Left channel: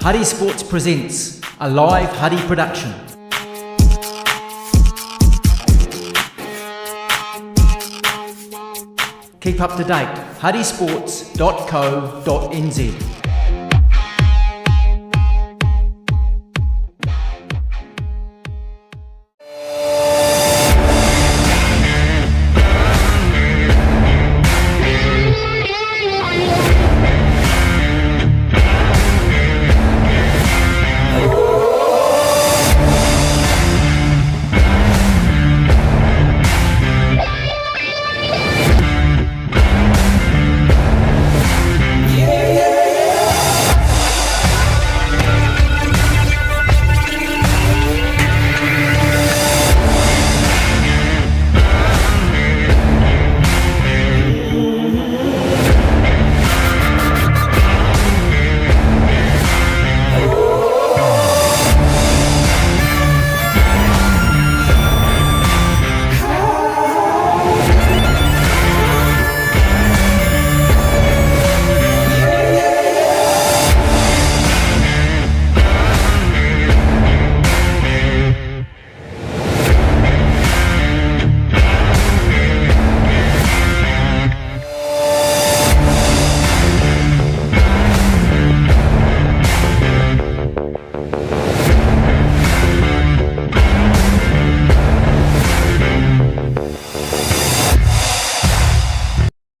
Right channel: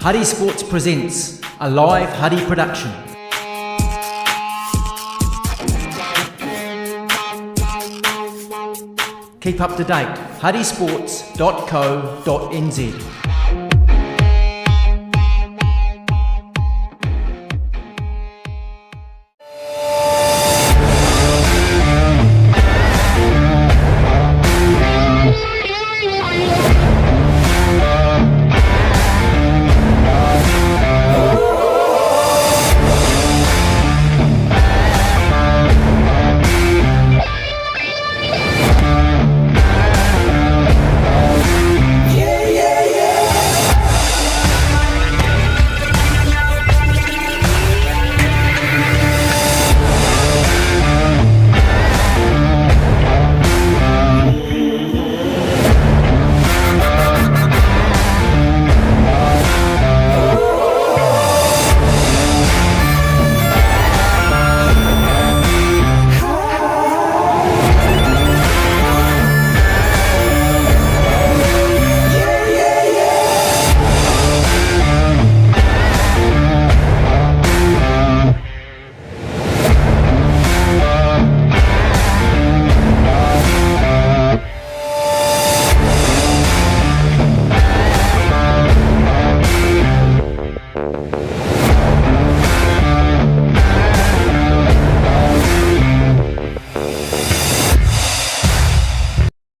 Huddy Sports presents a live Huddy production. Keep up to date, huddysports.co.nz.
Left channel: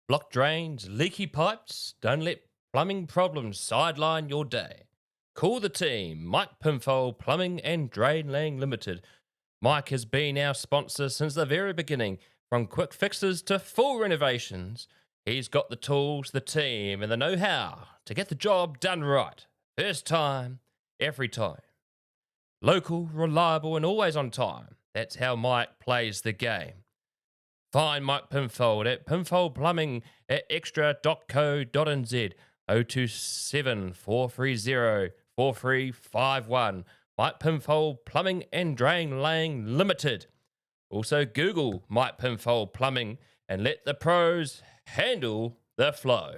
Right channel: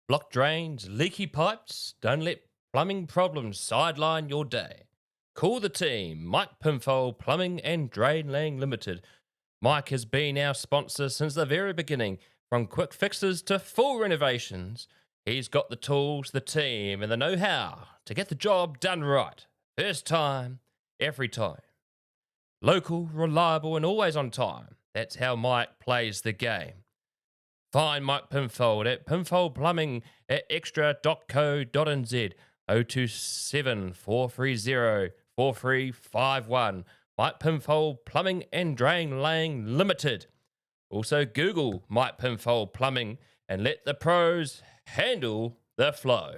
Blocked drains, leaky pipes, don't let plumbing problems sideline your day. Call the team, Mike Pinfold Plumbing and Drain Laying Limited. Mike has been our sponsor since the very beginning, from quick fixes to full renovations. He's got the tools, the team and the know-how to get the job done right. First time, every time. Local, reliable and always on time. That's how Mike plays the game. Find Mike Pinfold at Pinfold Plumbing at extra.co.nz 027 430 4351. Mike Pinfold Plumbing and Drain Laying Limited. Also Google Mike Pinfold Plumbing and let the pros handle the flow.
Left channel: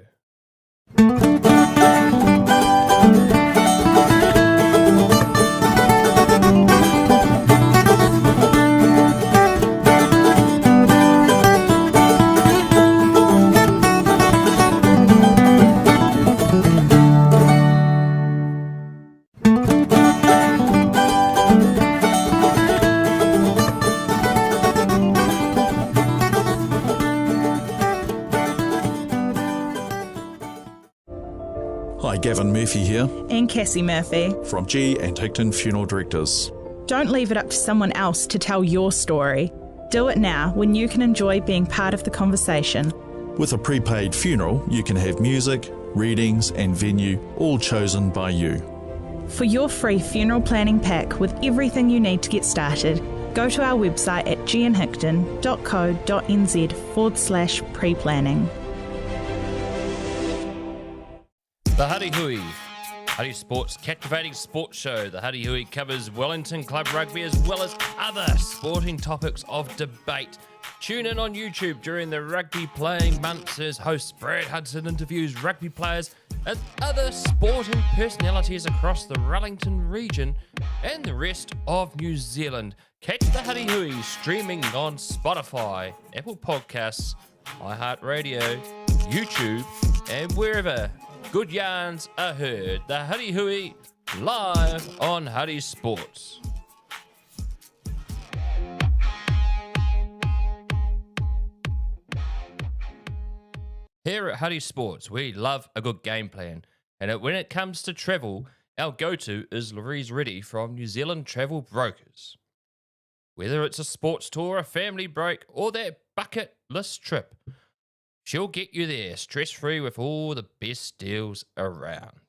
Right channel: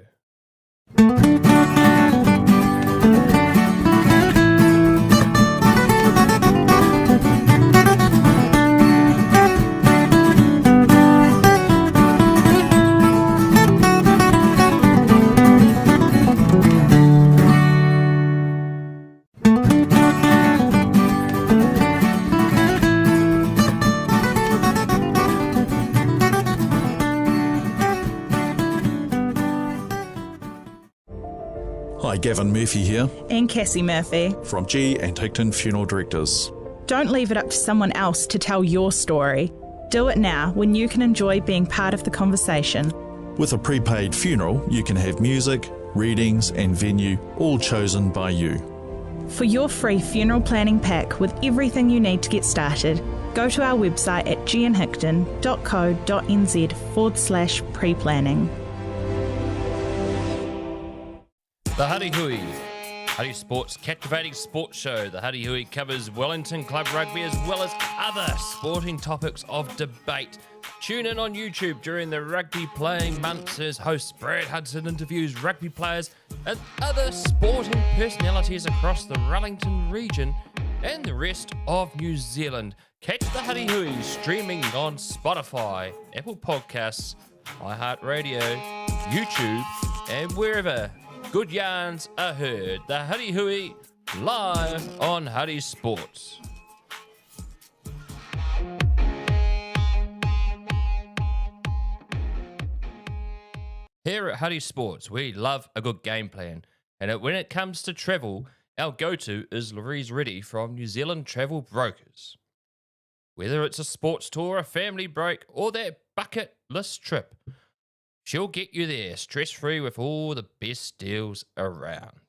Hi, Gavin Murphy here And Cassie Murphy. from G and Hickton Funeral Directors. Don't leave it up to someone else to tell your story. Do it now when you can enjoy being part of the conversation. With a prepaid funeral, you can have music, readings and venue all chosen by you. For your free funeral planning pack with everything you need to get started, go to our website at gnhickton.co.nz/pre-planning. The Huddy Hui, Huddy Sports captivating sports show. The Huddy Hui covers Wellington Club Rugby as well as other sporting topics of debate. Tune in on YouTube during the rugby playing months as host Brad Hudson interviews rugby players and other sporting personalities across the Wellington region and the rest of New Zealand. Catch the Huddy Hui streaming on Spotify, Apple Podcasts, iHeartRadio, YouTube and wherever good yarns are heard. The Huddy Hui live on Huddy Sports. Here at Huddy Sports, we love a good game plan. And when it comes to travel, our go-to is Louise Reddy from New Zealand Travel Brokers. Whether it's a sports tour, a family break, or that bucket list trip, she'll get you there stress-free with all the best deals around.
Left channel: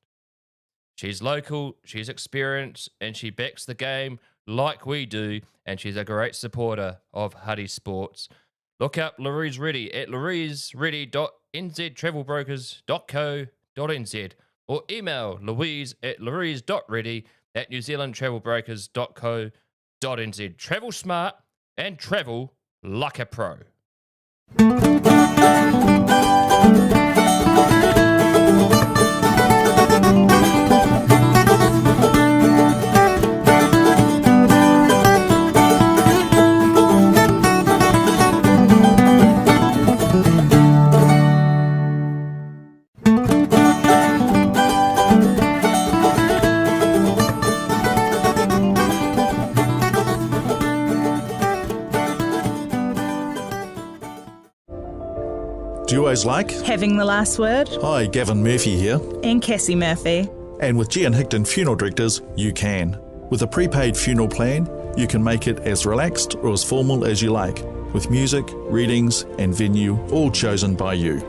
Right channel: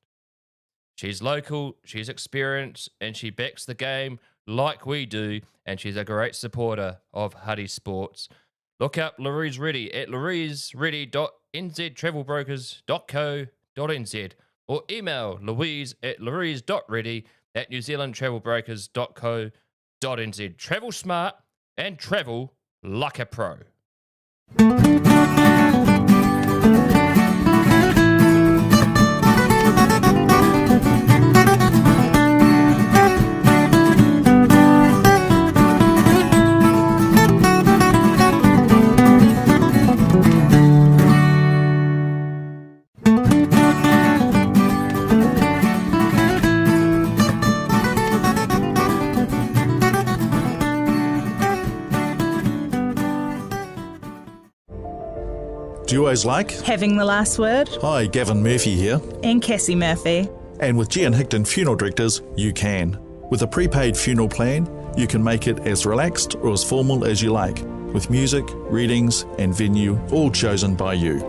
She's local, she's experienced, and she backs the game like we do, and she's a great supporter of Huddy Sports. Look up Louise Reddy at louisereddy.nztravelbrokers.co.nz or email louise@louise.reddy@newzealandtravelbrokers.co.nz. Travel smart and travel like a pro. duos like... Having the last word. Hi, Gavin Murphy here. And Cassie Murphy. And with G and Hickton Funeral Directors, you can. With a prepaid funeral plan, you can make it as relaxed or as formal as you like, with music, readings and venue all chosen by you.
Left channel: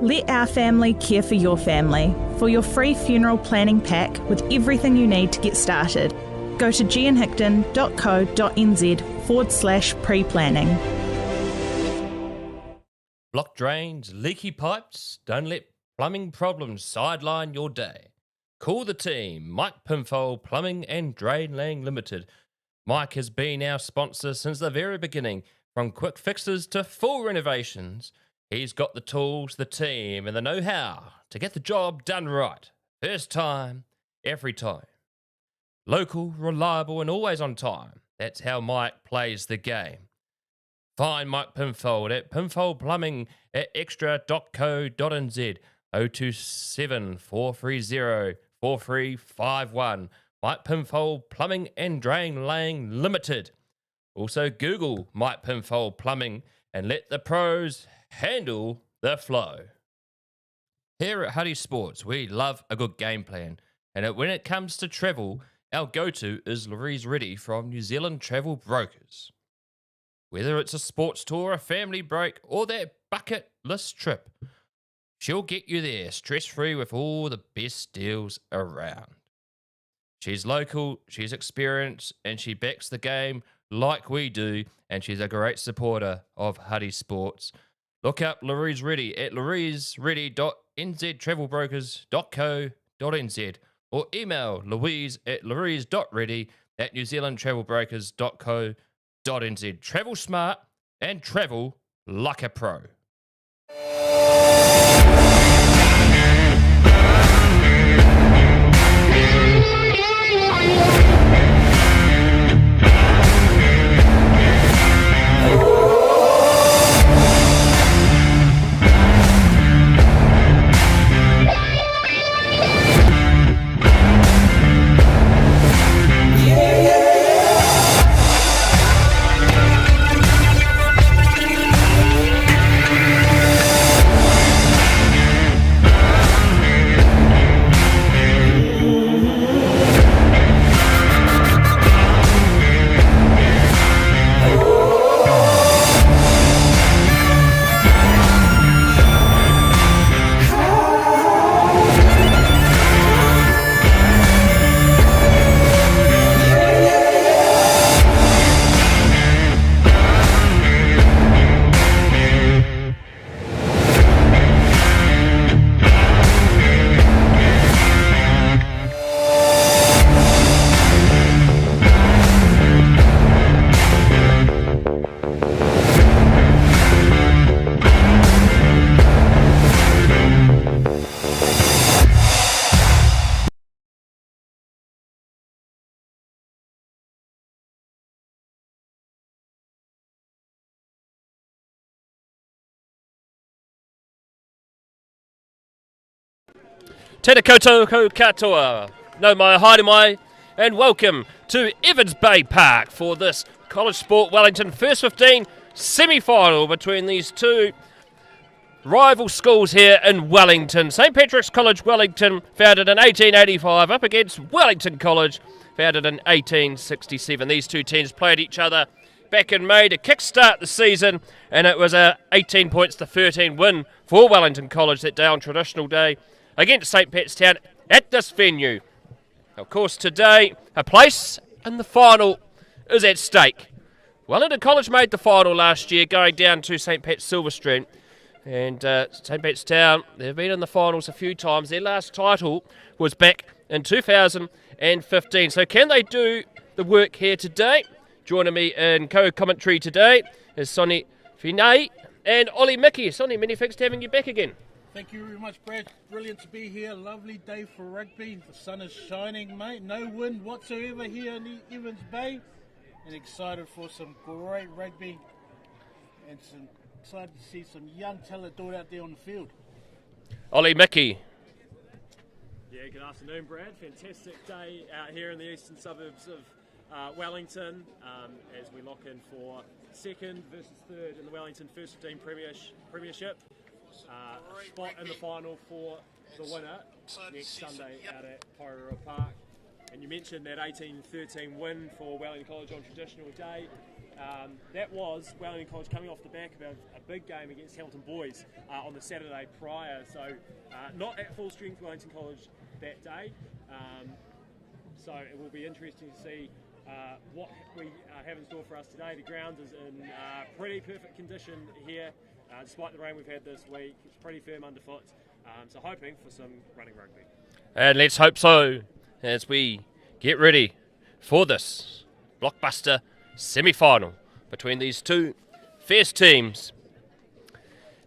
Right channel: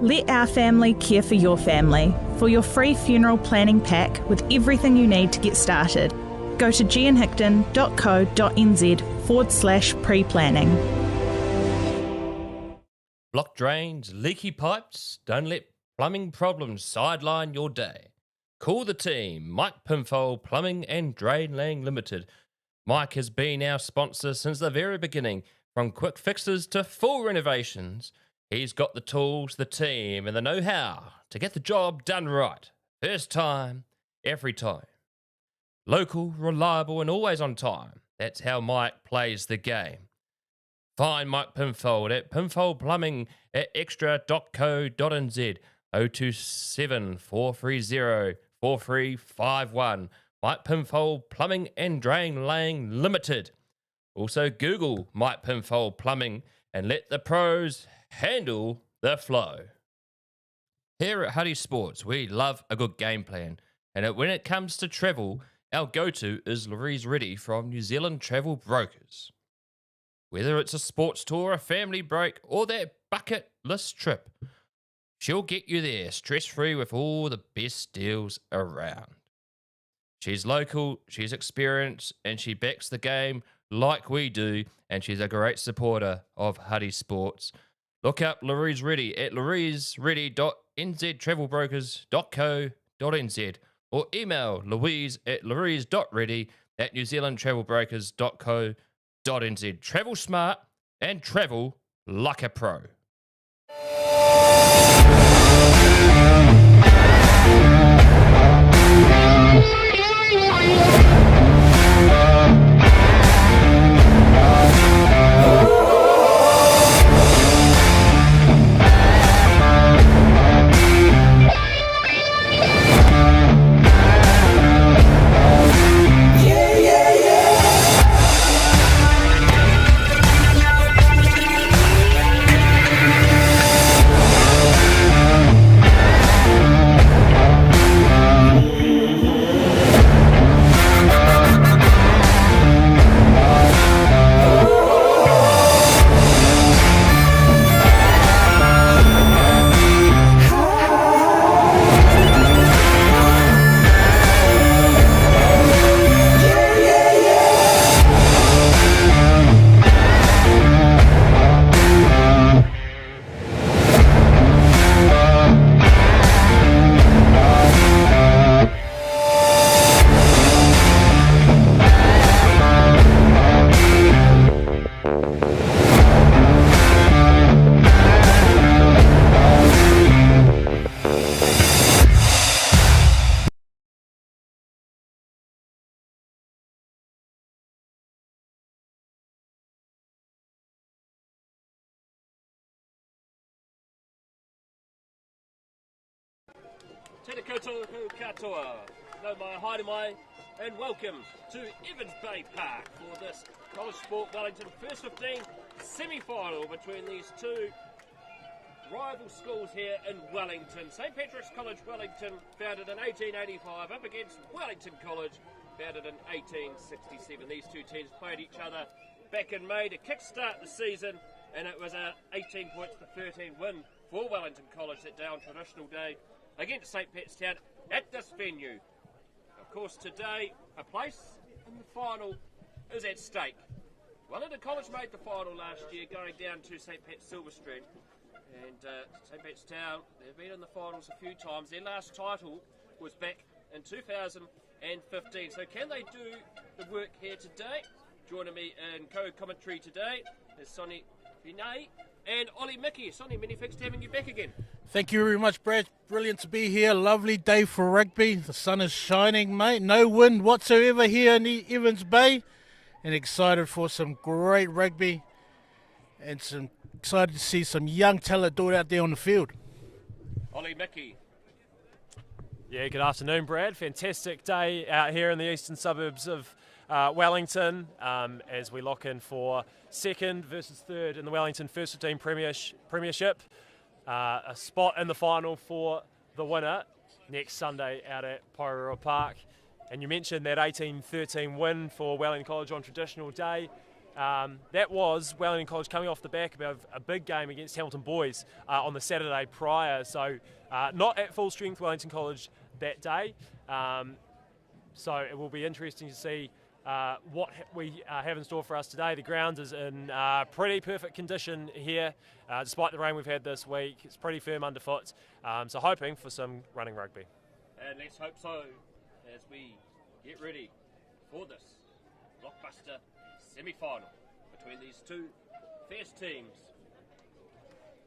Let our family care for your family. For your free funeral planning pack with everything you need to get started, go to gianhickton.co.nz/pre-planning. Blocked drains, leaky pipes, don't let plumbing problems sideline your day. Call the team, Mike Pinfold Plumbing and Drain Laying Limited. Mike has been our sponsor since the very beginning, from quick fixes to full renovations. He's got the tools, the team, and the know-how to get the job done right. First time, every time. Local, reliable, and always on time. That's how Mike plays the game. Find Mike Pinfold at Pinfold Plumbing at extra.co.nz 027 430 4351. Mike Pinfold Plumbing and Drain Laying Limited. Also Google Mike Pinfold Plumbing and let the pros handle the flow. Here at Huddy Sports, we love a good game plan. And when it comes to travel, our go-to is Louise Reddy from New Zealand Travel Brokers. Whether it's a sports tour, a family break, or that bucket list trip, she'll get you there stress-free with all the best deals around. She's local, she's experienced, and she backs the game like we do, and she's a great supporter of Huddy Sports. Look up Louise Reddy at louisereddy.nztravelbrokers.co.nz or email louise@louise.reddy@newzealandtravelbrokers.co.nz. Travel smart and travel like a pro. Tēnā koutou ko katoa, no mai haere mai, and welcome to Evans Bay Park for this College Sport Wellington First 15 semi-final between these two rival schools here in Wellington. St Patrick's College Wellington, founded in 1885, up against Wellington College, founded in 1867. These two teams played each other back in May to kickstart the season, and it was a 18 points to 13 win for Wellington College that day on traditional day against St Pat's Town at this venue. Of course, today, a place in the final is at stake. Wellington College made the final last year, going down to St Pat's Silverstream. And St Pat's Town, they've been in the finals a few times. Their last title was back in 2015. So can they do the work here today? Joining me in co-commentary today is Sonny Finay and Ollie Mickey. Sonny, many thanks for having you back again. Thank you very much, Brad. Brilliant to be here. Lovely day for rugby. The sun is shining, mate. No wind whatsoever here in the Evans Bay. And excited for some great rugby. And excited to see some young talent do it out there on the field. Ollie Mickey. Yeah, good afternoon, Brad. Fantastic day out here in the eastern suburbs of Wellington as we lock in for second versus third in the Wellington First 15 Premiership. a spot in the final for the winner next Sunday out at Porirua Park. And you mentioned that 18-13 win for Wellington College on traditional day. That was Wellington College coming off the back of a big game against Hamilton Boys on the Saturday prior. So not at full strength Wellington College that day. So it will be interesting to see what we have in store for us today. The ground is in pretty perfect condition here, despite the rain we've had this week. It's pretty firm underfoot. So hoping for some running rugby. And let's hope so as we get ready for this blockbuster semi-final between these two fierce teams.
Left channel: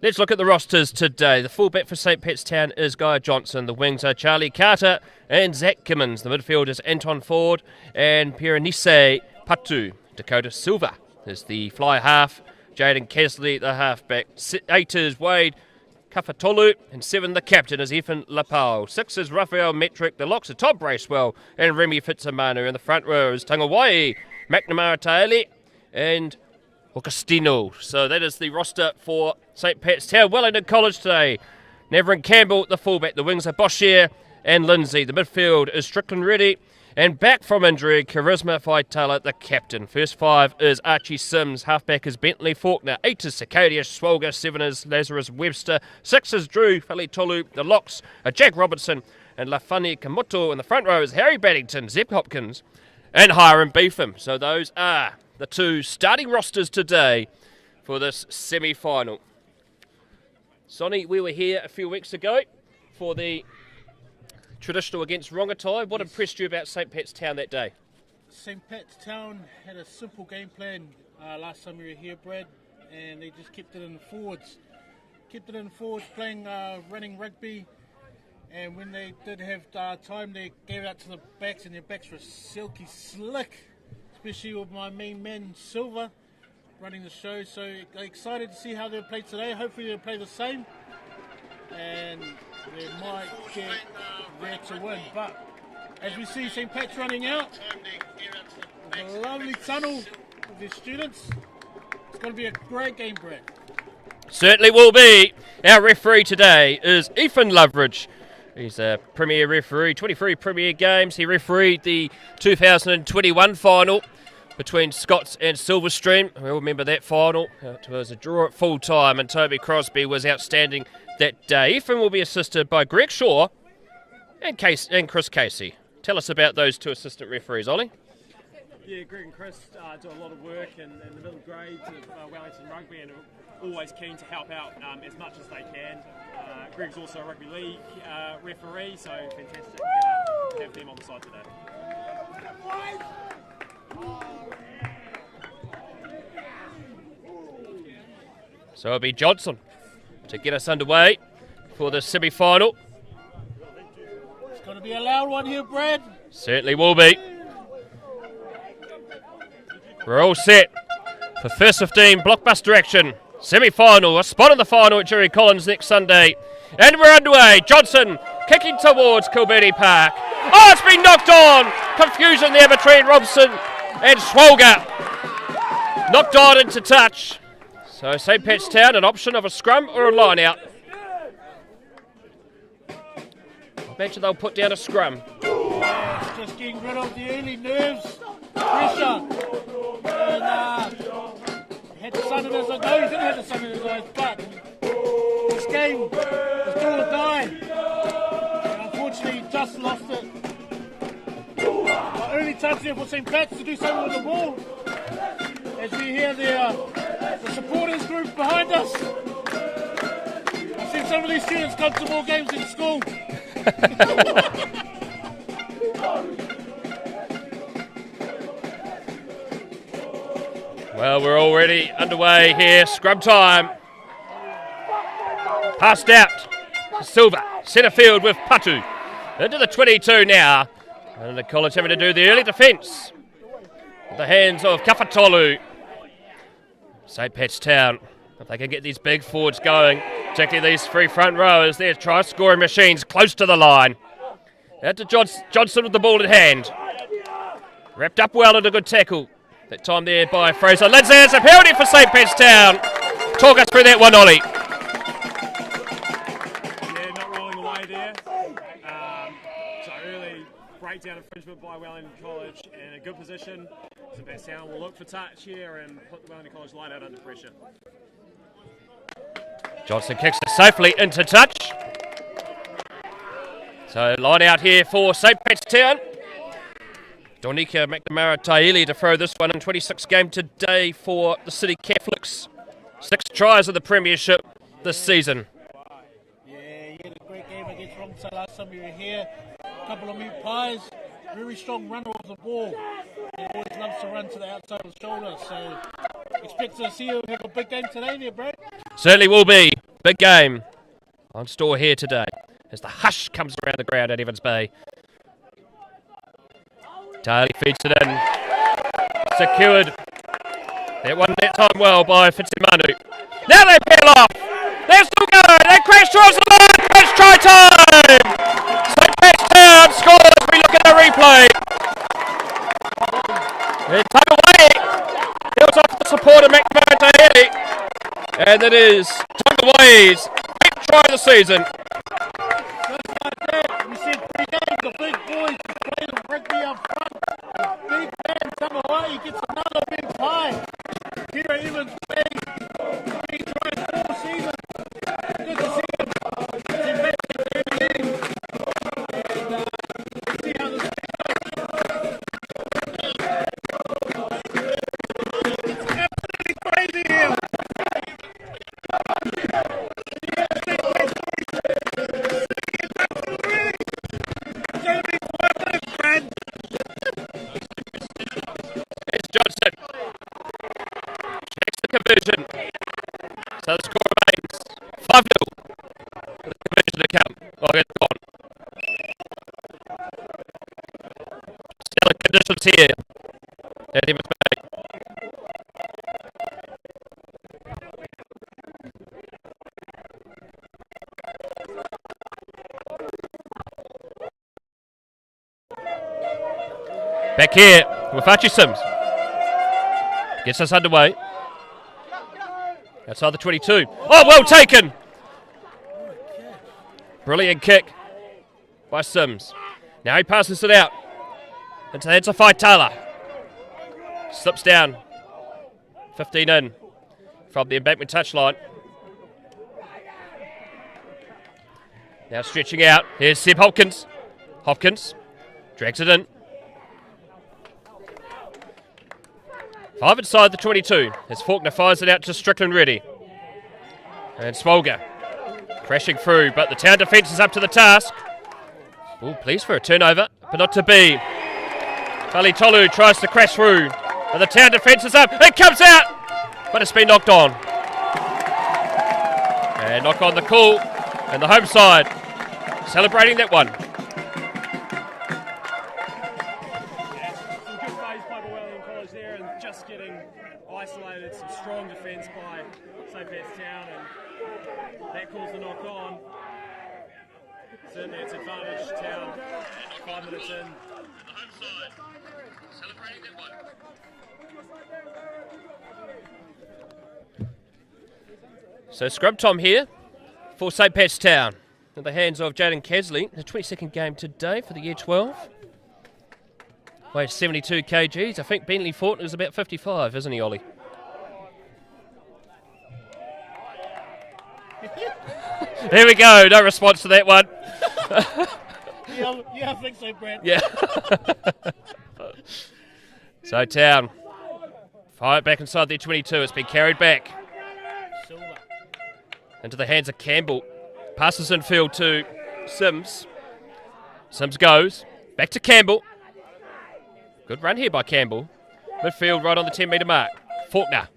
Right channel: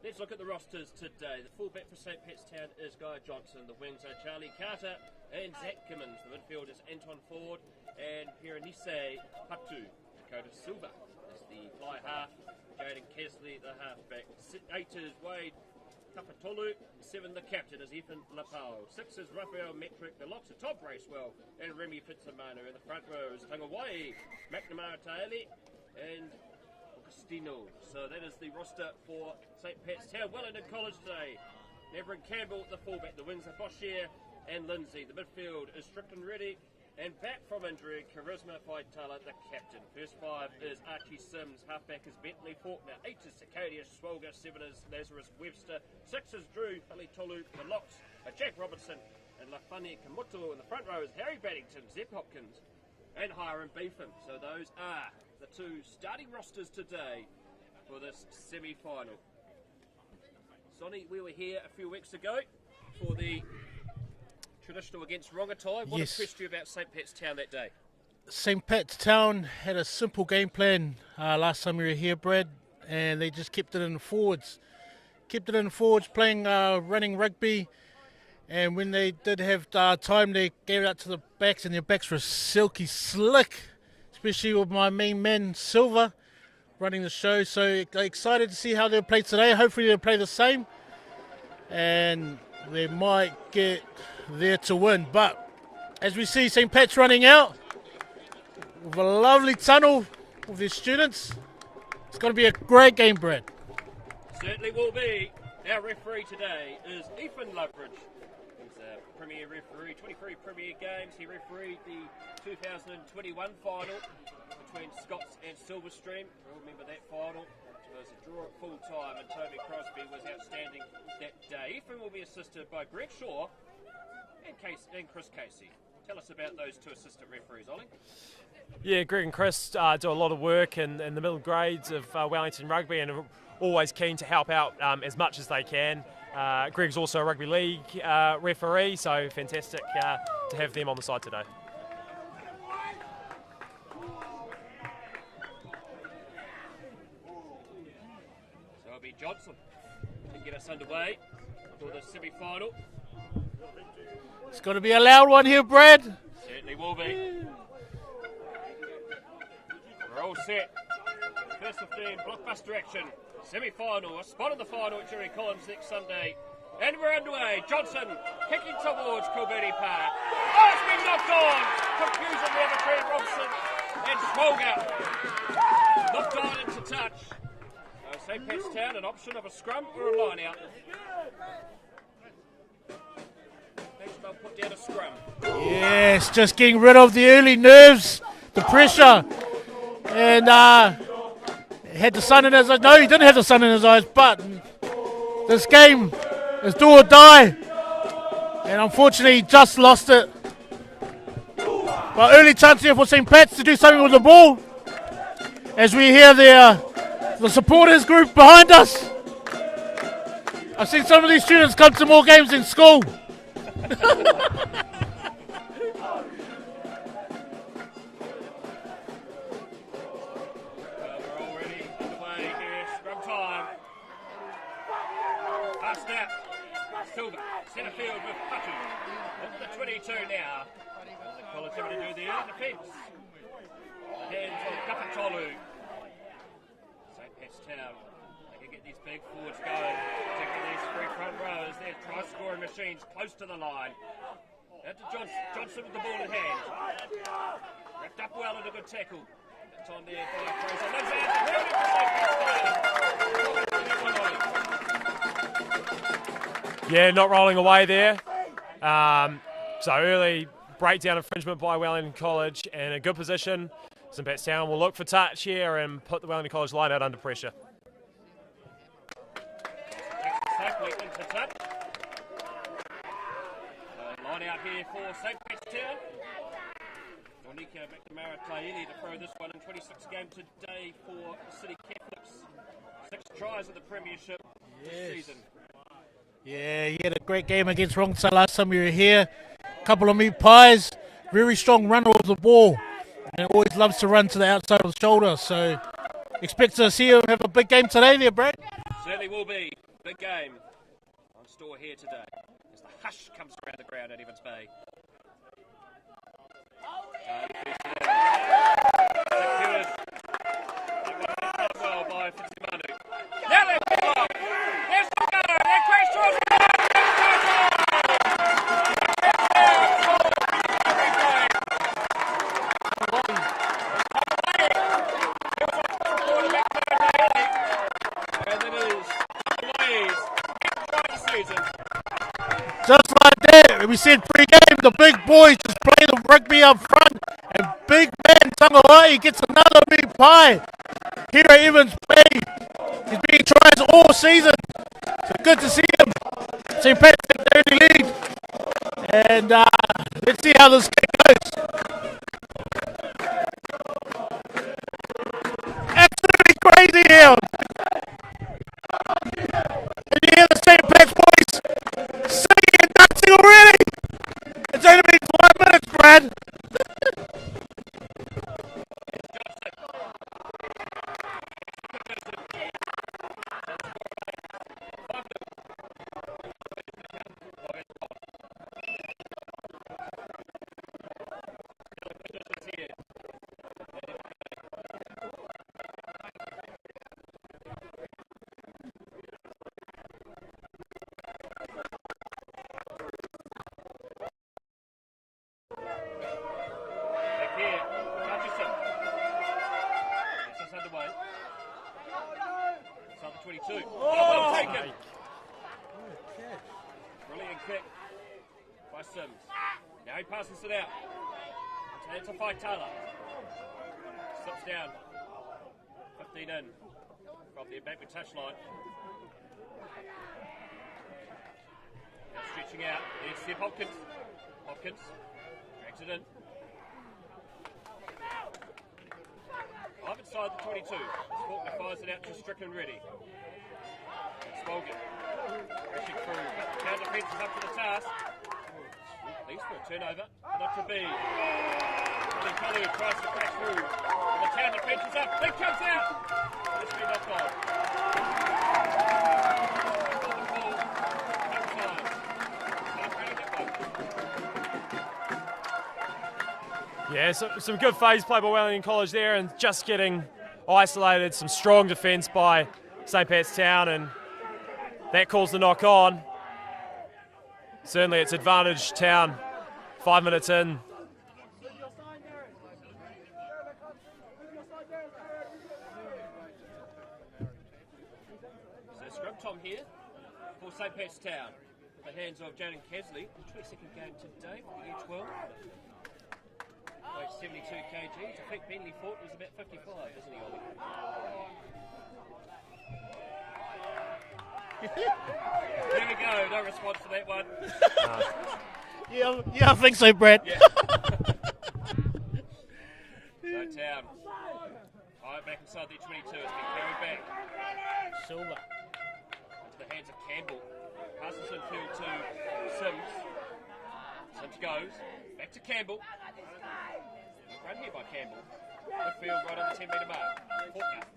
Let's look at the rosters today. The fullback for St. Pat's Town is Guy Johnson. The wings are Charlie Carter and Zach Gimmins. The midfield is Anton Ford and Piranise Patu. Dakota Silva is the fly half. Jaden Kesley, the halfback. 8 is Wade Kafatolu, and 7 the captain is Ethan Lapau. 6 is Raphael Metric. The locks are Todd Bracewell and Remy Fitzamanu. In the front row is Tangawai, McNamara Taeli and Augustino. So that is the roster for St. Pat's Town. Wellington College today. Nevin Campbell, the fullback. The wings are Boshier and Lindsay. The midfield is Strickland Reddy. And back from injury, Charisma Faitala, the captain. First 5 is Archie Sims. Halfback is Bentley Faulkner. 8 is Sicadius Swolga. 7 is Lazarus Webster. 6 is Drew Falitolu. The locks are Jack Robertson and Lafani Kamoto. In the front row is Harry Baddington, Zeb Hopkins and Hiram Beetham. So those are the two starting rosters today for this semi-final. Sonny, we were here a few weeks ago for the traditional against Rongotai. What impressed you about St. Pat's Town that day? St. Pat's Town had a simple game plan last time we were here, Brad, and they just kept it in the forwards. Playing running rugby, and when they did have time, they gave it out to the backs, and their backs were silky slick, especially with my main man, Silva, running the show. So excited to see how they'll play today. Hopefully they'll play the same, and they might get there to win. But as we see St. Pat's running out with a lovely tunnel of their students, it's going to be a great game, Brad. Certainly will be. Our referee today is Ethan Loveridge. He's a Premier referee, 23 Premier games. He refereed the 2021 final between Scots and Silverstream. We all remember that final. It was a draw at full time, and Toby Crosby was outstanding that day. Ethan will be assisted by Greg Shaw and Chris Casey. Tell us about those two assistant referees, Ollie. Yeah, Greg and Chris do a lot of work in the middle grades of Wellington Rugby and are always keen to help out as much as they can. Greg's also a rugby league referee, so fantastic to have them on the side today. So it'll be Johnson to get us underway for the semi-final. It's going to be a loud one here, Brad. Certainly will be. We're all set for first 15 blockbuster action. Semi-final, a spot in the final at Jerry Collins next Sunday. And we're underway. Johnson kicking towards Kilberty Park. Oh, it's been knocked on. Confusion there between Robson and Swolga. Knocked on into touch. So St. Pat's Town, an option of a scrum or a line out. I imagine they'll put down a scrum. Yes, just getting rid of the early nerves, the pressure. And had the sun in his eyes. No, he didn't have the sun in his eyes, but this game is do or die. And unfortunately, he just lost it. But early chance here for St. Pat's to do something with the ball. As we hear the supporters group behind us. I've seen some of these students come to more games in school. Well, we're already underway here. Scrum time. Passed out to Silva. Centre field with Patu. Into the 22 now. And the college having to do the early defence. With the hands of Kafatolu. St. Pat's Town. If they can get these big forwards going, particularly these three front rowers, they're try-scoring machines close to the line. Out to Johnson with the ball in hand. Wrapped up well and a good tackle. That time there by Fraser Lindsay. It's a penalty for St. Pat's Town. Talk us through that one, Ollie. Yeah, not rolling away there. So early breakdown infringement by Wellington College, and a good position. St. Pat's Town will look for touch here and put the Wellington College line out under pressure. Johnson kicks it safely into touch. So line out here for St. Pat's Town. Donika McNamara Taili to throw this one in. 26 game today for the City Catholics. 6 tries in the Premiership this season. Yeah, he had a great game against Wellington last time you were here. Couple of meat pies, very strong runner of the ball, and always loves to run to the outside of the shoulder. So expect to see him have a big game today there, Brad. Certainly will be. Big game on store here today as the hush comes around the ground at Evans Bay. Taili feeds it in. Secured. That one that time well by Fitzimanu. Now they peel off. They're still going. They crash towards the line. It's try time. St. Pat's Town scores as we look at the replay. They tug away. It was off the support of McNamara Tahiri. And it is Tongawae's 8th try of the season. Just like that, we said pre-game, the big boys just play the rugby up front, and big man Tongawae gets another big pie. Here at Evans Bay, he's been tries all season. So good to see him. St. Pat's take the early lead, and let's see how this game goes. Absolutely crazy here. And you hear the St. Pat's boys singing and dancing already. It's only been 5 minutes, Brad. It's Johnson. Checks the conversion. So the score remains 5-0. The conversion account. Oh, it's gone. Stellar conditions here at Evans Bay. Back here with Archie Sims. Gets us underway. Outside the 22. Oh, well taken! Brilliant kick by Sims. Now he passes it out. Into the hands of Faitala. Slips down. 15 in from the embankment touchline. Now stretching out. Here's Seb Hopkins. Hopkins drags it in. 5 inside the 22 as Faulkner fires it out to Strickland Reddy. And Smolga crashing through, but the Town defence is up to the task. Oh, please for a turnover, but not to be. Tali Tolu tries to crash through, and the Town defence is up. It comes out, but it's been knocked on. And knock on the call, and the home side celebrating that one. Yeah, some good phase play by Wellington College there, and just getting isolated. Some strong defence by St. Pat's Town, and that calls the knock on. Certainly it's advantage Town 5 minutes in. So scrub time here for St. Pat's Town in the hands of Jaden Casley. The 22nd game today for the Year 12. Weighs 72 kgs. I think Bentley Fortin is about 55, isn't he, Ollie? Here we go. No response to that one. Yeah, I think so, Brad. Yeah. So Town fire it back inside their 22. It's been carried back into the hands of Campbell. Passes infield to Sims. Sims goes back to Campbell. Good run here by Campbell. Midfield right on the 10-metre mark. Faulkner.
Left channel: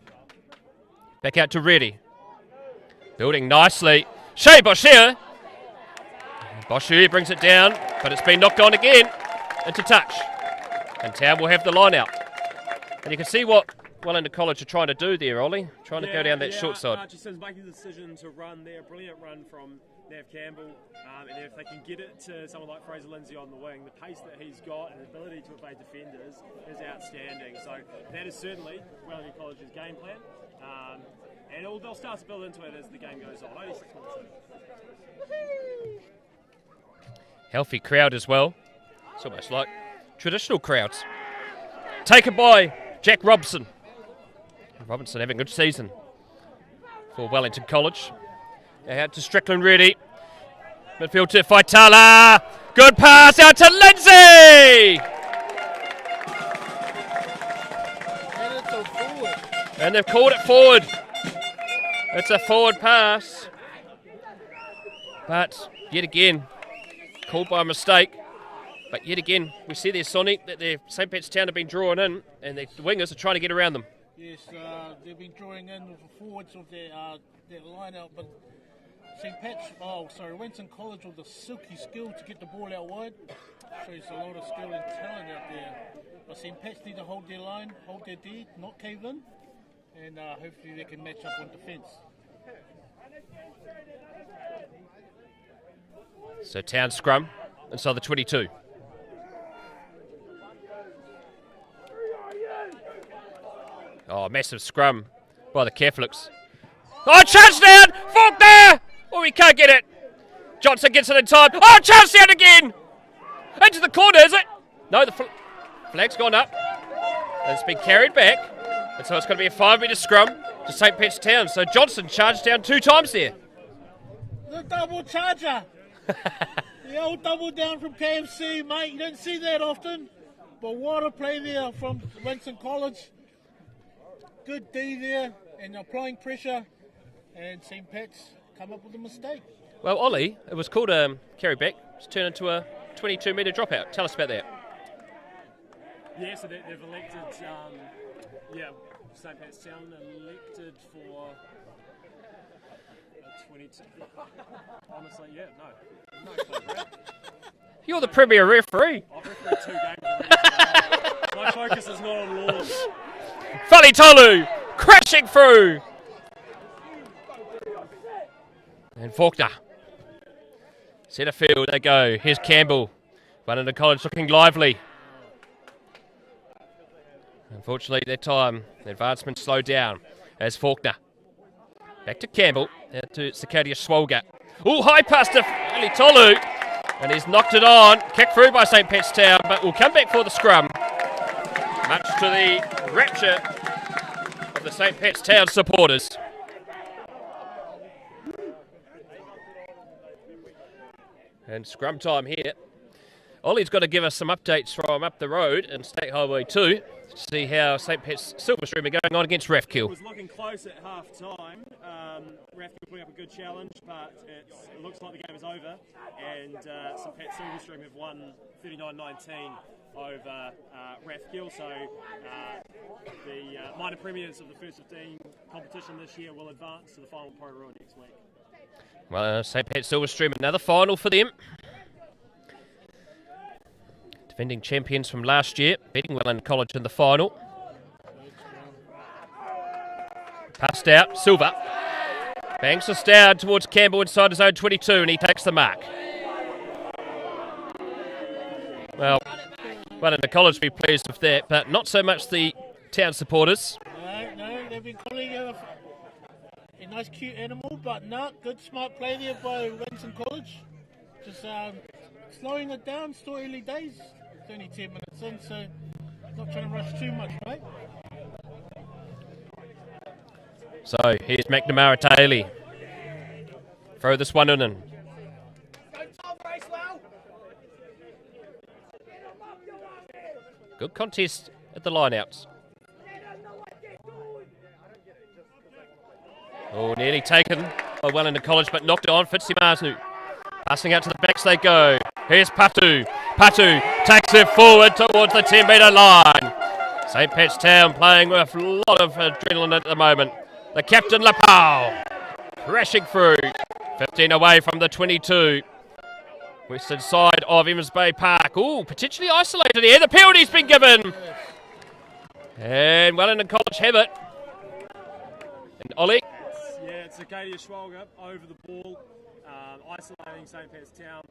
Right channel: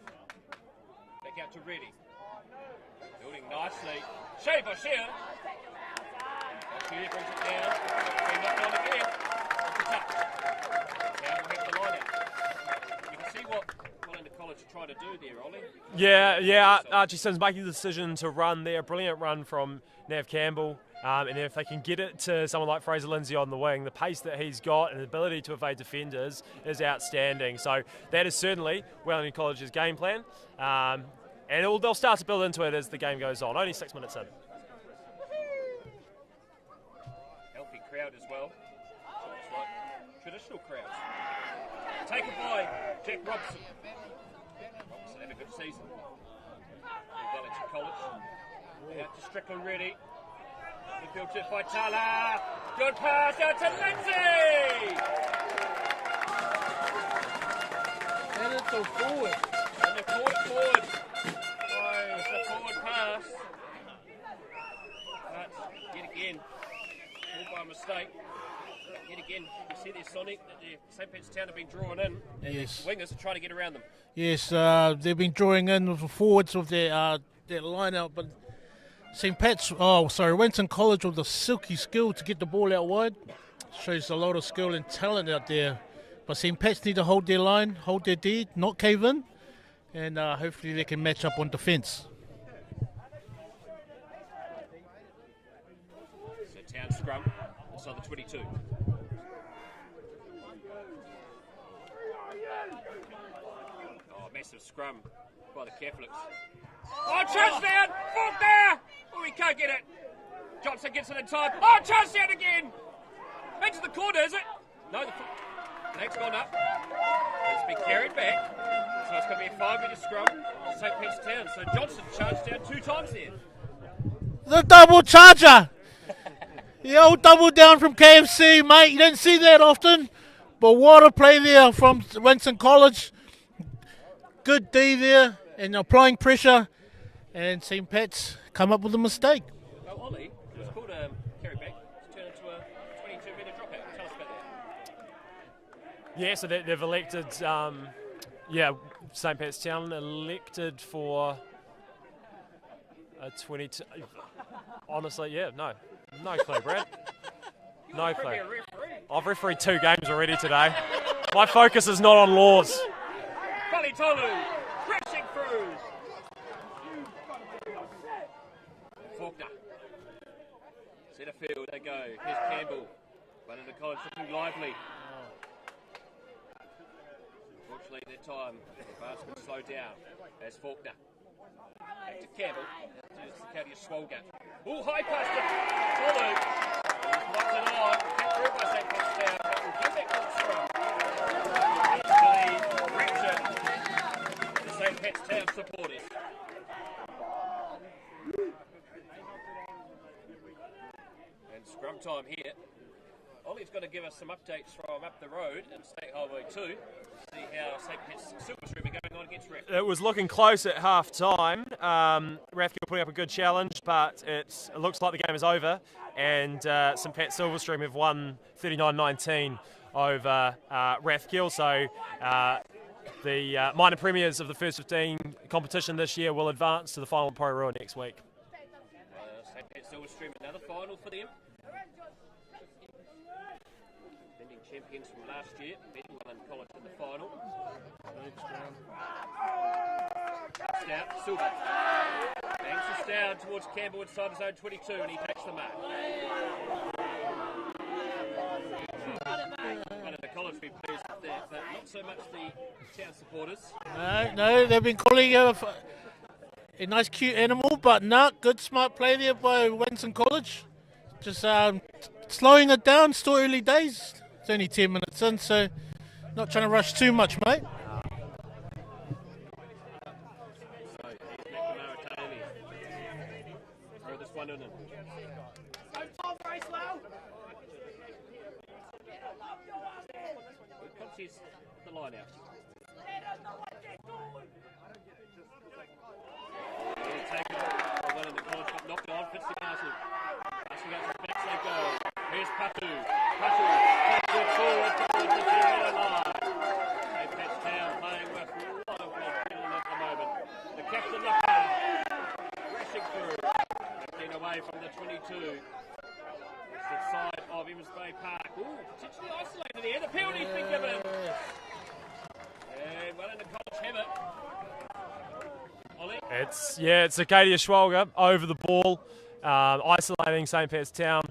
Back out to Reddy. Building nicely. Shea Boshier. Boshier brings it down, but it's been knocked on again into touch. And Town will have the line out. And you can see what Wellington College are trying to do there, Ollie. Trying to go down that short side. Archie Sims making the decision to run there. Brilliant run from Nav Campbell. And if they can get it to someone like Fraser Lindsay on the wing, the pace that he's got and the ability to evade defenders is outstanding. So that is certainly Wellington College's game plan. And they'll start to build into it as the game goes on. Only 6 minutes in. Healthy crowd as well. It's almost like traditional crowds. Taken by Jack Robson. Robinson having a good season for Wellington College. Out to Strickland ready. Midfield to Faitala. Good pass out to Lindsay. And they've called it forward. It's a forward pass. But yet again, called by a mistake. But yet again, we see there, Sonic, that the St. Pat's Town have been drawn in, and the wingers are trying to get around them. Yes, they've been drawing in with the forwards of their line out, but Wellington College with the silky skill to get the ball out wide. Shows a lot of skill and talent out there. But St. Pat's need to hold their line, hold their D, not cave in, and hopefully they can match up on defence. So Town scrum inside the 22. Oh, massive scrum by the Catholics. Oh, chance down! Faulkner! Oh, he can't get it. Johnson gets it in time. Oh, chance down again! Into the corner, is it? No, the flag's gone up. And it's been carried back. And so it's going to be a 5-metre scrum to St. Pat's Town. So Johnson charged down 2 times there. The double charger! The old double down from KFC, mate. You don't see that often. But what a play there from Wellington College. Good D there, and applying pressure, and St. Pat's come up with a mistake. Well, Ollie, it was called a carry back. It's turned into a 22-metre dropout. Tell us about that. Yeah, so they've elected, St. Pat's Town elected for a 22. Honestly, no clue, Brad. You're the premier referee. I've refereed 2 games already today. My focus is not on laws. Falitolu crashing through. And Faulkner. Centre field they go. Here's Campbell. Wellington College looking lively. Unfortunately, that time, the advancement slowed down as Faulkner. Back to Campbell. Out to Sakadia Swolga. Oh, high pass to Falitolu. And he's knocked it on. Kicked through by St. Pat's Town, but will come back for the scrum. Much to the rapture of the St. Pat's Town supporters. And scrum time here. Ollie's got to give us some updates from up the road in State Highway 2 to see how St. Pat's Silverstream are going on against Rathkill. It was looking close at half time. Rathkill putting up a good challenge, but it looks like the game is over. And St. Pat's Silverstream have won 39-19 over Rathkill. So the minor premiers of the first 15 competition this year will advance to the final Pro Roar next week. Well, St. Pat's Silverstream, another final for them. Defending champions from last year, beating Wellington College in the final. Passed out, Silva. Bangs us down towards Campbell inside his own 22, and he takes the mark. Well, Wellington College will be pleased with that, but not so much the Town supporters. No, they've been calling a nice cute animal, but not good smart play there by Wellington College. Just slowing it down, still early days. It's only 10 minutes in, so not trying to rush too much, mate. So here's McNamara Taylor. Throw this one in. Good contest at the lineouts. Oh, nearly taken by Wellington College, but knocked it on. Fitzimaznu. Passing out to the backs they go. Here's Patu. Patu takes it forward towards the 10-metre line. St. Pat's Town playing with a lot of adrenaline at the moment. The captain, Lapau, crashing through. 15 away from the 22. Western side of Emmons Bay Park. Ooh, potentially isolated here. The penalty's been given. And Wellington College have it. And Ollie? It's Acadia Schwalger over the ball, isolating St. Pat's Town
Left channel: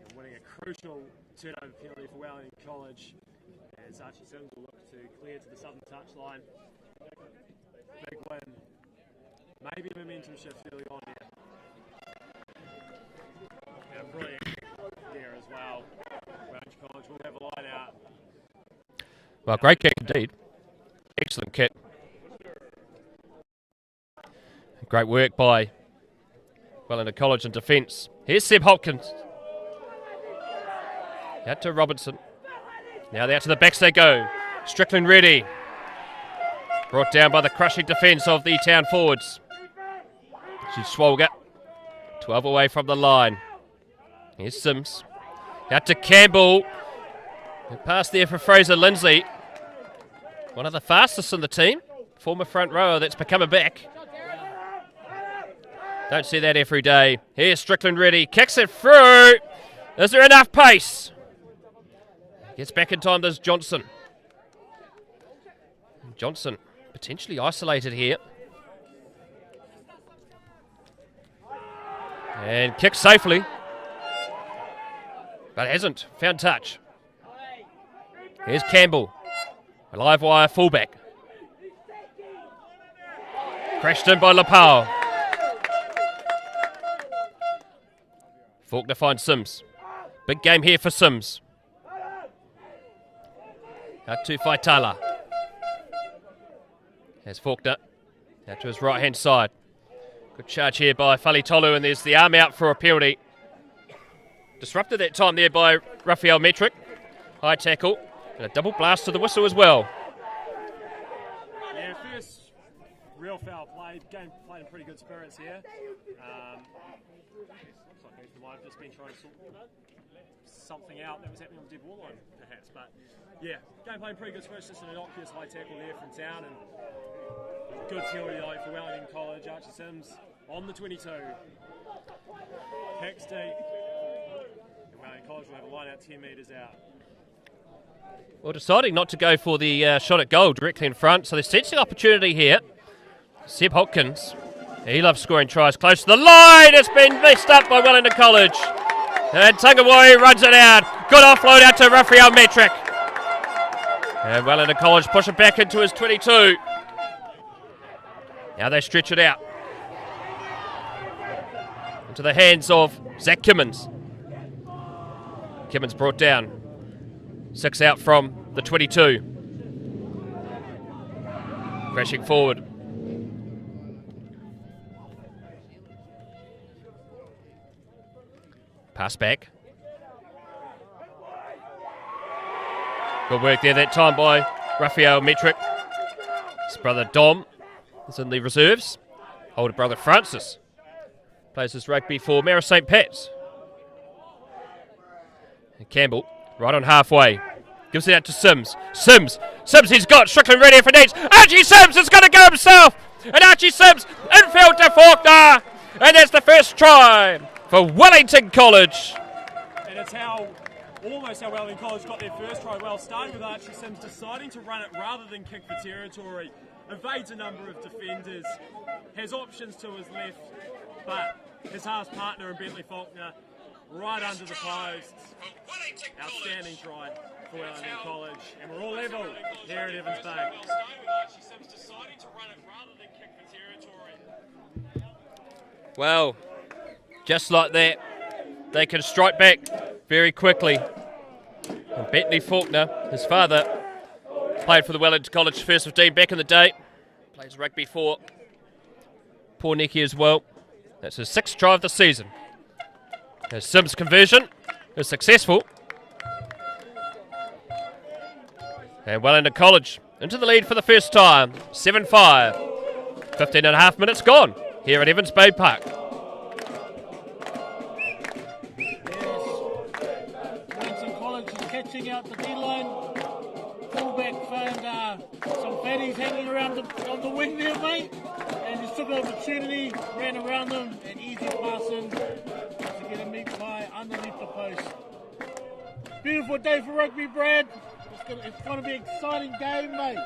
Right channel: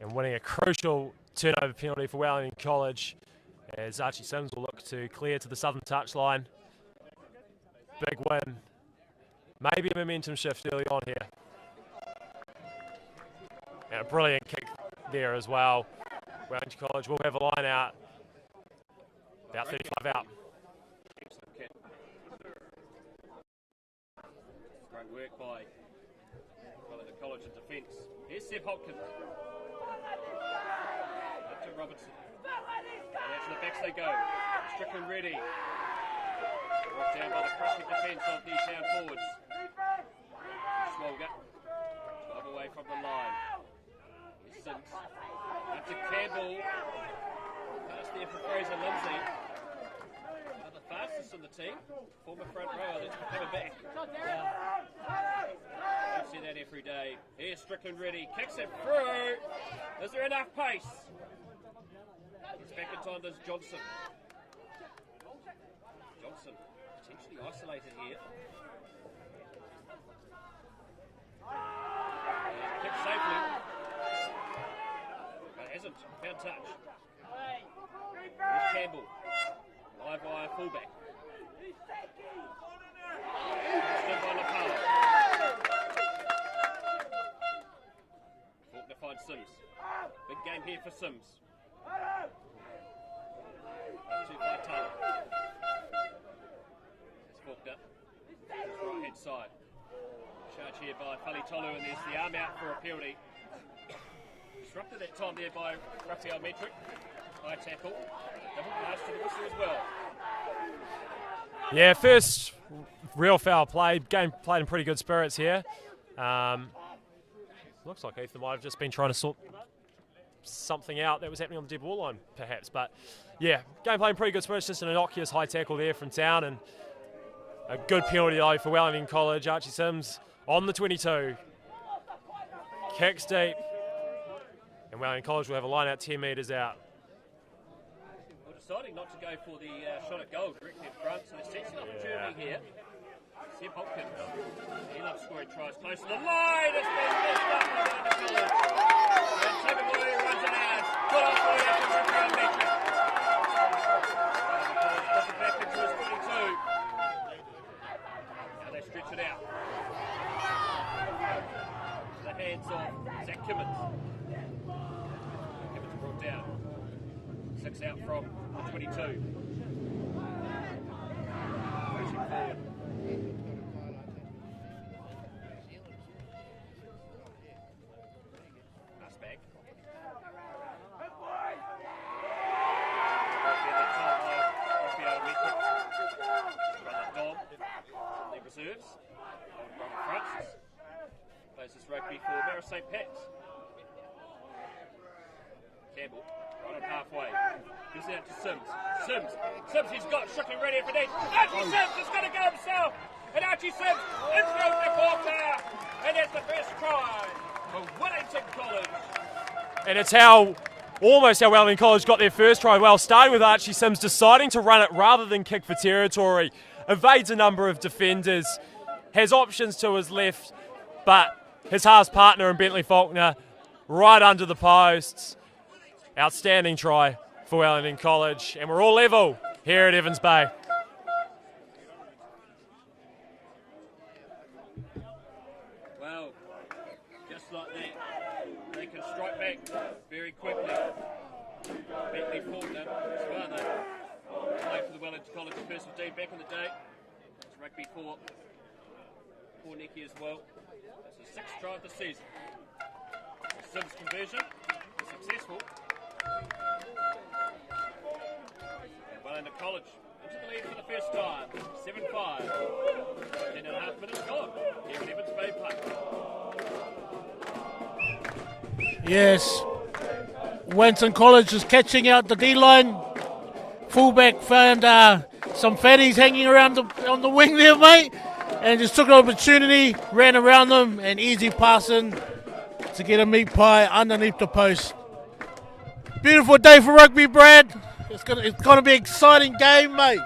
and winning a crucial turnover penalty for Wellington College as Archie Sims will look to clear to the southern touchline. Big win. Maybe a momentum shift early on here. And a brilliant kick there as well. Wellington College will have a line out. Well, great kick indeed. Excellent kick. Great work by Wellington College in defence. Here's Seb Hopkins. Out to Robinson. Now out to the backs they go. Strickland ready. Brought down by the crushing defence of the Town forwards. She's Swolger. 12 away from the line. Here's Sims. Out to Campbell. Pass there for Fraser Lindsay. One of the fastest in the team. Former front rower that's become a back. Don't see that every day. Here's Strickland ready. Kicks it through. Is there enough pace? Gets back in time. There's Johnson. Johnson potentially isolated here. And kicks safely. But hasn't found touch. Here's Campbell. A live wire fullback. Crashed in by Lapau. Faulkner finds Sims. Big game here for Sims. Out to Faitala. There's Faulkner. Out to his right hand side. Good charge here by Falitolu, and there's the arm out for a penalty. Disrupted that time there by Raphael Metric. High tackle. And a double blast to the whistle as well. Yeah, first real foul play. Game played in pretty good spirits here. Looks like Ethan might have just been trying to sort something out that was happening on the dead ball line, perhaps. But yeah, game played in pretty good spirits. Just an innocuous high tackle there from Town, and a good penalty though for Wellington College. Archie Sims on the 22. Kicks deep. And Wellington College will have a line out 10 metres out. Well, deciding not to go for the shot at goal directly in front, so there's sensing opportunity here. Seb Hopkins, he loves scoring tries close to the line. It's been messed up by Wellington College. And Tungawai runs it out. Good offload out to Raphael Metric. And Wellington College push it back into his 22. Now they stretch it out. Into the hands of Zach Kimmins. Kimmins brought down. 6 out from the 22. Crashing forward. Pass back. Good work there that time by Raphael Metric. His brother Dom is in the reserves. Older brother Francis plays his rugby for Mara St. Pat's. And Campbell right on halfway. Gives it out to Sims. Sims, he's got Strickland ready for needs. Archie Sims is going to go himself. And Archie Sims infield to Faulkner. And that's the first try for Wellington College. And it's almost how Wellington College got their first try. Well, starting with Archie Sims deciding to run it rather than kick for territory. Evades a number of defenders. Has options to his left. But his halves partner in Bentley Faulkner right under the posts. Outstanding try for Wellington College. And we're all level here at Evans Bay. Well, just like that, they can strike back very quickly. And Bentley Faulkner, his father, played for the Wellington College First 15 back in the day. Plays rugby for Pornicki as well. That's his 6th try of the season. His Sims conversion is successful. And Wellington College into the lead for the first time. 7-5. 15 and a half minutes gone here at Evans Bay Park. Yes, Wellington College is catching out the D-line. Fullback found some fatties hanging around on the wing there, mate, and just took an opportunity, ran around them, and easy passing to get a meat pie underneath the post. Beautiful day for rugby, Brad. It's going to be an exciting game, mate.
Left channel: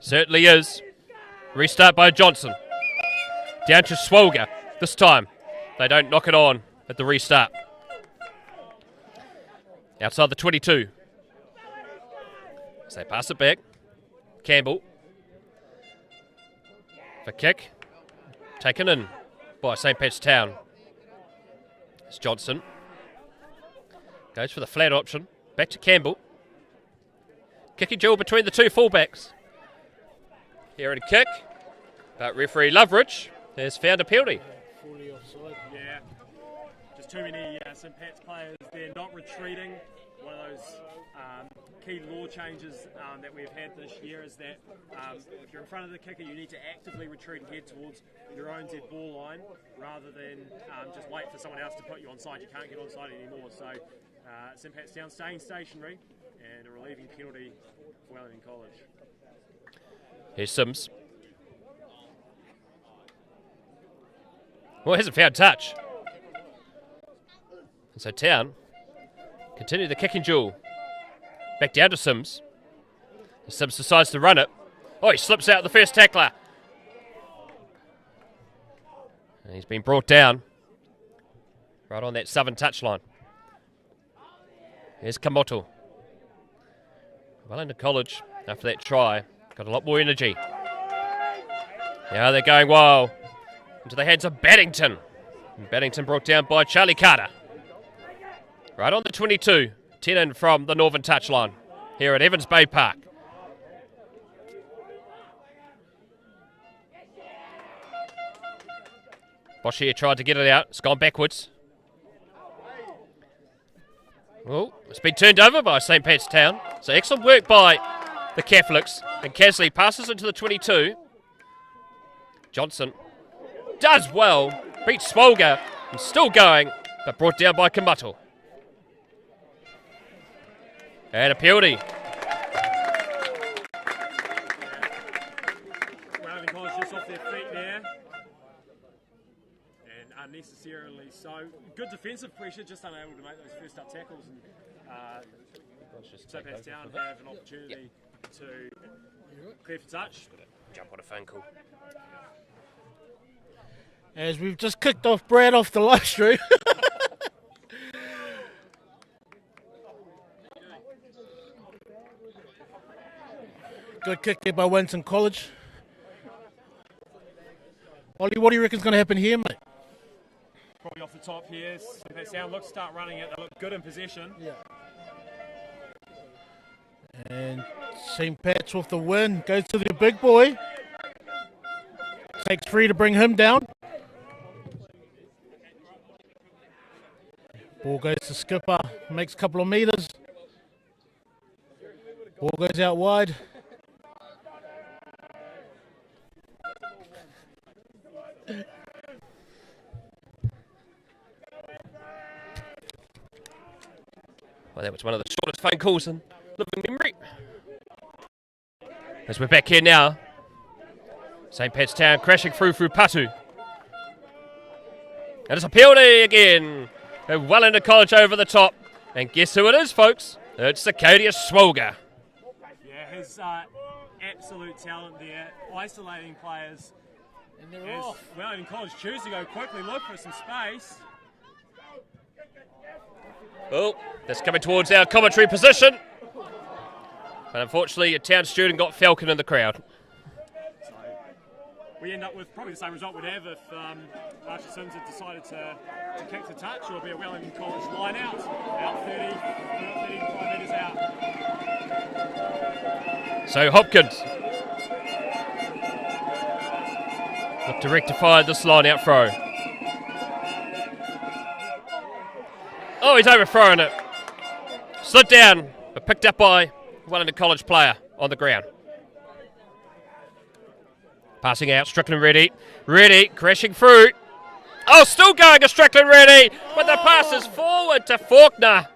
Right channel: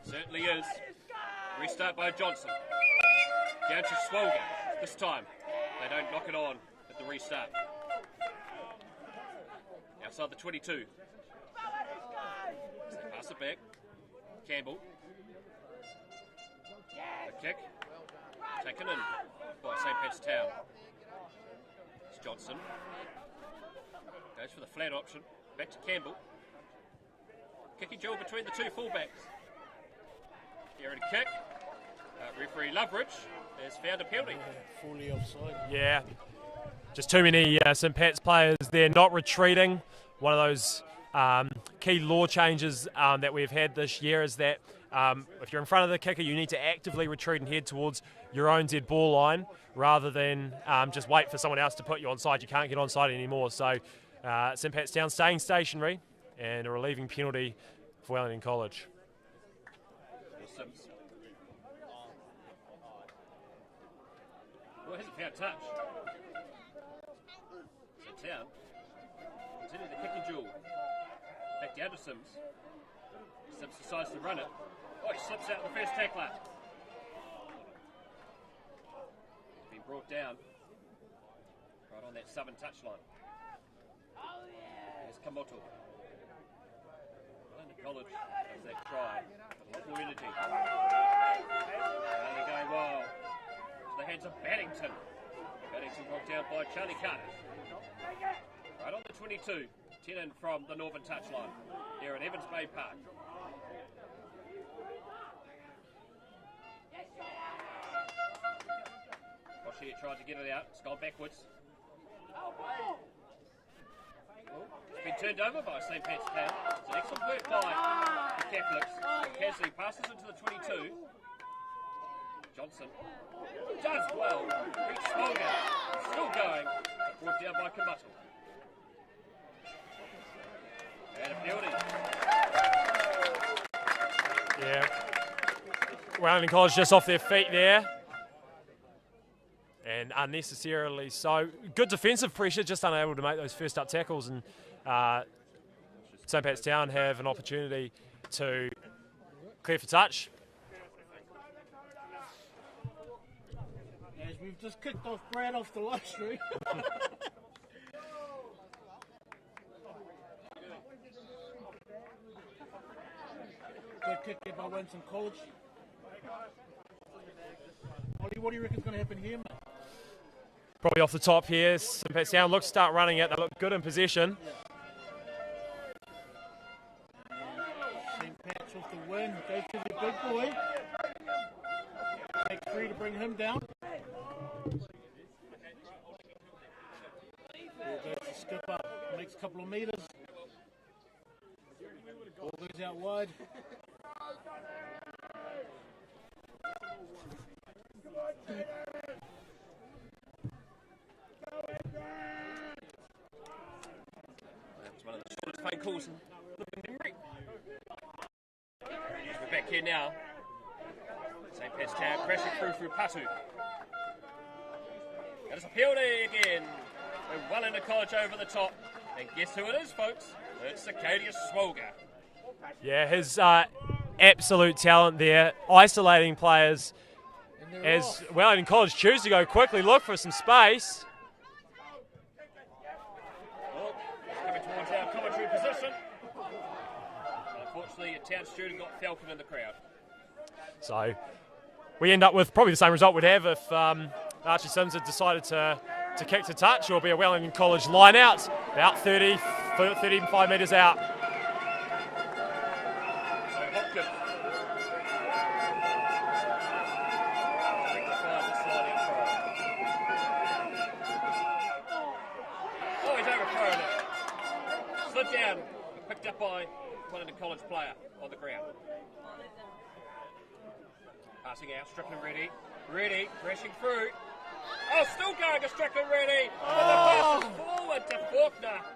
Certainly is. Restart by Johnson. Down to Swolger. This time, they don't knock it on at the restart. Outside the 22. So they pass it back. Campbell. For kick. Taken in by St. Pat's Town. It's Johnson. Goes for the flat option. Back to Campbell. Kicking duel between the two fullbacks. Here and kick. But referee Loveridge has found a penalty. Fully offside. Yeah, just too many St Pat's players there not retreating. One of those key law changes that we've had this year is that if you're in front of the kicker, you need to actively retreat and head towards your own dead ball line rather than just wait for someone else to put you onside. You can't get onside anymore. So St Pat's Town staying stationary and a relieving penalty for Wellington College. Here's Sims. Well, hasn't found touch. And so Town continue the kicking duel. Back down to Sims. Sims decides to run it. Oh, he slips out the first tackler. And he's been brought down. Right on that southern touchline. Here's Kamoto. Wellington College, after that try, got a lot more energy. Now they're going wild. Into the hands of Baddington. And Baddington brought down by Charlie Carter. Right on the 22. 10 in from the northern touchline here at Evans Bay Park. Boshier tried to get it out. It's gone backwards. Oh, it's been turned over by St Pat's Town. So excellent work by the Catholics. And Casley passes into the 22. Johnson does well. Beats Smolga. And still going, but brought down by Kamuto. And a penalty. Yeah. Wellington College just off their feet there. And unnecessarily so. Good defensive pressure, just unable to make those first up tackles. And St Pat's Town have an opportunity to clear for touch. Jump on a phone call. As we've just kicked off Brad off the live stream. Good kick there by Wellington College. Ollie, what do you reckon is going to happen here, mate? Probably off the top here. St Pat's Town look start running it. They look good in possession. And St Pat's with the win. Goes to the big boy. Takes 3 to bring him down. Ball goes to Skipper. Makes a couple of meters. Ball goes out wide. Well, that was one of the shortest phone calls in living memory. As we're back here now. St Pat's Town crashing through Patu. And it's a penalty again. Wellington College over the top. And guess who it is, folks? It's Zacodius Swolga. Yeah, his absolute talent there, isolating players as Wellington College choose to go quickly, look for some space. Oh, that's coming towards our commentary position. But unfortunately, a Town student got Falcon in the crowd. So we end up with probably the same result we'd have if Archie Sims had decided to kick to touch, or be a Wellington College line out, about 35 metres out. So Hopkins look to rectify this line out throw. Oh, he's overthrown it. Slid down, but picked up by Wellington College player on the ground. Passing out, Strickland ready. Ready, crashing through. Oh, still going, a Strickland ready, but the pass is forward to Faulkner.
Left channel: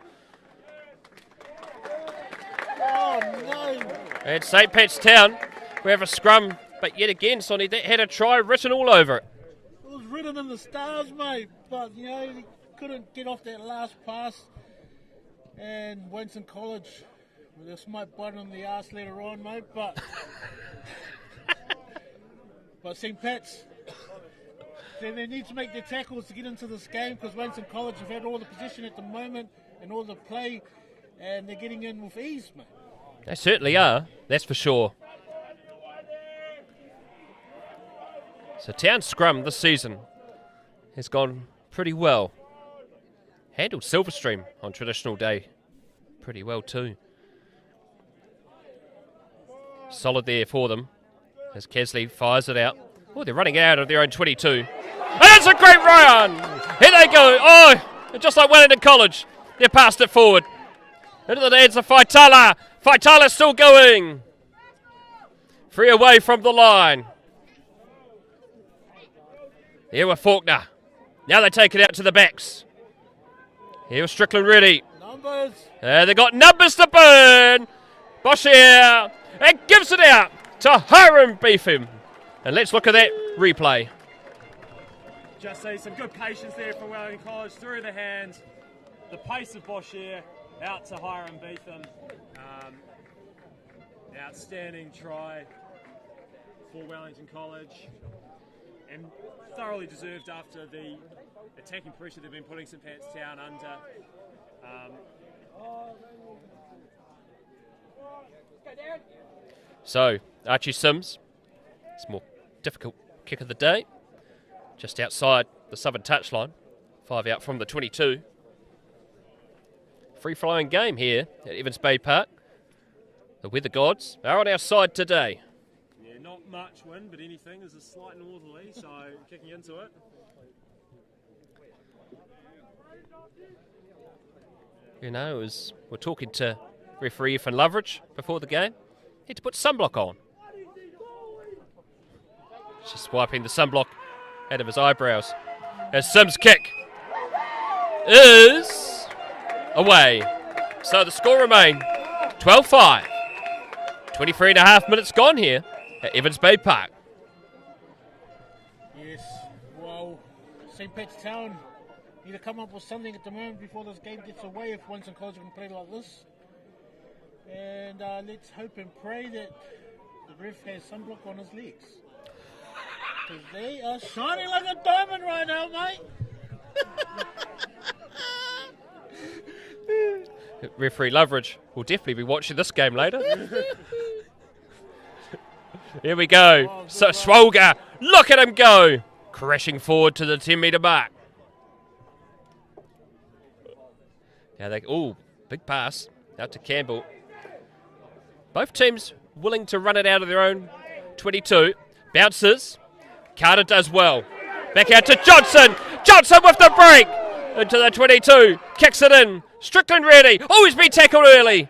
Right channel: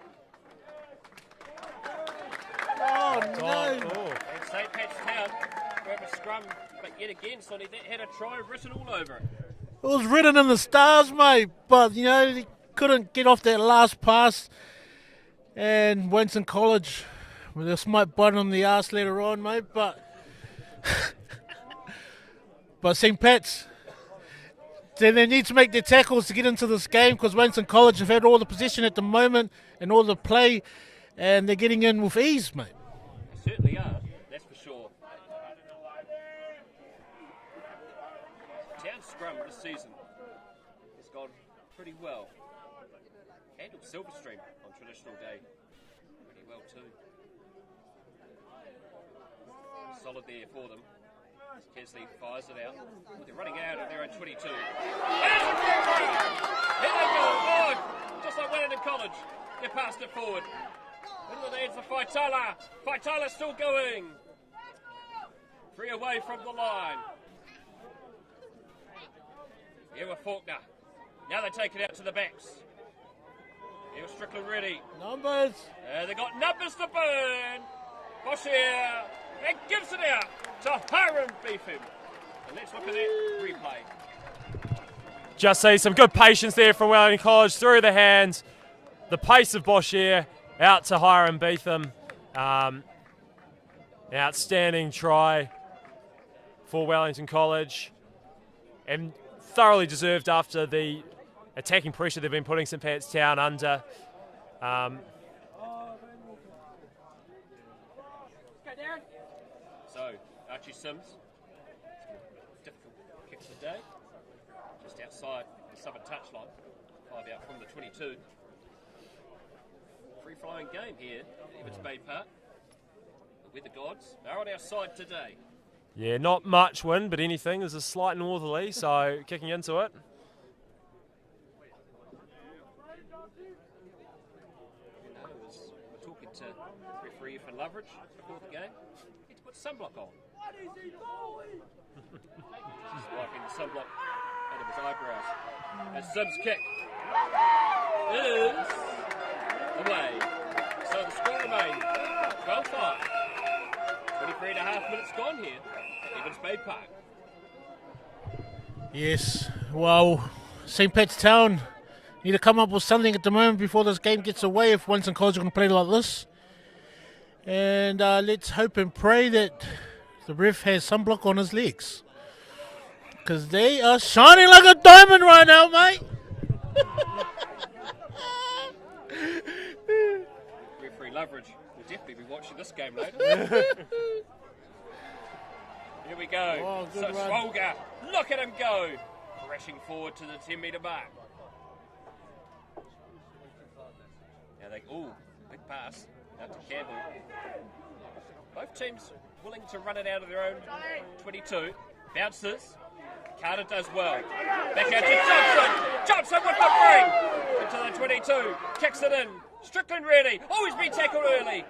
Oh, no. And St Pat's Town, we have a scrum, but yet again, Sonny, that had a try written all over it. It was written in the stars, mate, but, you know, he couldn't get off that last pass. And Wellington College, well, this might bite him the arse later on, mate, but... but St Pat's, they need to make their tackles to get into this game, because Wellington College have had all the possession at the moment and all the play, and they're getting in with ease, mate. They certainly are, that's for sure. So Town scrum this season has gone pretty well. handled Silverstream on traditional day pretty well too. Solid there for them as Kesley fires it out. Oh, they're running out of their own 22. And it's a great run! Here they go. Oh, just like Wellington College. They passed it forward. Into the hands of Faitala. Faitala still going. Free away from the line. Here with Faulkner. Now they take it out to the backs. Here with Strickland ready. Numbers. They got numbers to burn. Boschier. And gives it out to Hiram Beefham. And let's look at that replay. Just see some good patience there from Wellington College through the hands. The pace of Boschier out to Hiram Beetham. Outstanding try for Wellington College. And thoroughly deserved after the attacking pressure they've been putting St Pat's Town under. So, Archie Sims, it's a more difficult kick of the day. Just outside the southern touchline. 5 out from the 22. Free-flowing game here at Evans Bay Park. The weather gods are on our side today. Yeah, not much wind, but anything. There's a slight northerly, so kicking into it. You know, as we're talking to referee Ethan Loveridge before the game, need to put sunblock on. Just wiping the sunblock out of his eyebrows. As Sims' kick is away. So the score remains 12-5. 23 and a half minutes gone here at Evans Bay Park. Yes, well, St. Pat's Town need to come up with something at the moment before this game gets away if Wellington College are going to play like this. And let's hope and pray that the ref has sunblock on his legs. Because they are shining like a diamond right now, mate. Referee Loveridge will definitely be watching this game later. Here we go. So Swolga, look at him go. Crashing forward to the 10-metre mark. Now big pass out to Campbell. Both teams willing to run it out of their own 22. Bounces. Carter does well. Back out to Johnson. Johnson with the break. Into the 22. Kicks it in. Strickland ready. Oh, he's been tackled early.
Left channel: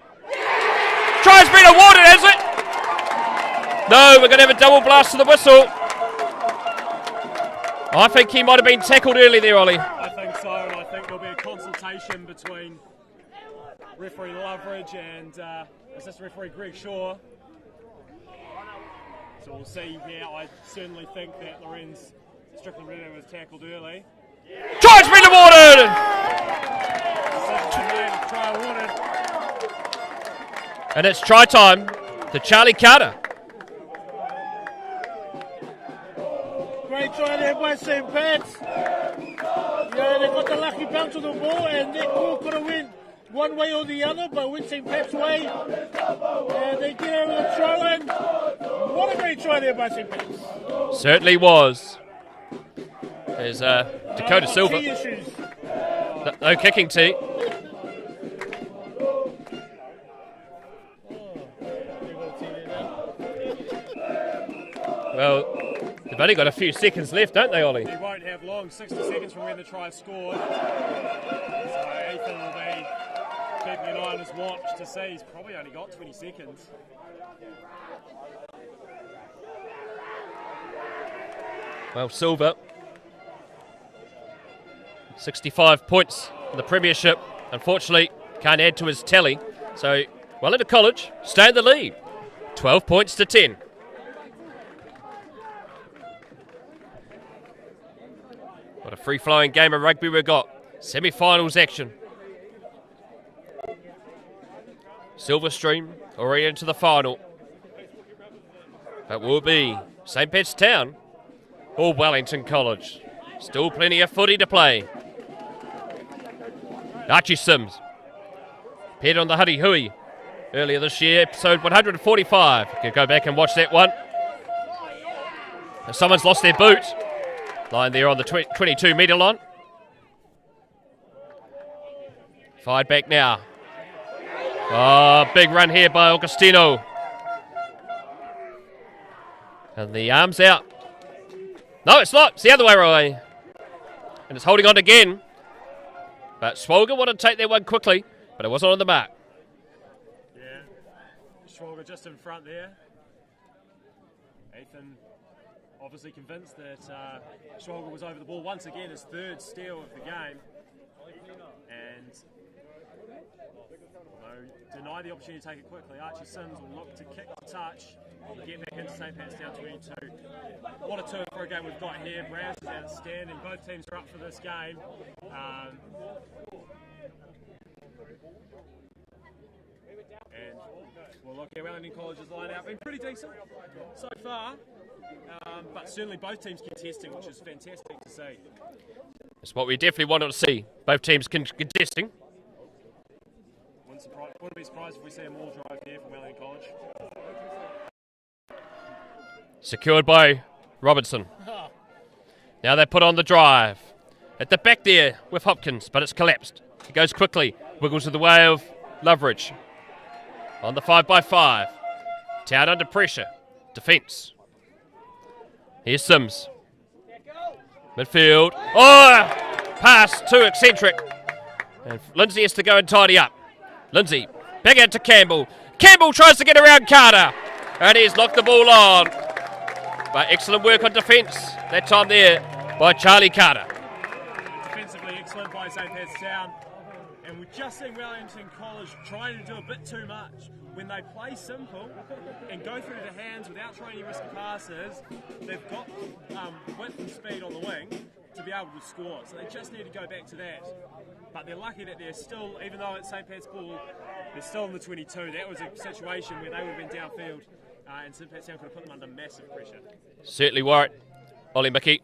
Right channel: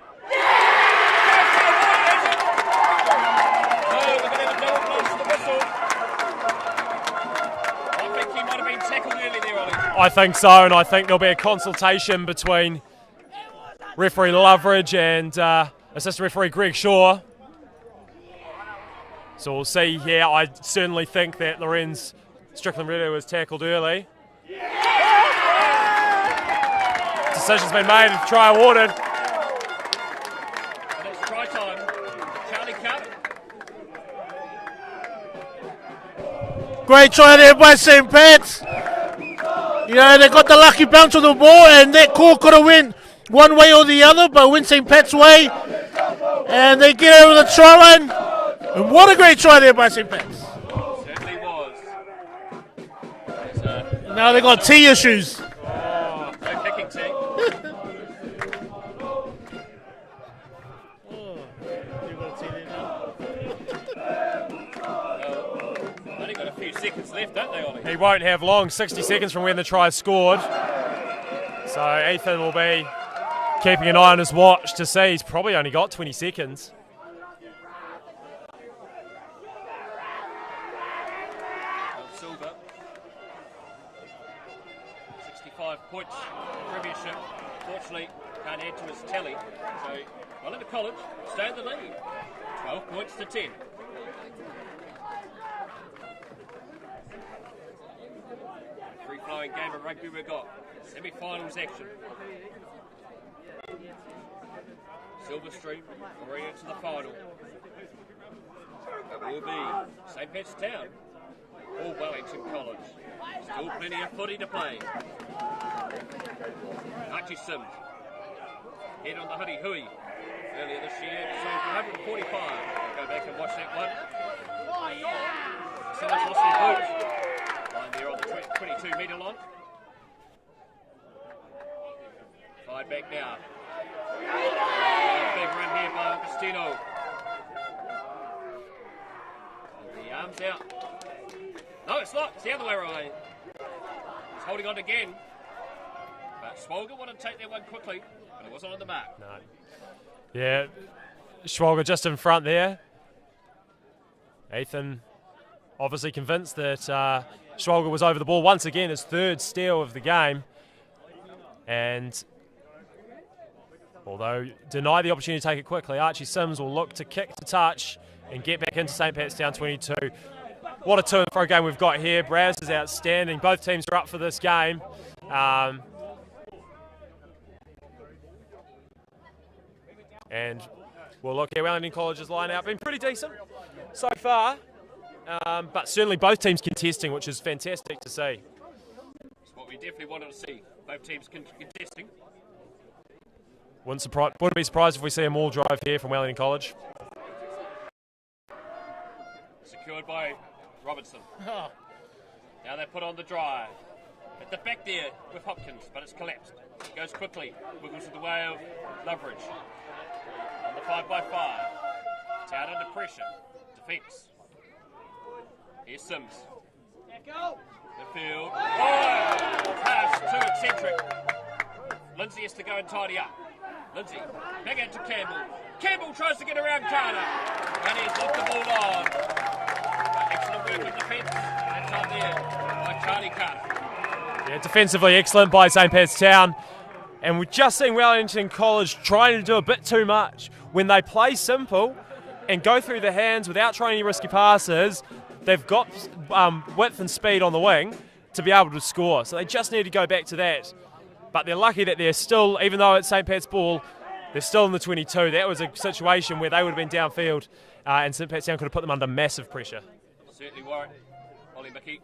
Try's been awarded, has it? No, we're going to have a double blast to the whistle. I think he might have been tackled early there, Ollie. I think so, and I think there'll be a consultation between referee Loveridge and assistant referee Greg Shaw. So we'll see here. I certainly think that Lorenz Strickland Redo was tackled early. Try's been awarded! Decision's been made and try awarded. And it's try time to Charlie Carter. Great try there by St. Pat's. You know, they got the lucky bounce of the ball, and that call could have went one way or the other, but went St. Pat's way. And they get over the try line. And what a great try there by St. Pat's. Certainly was. There's now they got tee issues. No kicking tee. Well, they've only got a few seconds left, don't they, Ollie? He won't have long, 60 seconds from when the try scored. So Ethan will be keeping an eye on his watch to see. He's probably only got 20 seconds. Well, Silver, 65 points in the Premiership. Unfortunately, can't add to his tally. So, Wellington College stay in the lead. 12 points to 10. What a free-flowing game of rugby we've got. Semi-finals action. Silverstream already into the final. It will be St. Pat's Town or Wellington College. Still plenty of footy to play. Archie Sims appeared on the Huddy Hui earlier this year, episode 145. You can go back and watch that one. If someone's lost their boot, lying there on the 22-metre line. Fired back now. Oh, big run here by Augustino. And the arms out. No, it's not. It's the other way, Roy. And it's holding on again. But Swolga wanted to take that one quickly, but it wasn't on the mark. No. Yeah, Schwalger just in front there. Ethan obviously convinced that Schwalger was over the ball. Once again, his third steal of the game. And although denied the opportunity to take it quickly, Archie Sims will look to kick to touch and get back into St. Pat's down 22. What a to and fro game we've got here. Braz is outstanding. Both teams are up for this game. And we'll look at Wellington College's line-out. Been pretty decent so far, but certainly both teams contesting, which is fantastic to see. That's what we definitely wanted to see. Both teams contesting. Wouldn't be surprised if we see a maul drive here from Wellington College. Secured by Robinson. Now they put on the drive. At the back there with Hopkins, but it's collapsed. He goes quickly, wiggles to the way of Loveridge. On the 5x5. Town under pressure. Defence. Here's Sims. Midfield. Oh! Pass too eccentric. And Lindsay has to go and tidy up. Lindsay, back out to Campbell. Campbell tries to get around Carter. And he's knocked the ball on. But excellent work on defence. That time there by Charlie Carter. Yeah, defensively excellent by St. Pat's Town. And we've just seen Wellington College trying to do a bit too much. When they play simple and go through the hands without trying any risky passes, they've got width and speed on the wing to be able to score. So they just need to go back to that. But they're lucky that they're still, even though it's St. Pat's ball, they're still in the 22. That was a situation where they would have been downfield and St. Pat's Town could have put them under massive pressure. Certainly worried. Ollie Mickey.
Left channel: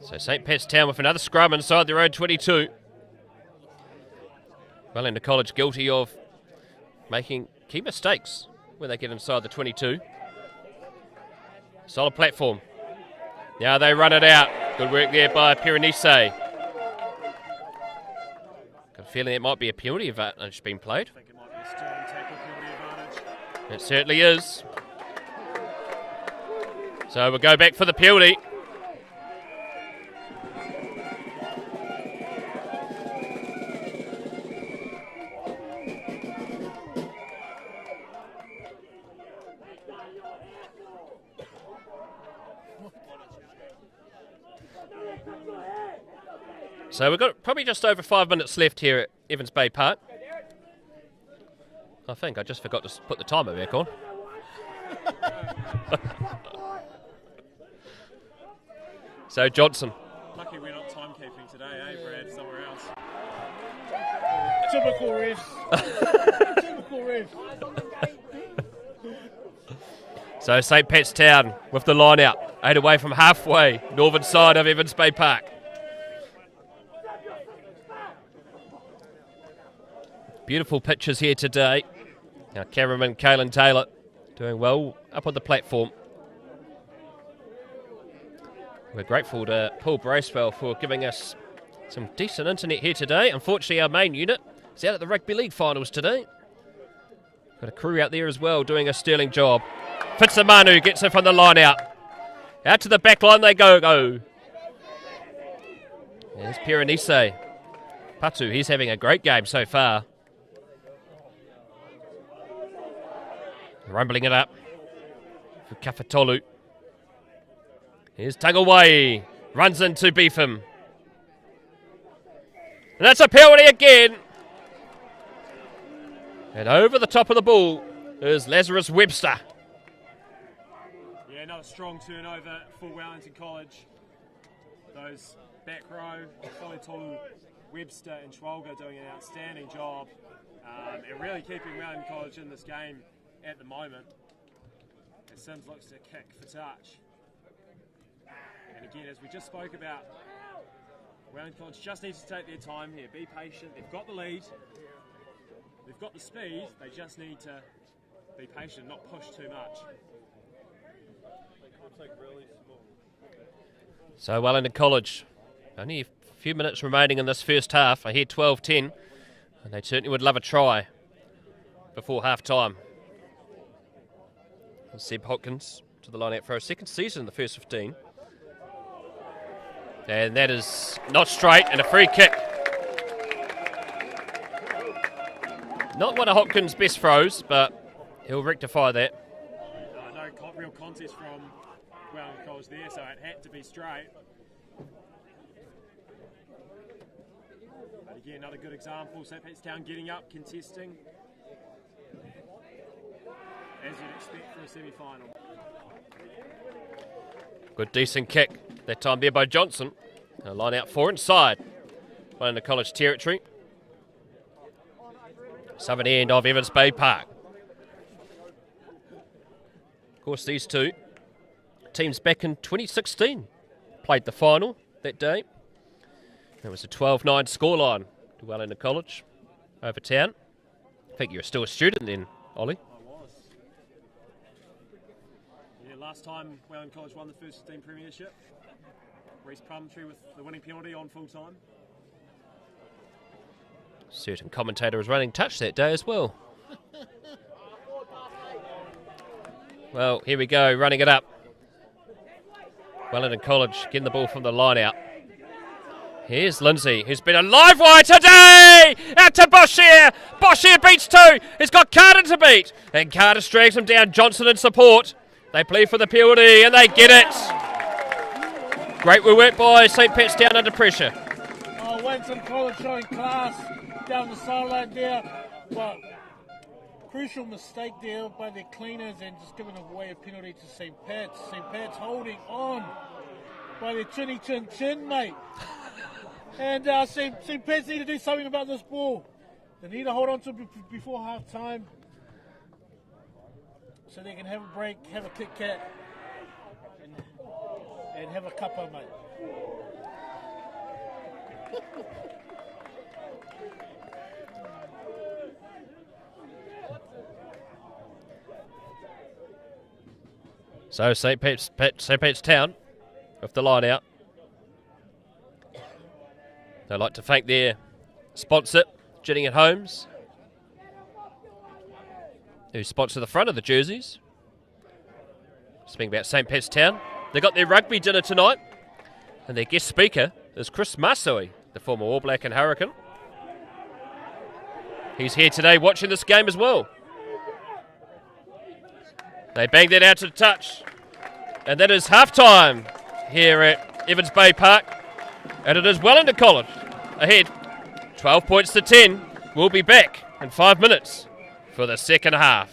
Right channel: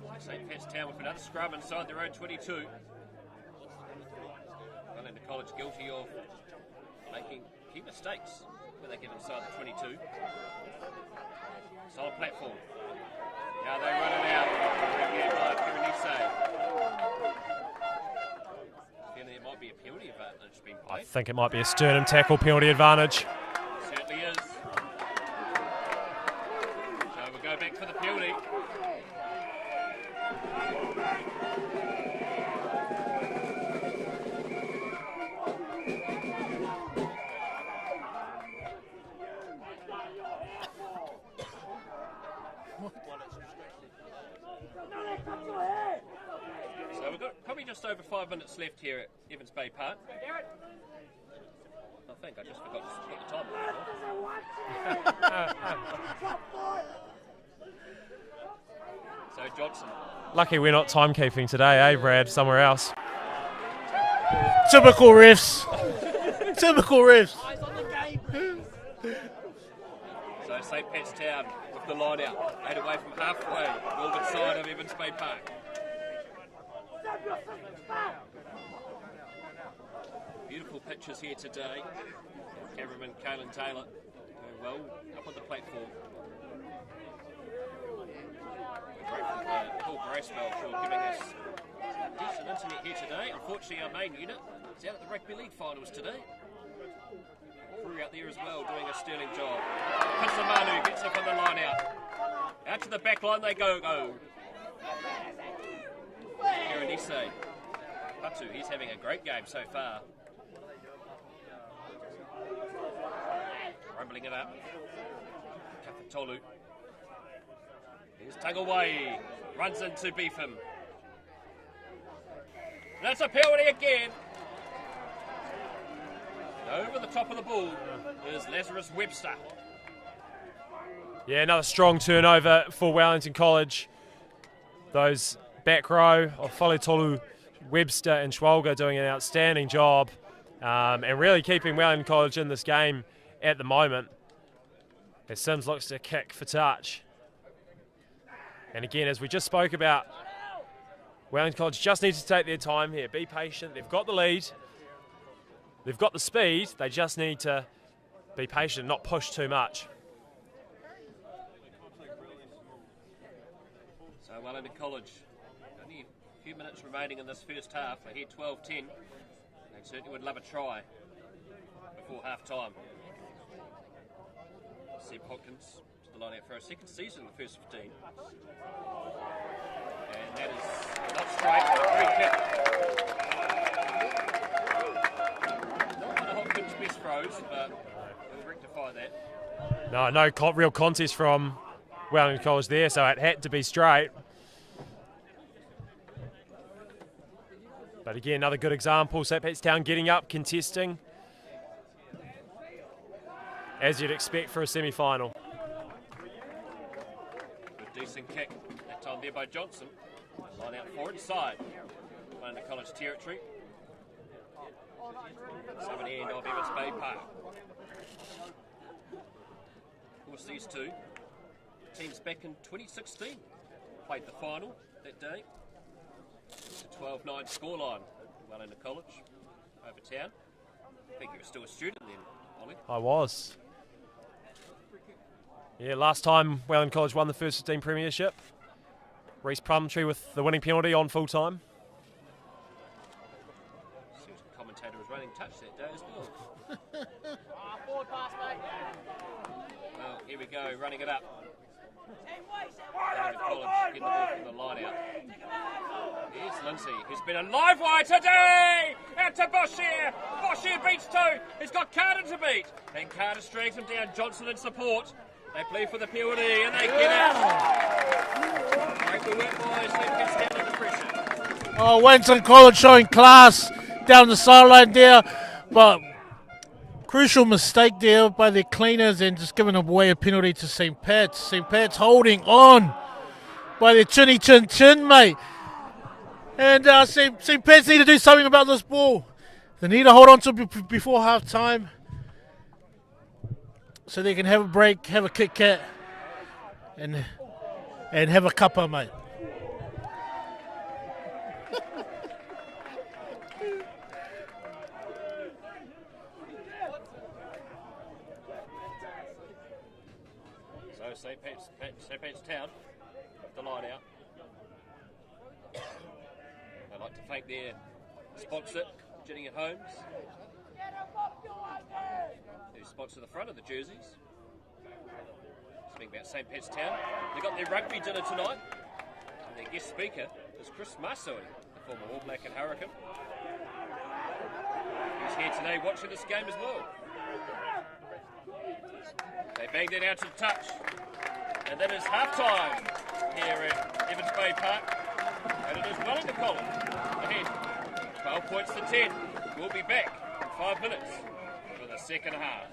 So St. Pat's Town with another scrum inside their own 22. Wellington College guilty of making key mistakes when they get inside the 22. Solid platform. Now they run it out. Good work there by Piranese. Got a feeling it might be a penalty advantage being played. I think it might be a sternum tackle penalty advantage. It certainly is. So we'll go back for the penalty. So we've got probably just over 5 minutes left here at Evans Bay Park. I think I just forgot to put the timer back on. So Johnson. Lucky we're not timekeeping today, eh, Brad? Somewhere else. Typical refs. Typical refs. So St. Pat's Town with the line out. 8 away from halfway, northern side of Evans Bay Park. Beautiful pictures here today. Now cameraman Caelan Taylor doing well up on the platform. We're grateful to Paul Bracewell for giving us some decent internet here today. Unfortunately, our main unit is out at the Rugby League finals today. Got a crew out there as well doing a sterling job. Fitzamanu gets it from the line out. Out to the back line they go. There's Piranese. Patu, he's having a great game so far. Rumbling it up for Kafatolu. Here's Tagawai. Runs in to beef him. And that's a penalty again. And over the top of the ball is Lazarus Webster. Yeah, another strong turnover for Wellington College. Those back row of Faletolu, Webster and Schwalger doing an outstanding job and really keeping Wellington College in this game at the moment. As Sims looks to kick for touch. And again, as we just spoke about, Wellington College just needs to take their time here. Be patient. They've got the lead. They've got the speed. They just need to be patient, not push too much. So Wellington College, only a few minutes remaining in this first half. I hear 12-10, and they certainly would love a try before half-time. Seb Hopkins to the line out for a second season in the first 15. And that is not straight, and a free kick. Not one of Hopkins' best throws, but he'll rectify that. No real contest from Wellington College there, so it had to be straight. But again, another good example. St. Pat's Town getting up, contesting, as you'd expect for a semi-final. Good decent kick, that time there by Johnson. A line out for inside. Wellington College territory. Southern end of Evans Bay Park. Of course, these two teams back in 2016 played the final that day. It was a 12-9 scoreline to Wellington College over town. I think you were still a student then, Ollie. I was. Yeah, last time Wellington College won the first 15 Premiership. Reece Plumtree with the winning penalty on full time. Certain commentator was running touch that day as well. Well, here we go, running it up. Wellington College getting the ball from the line out. Here's Lindsay, who's been a live wire today! Out to Boshier! Boshier beats two! He's got Carter to beat! And Carter drags him down, Johnson in support. They plea for the penalty, and they get it! Great work by St. Pat's Town under pressure. Oh, Wellington College showing class down the sideline there, but crucial mistake there by their cleaners and just giving away a penalty to St. Pat's. St. Pat's holding on by their chinny chin chin, mate. And St. Pat's need to do something about this ball. They need to hold on to it before half time so they can have a break, have a Kit Kat, and have a cuppa, mate. So St. Pat's Town with the line out. They'd like to thank their sponsor, Gillingham Homes, who sponsor the front of the jerseys. Speaking about St. Pat's Town, they got their rugby dinner tonight, and their guest speaker is Chris Masui, the former All Black and Hurricane. He's here today watching this game as well. They banged that out to the touch, and that is half-time here at Evans Bay Park, and it is Wellington College ahead, 12 points to 10. We'll be back in 5 minutes for the second half.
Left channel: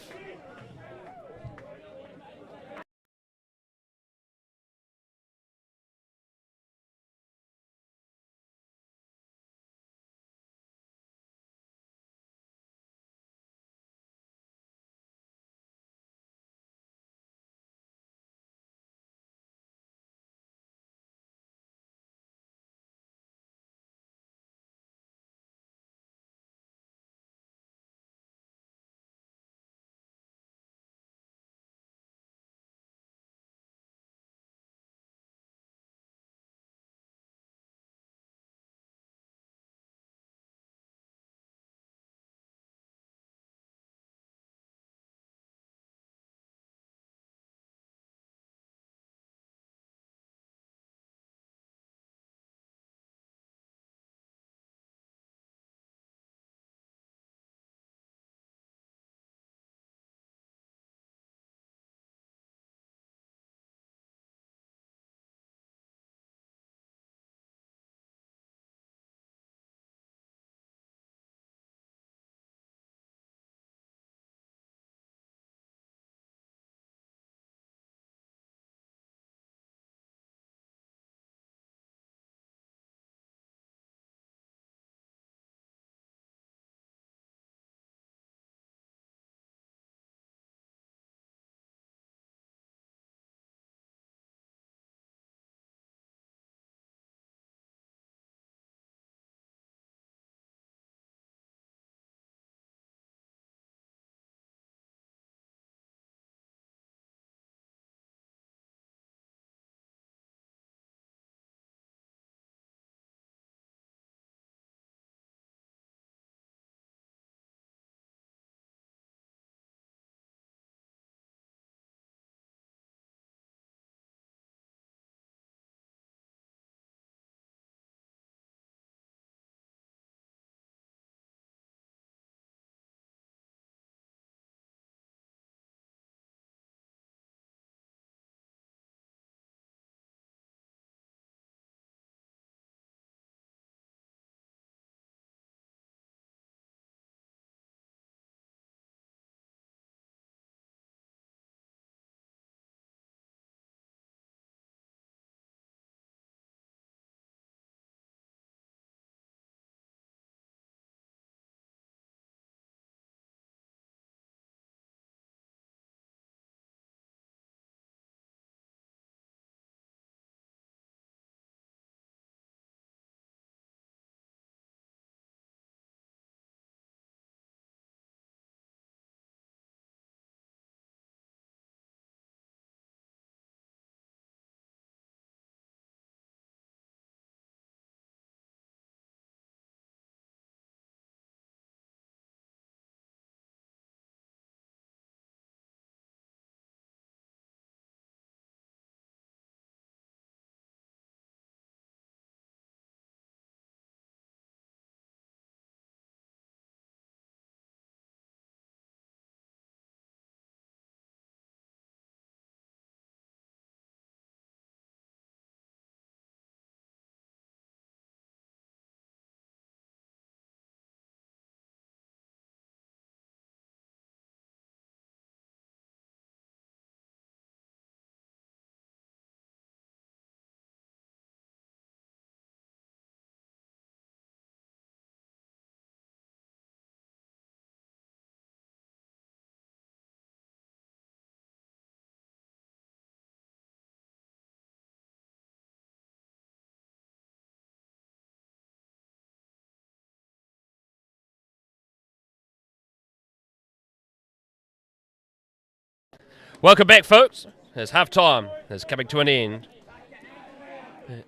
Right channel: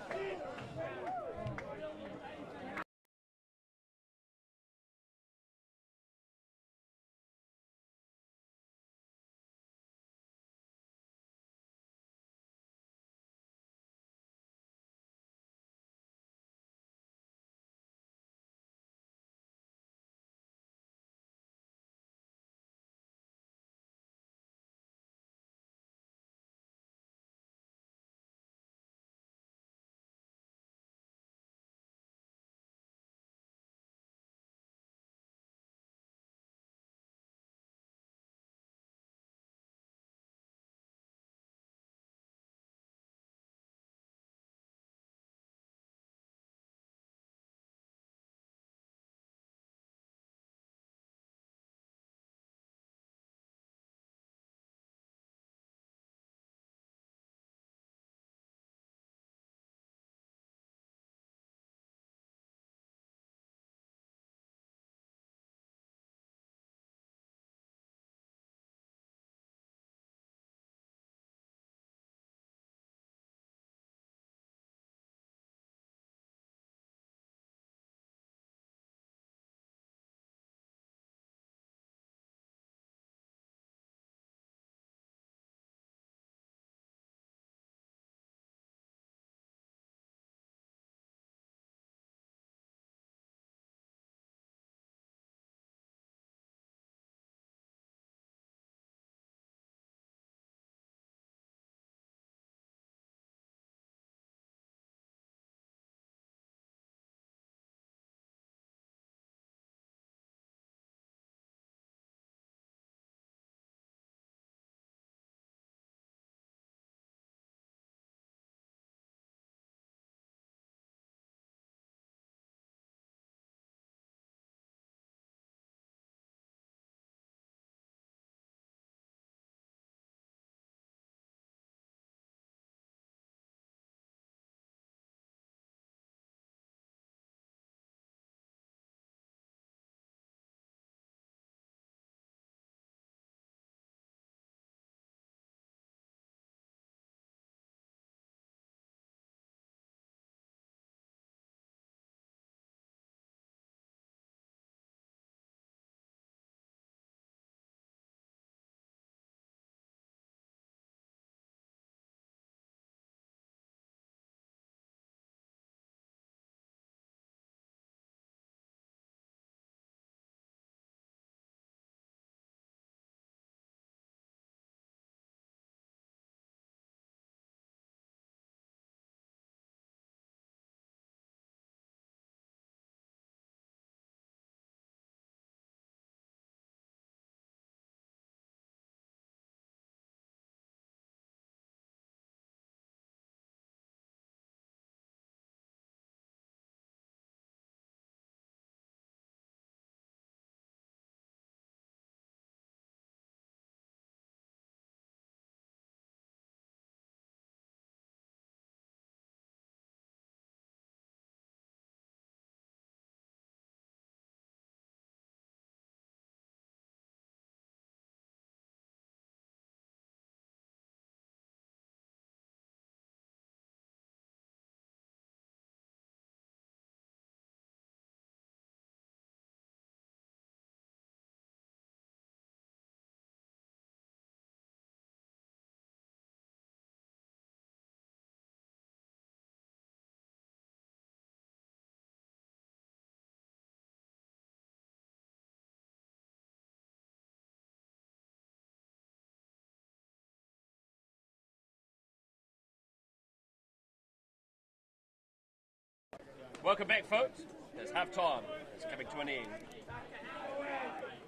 Welcome back, folks. As half-time is coming to an end.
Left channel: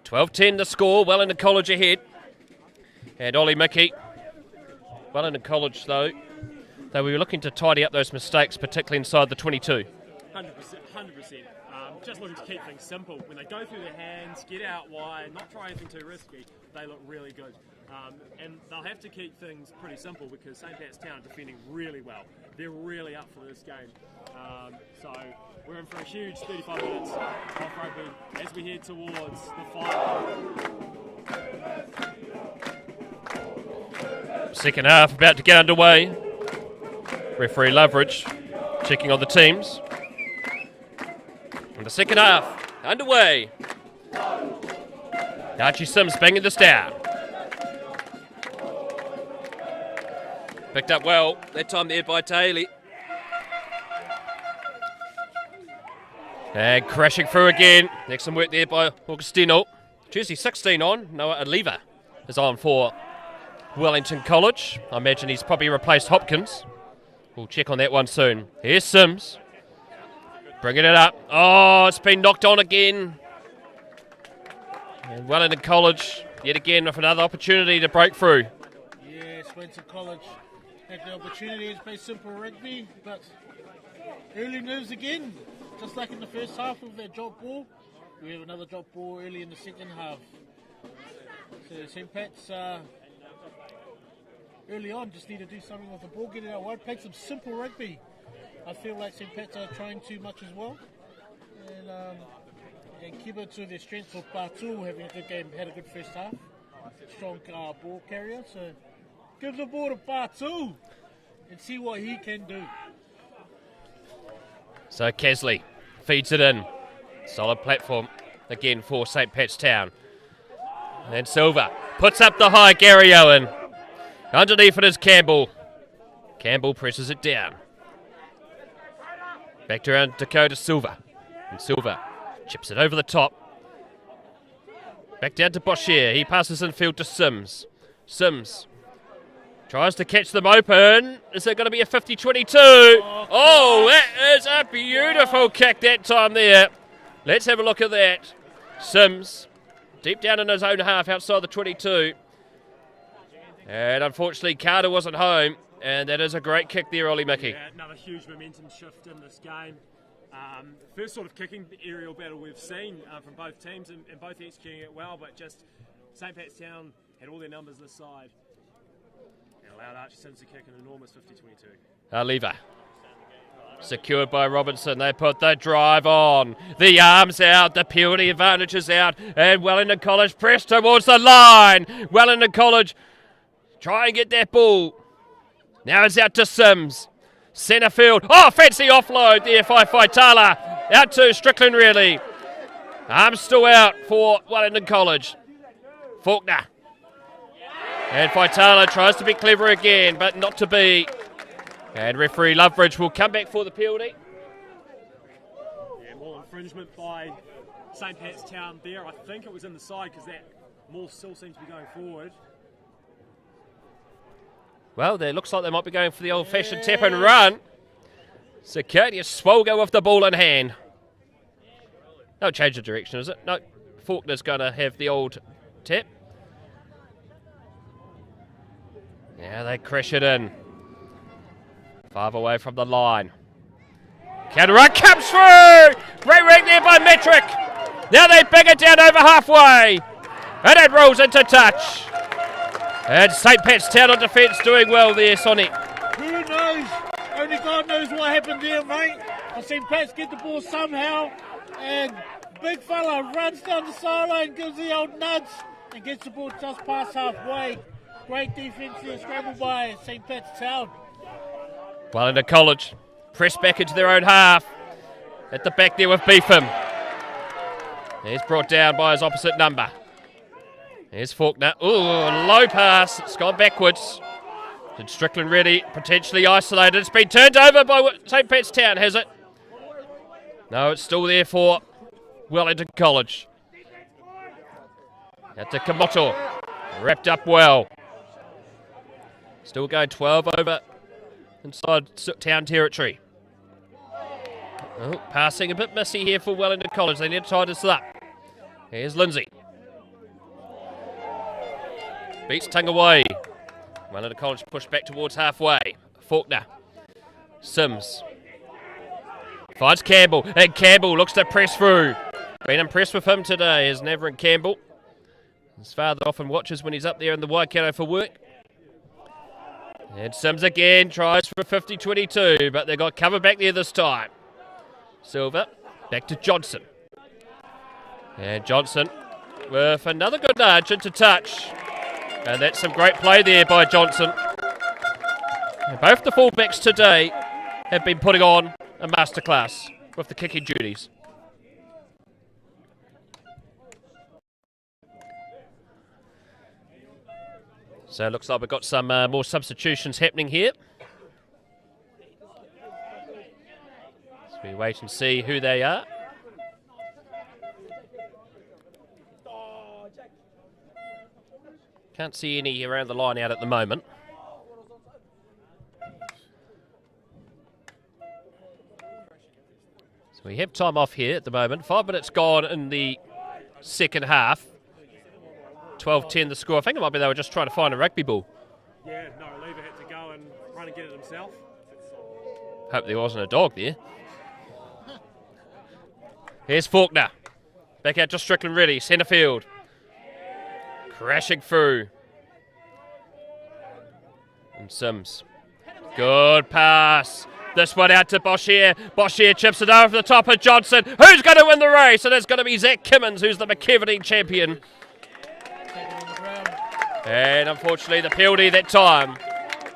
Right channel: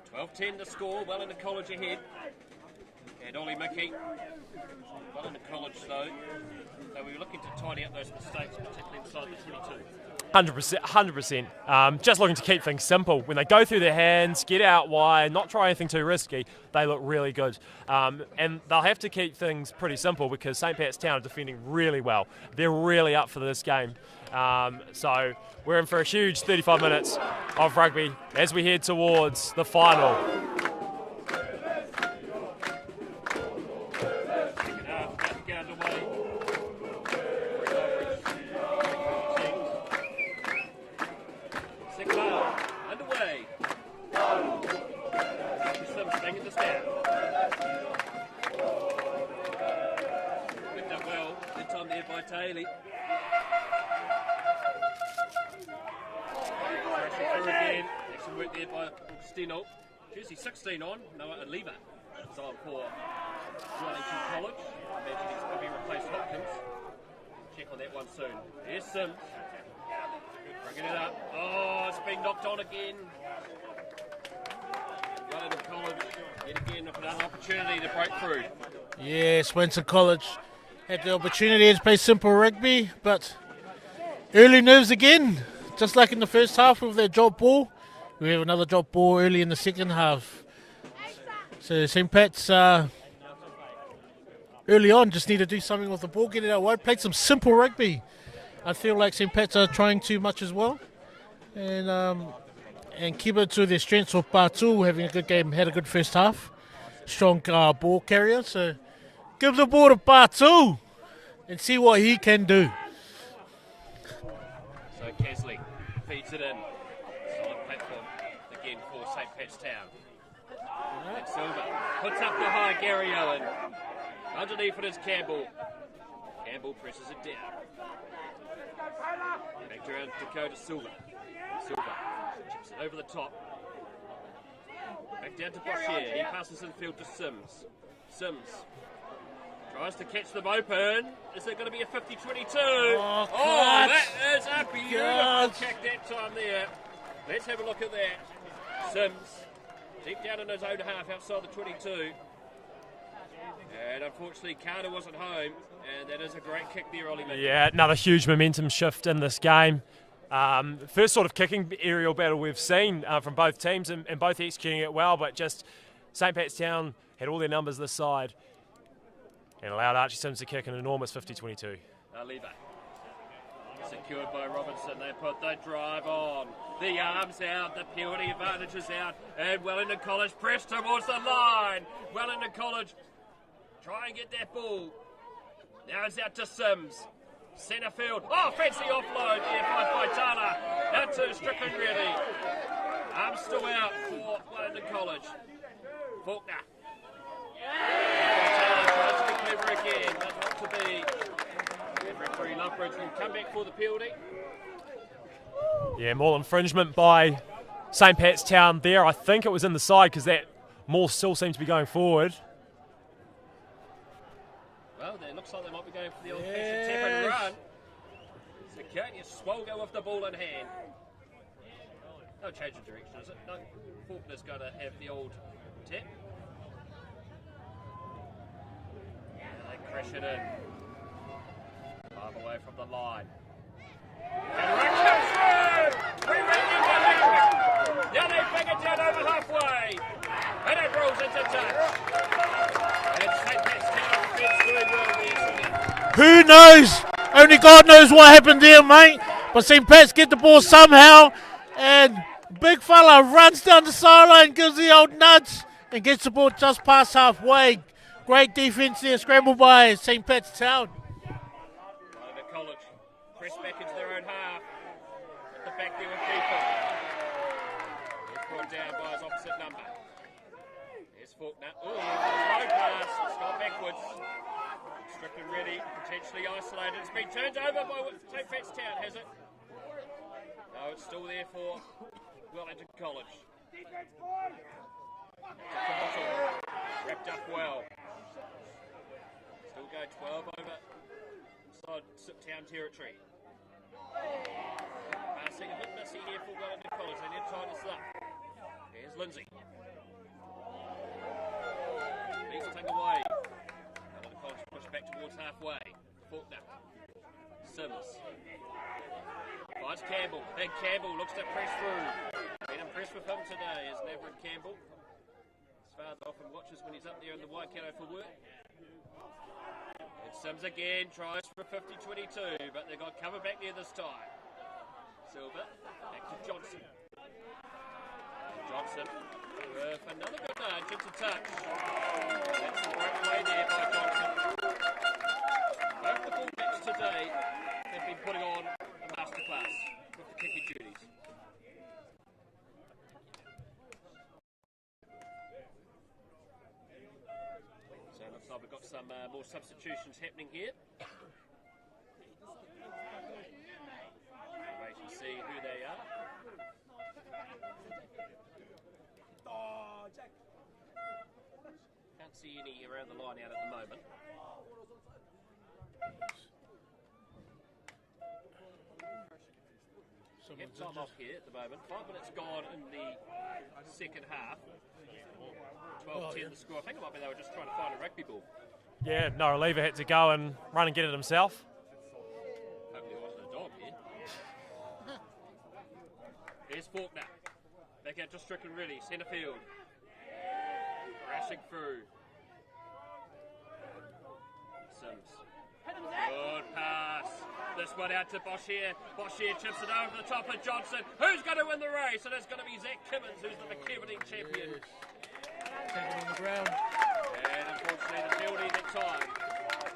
12-10 the score. Wellington College ahead. And Ollie Mickey. Wellington College, though, they were looking to tidy up those mistakes, particularly inside the 22. 100%. Just looking to keep things simple. When they go through their hands, get out wide, not try anything too risky, they look really good. And they'll have to keep things pretty simple because St. Pat's Town are defending really well. They're really up for this game. So we're in for a huge 35 minutes of rugby as we head towards the final. Second half about to get underway. Referee Loveridge checking on the teams. And the second half underway. Archie Sims banging this down. Picked up well, that time there by Taylor. And crashing through again. Excellent work there by Augustino. Jersey 16 on. Noah Aliva is on for Wellington College. I imagine he's probably replaced Hopkins. We'll check on that one soon. Here's Sims. Bringing it up. Oh, it's been knocked on again. And Wellington College, yet again, with another opportunity to break through. Yes, Wellington College had the opportunity to play simple rugby, but early nerves again. Just like in the first half with their drop ball. We have another drop ball early in the second half. So St. Pat's early on just need to do something with the ball, get it out wide, play some simple rugby. I feel like St. Pat's are trying too much as well. And keep it to their strengths of Batu having a good game, had a good first half. Strong ball carrier. So give the ball to Batu and see what he can do. So Kesley feeds it in. Solid platform again for St. Pat's Town. And then Silva puts up the high Gary Owen. Underneath it is Campbell. Campbell presses it down. Back to around Dakota Silva. And Silva chips it over the top. Back down to Boshier. He passes infield to Sims. Sims tries to catch them open. Is it going to be a 50-22? Oh, that is a beautiful kick that time there. Let's have a look at that. Sims, deep down in his own half outside the 22. And unfortunately, Carter wasn't home. And that is a great kick there, Ollie Mickey. Yeah, another huge momentum shift in this game. First sort of kicking aerial battle we've seen from both teams and both executing it well, but just St. Pat's Town had all their numbers this side. And allowed Archie Sims to kick an enormous 50-22. Lever. Secured by Robinson. They put the drive on. The arms out. The penalty advantage is out. And Wellington College press towards the line. Wellington College try and get that ball. Now it's out to Sims. Centre field. Oh, fancy offload there by Faitala. Out to Strickland, really. Arms still out for Wellington College. Faulkner. And Faitala tries to be clever again, but not to be. And referee Loveridge will come back for the penalty. Yeah, more infringement by St. Pat's Town there. I think it was in the side because that more still seems to be going forward. Well, it looks like they might be going for the old-fashioned tap and run. Circadius Swolgo with the ball in hand. No change of direction, is it? No. Faulkner's going to have the old tap. Yeah, they crash it in. 5 away from the line. Counter run comes through! Great ring there by Metric. Now they bang it down over halfway. And it rolls into touch. And St. Pat's Town on defence doing well there, Sonic. Who knows? Only God knows what happened there, mate. But St. Pat's get the ball somehow. And big fella runs down the sideline, gives the old nudge, and gets the ball just past halfway. Great defence there, scrambled by St. Pat's Town. Wellington College press back into their own half. At the back there with Beetham. He's brought down by his opposite number. There's Faulkner. Ooh, low pass. It's gone backwards. And Strickland ready, potentially isolated. It's been turned over by St. Pat's Town, has it? No, it's still there for Wellington College. Out to Kamoto. Wrapped up well. Still going 12 over inside Town territory. Oh, passing a bit messy here for Wellington College. They need to tie this up. Here's Lindsay. Beats Tangawai. Wellington College pushed back towards halfway. Faulkner. Sims. Finds Campbell. And Campbell looks to press through. Been impressed with him today is Navarone Campbell. His father often watches when he's up there in the Waikato for work. And Sims again tries for 50-22, but they got cover back there this time. Silver, back to Johnson. And Johnson with another good nudge into touch. And that's some great play there by Johnson. And both the fullbacks today have been putting on a masterclass with the kicking duties. So it looks like we've got some more substitutions happening here. So we wait and see who they are. Can't see any around the line out at the moment. So we have time off here at the moment. 5 minutes gone in the second half. 12-10 the score. I think it might be they were just trying to find a rugby ball. Yeah, no reliever had to go and run and get it himself. Hope there wasn't a dog there. Here's Faulkner. Back out to Strickland ready. Centre field. Crashing through. And Sims. Good pass. This one out to Boshier. Boshier chips it over the top of Johnson. Who's going to win the race? And it's going to be Zach Kimmins, who's the McKevening champion. And unfortunately, the penalty that time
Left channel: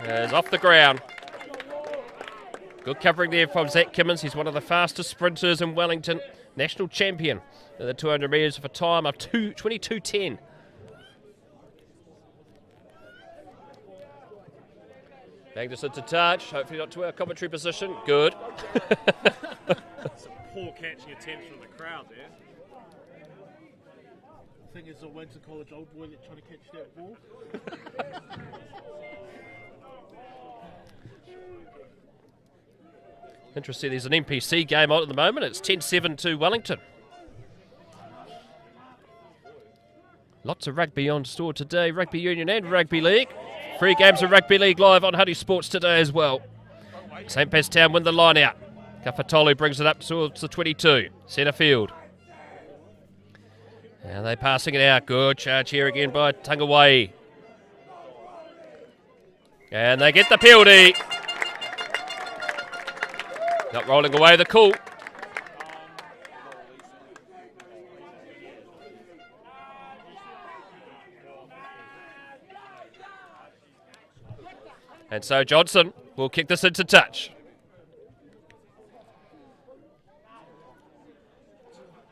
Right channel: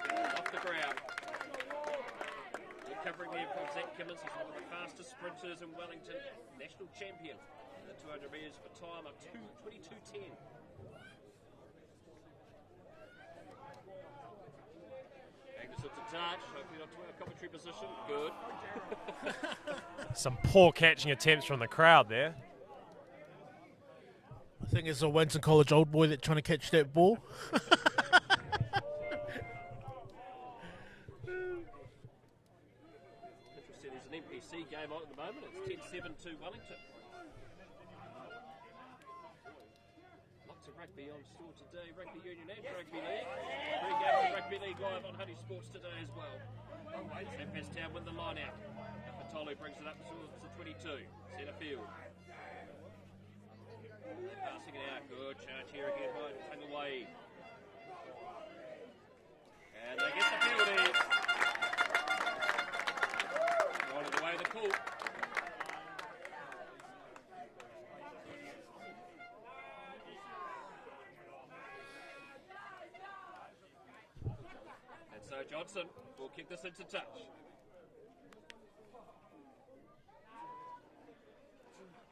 is off the ground. Good covering there from Zach Kimmins. He's one of the fastest sprinters in Wellington. National champion in the 200 metres of a time of 22:10. Bang this into touch. Hopefully not to our commentary position. Good. Some poor catching attempts from the crowd there. I think it's a Wellington College old boy that's trying to catch that ball. Interesting, there's an NPC game on at the moment. It's 10-7 to Wellington. Lots of rugby on store today, rugby union and rugby league. 3 games of rugby league live on Huddy Sports today as well. St. Pat's Town win the line out. Kafatolu brings it up towards the 22. Centre field. And they're passing it out. Good charge here again by Tangawai. And they get the penalty. Not rolling away the call. And so Johnson will kick this into touch.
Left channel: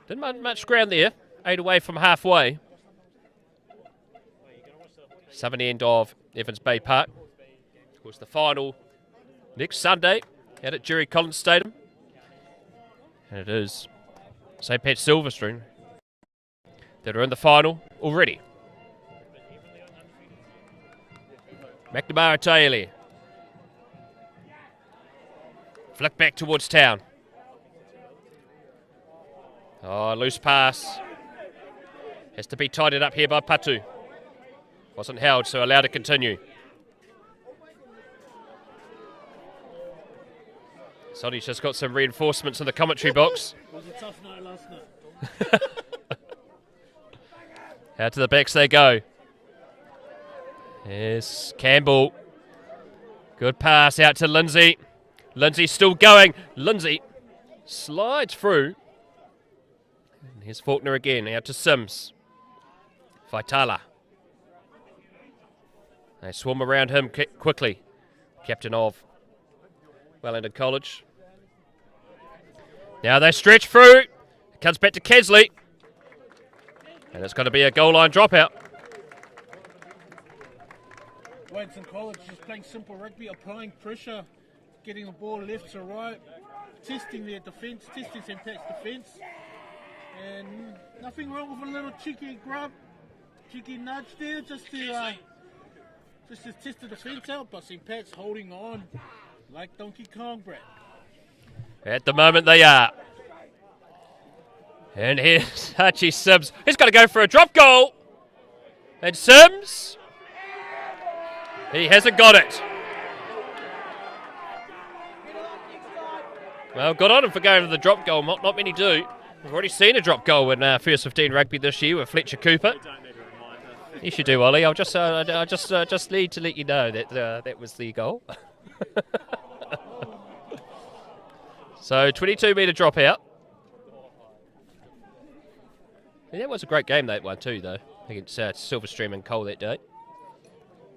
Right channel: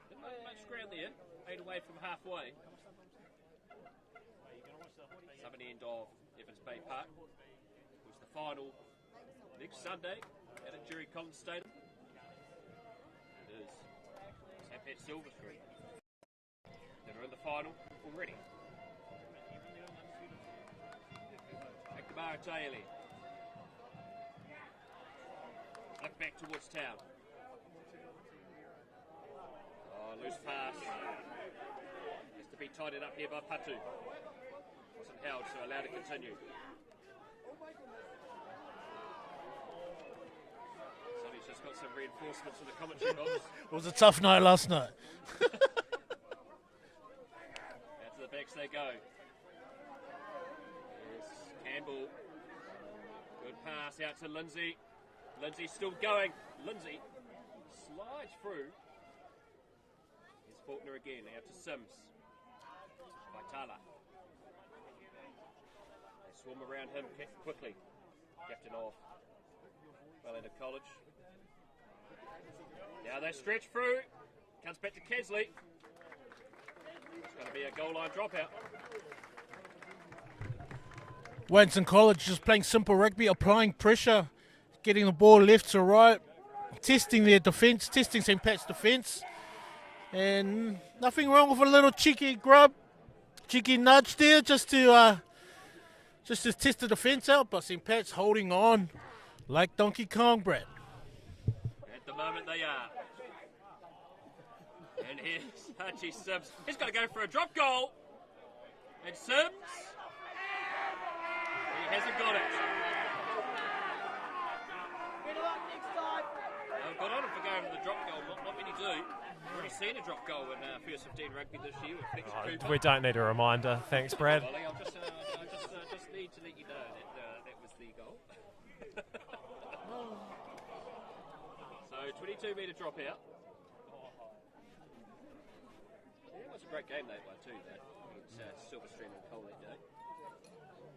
Didn't much ground there. 8 away from halfway. Southern end of Evans Bay Park. Of course, the final next Sunday out at Jerry Collins Stadium. And it is St. Pat's Silverstone that are in the final already. McNamara Taylor. Flick back towards town. Oh, loose pass. Has to be tidied up here by Patu. Wasn't held, so allowed to continue. Sonny's just got some reinforcements in the commentary box. It was a tough night last night. Out to the backs they go. Yes, Campbell. Good pass out to Lindsay. Lindsay still going. Lindsay slides through. And here's Faulkner again, out to Sims. Vitala. They swarm around him quickly. Captain of Wellington College. Now they stretch through. It comes back to Kesley. And it's going to be a goal line dropout. Wellington College just playing simple rugby, applying pressure, getting the ball left to right, testing their defence, testing St. Pat's defence. And nothing wrong with a little cheeky grub, cheeky nudge there just to test the defence out. But St. Pat's holding on like Donkey Kong, Brad. At the moment they are. And here's Archie Sims. He's got to go for a drop goal. And Sims, he hasn't got it. Well, good on him for going for the drop goal. Not many do. We've already seen a drop goal in first 15 rugby this year with Fletcher Cooper. We don't need a reminder. Thanks, Yes, you Brad. do, Ollie. I just need to let you know that that was the goal. So 22-metre drop out. And that was a great game, that one too, though, against Silverstream and Cole that day.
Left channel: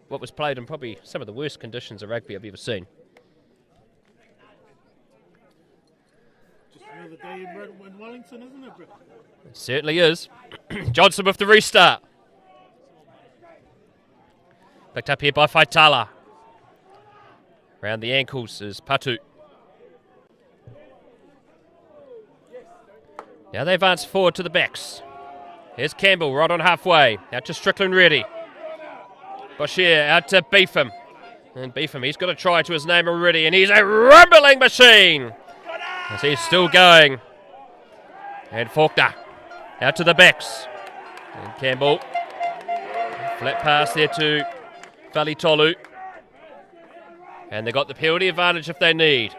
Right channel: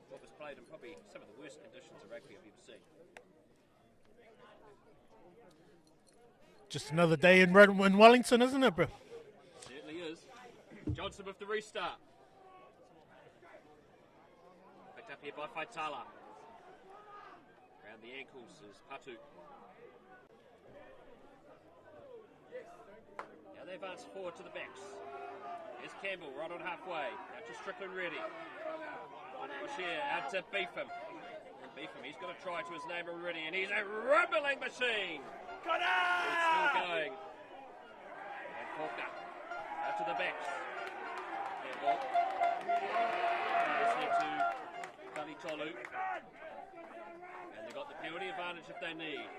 What was played in probably some of the worst conditions of rugby I've ever seen. Just another day in Wellington, isn't it, bro? It certainly is. Johnson with the restart. Picked up here by Faitala. Round the ankles is Patu. Now they advance forward to the backs. Here's Campbell right on halfway. Out to Strickland ready. Boshier out to Beefham. And Beefham, he's got a try to his name already, and he's a rumbling machine. As he's still going. And Faulkner out to the backs. And Campbell. Flat pass there to Falitolu. And they got the penalty advantage if they need.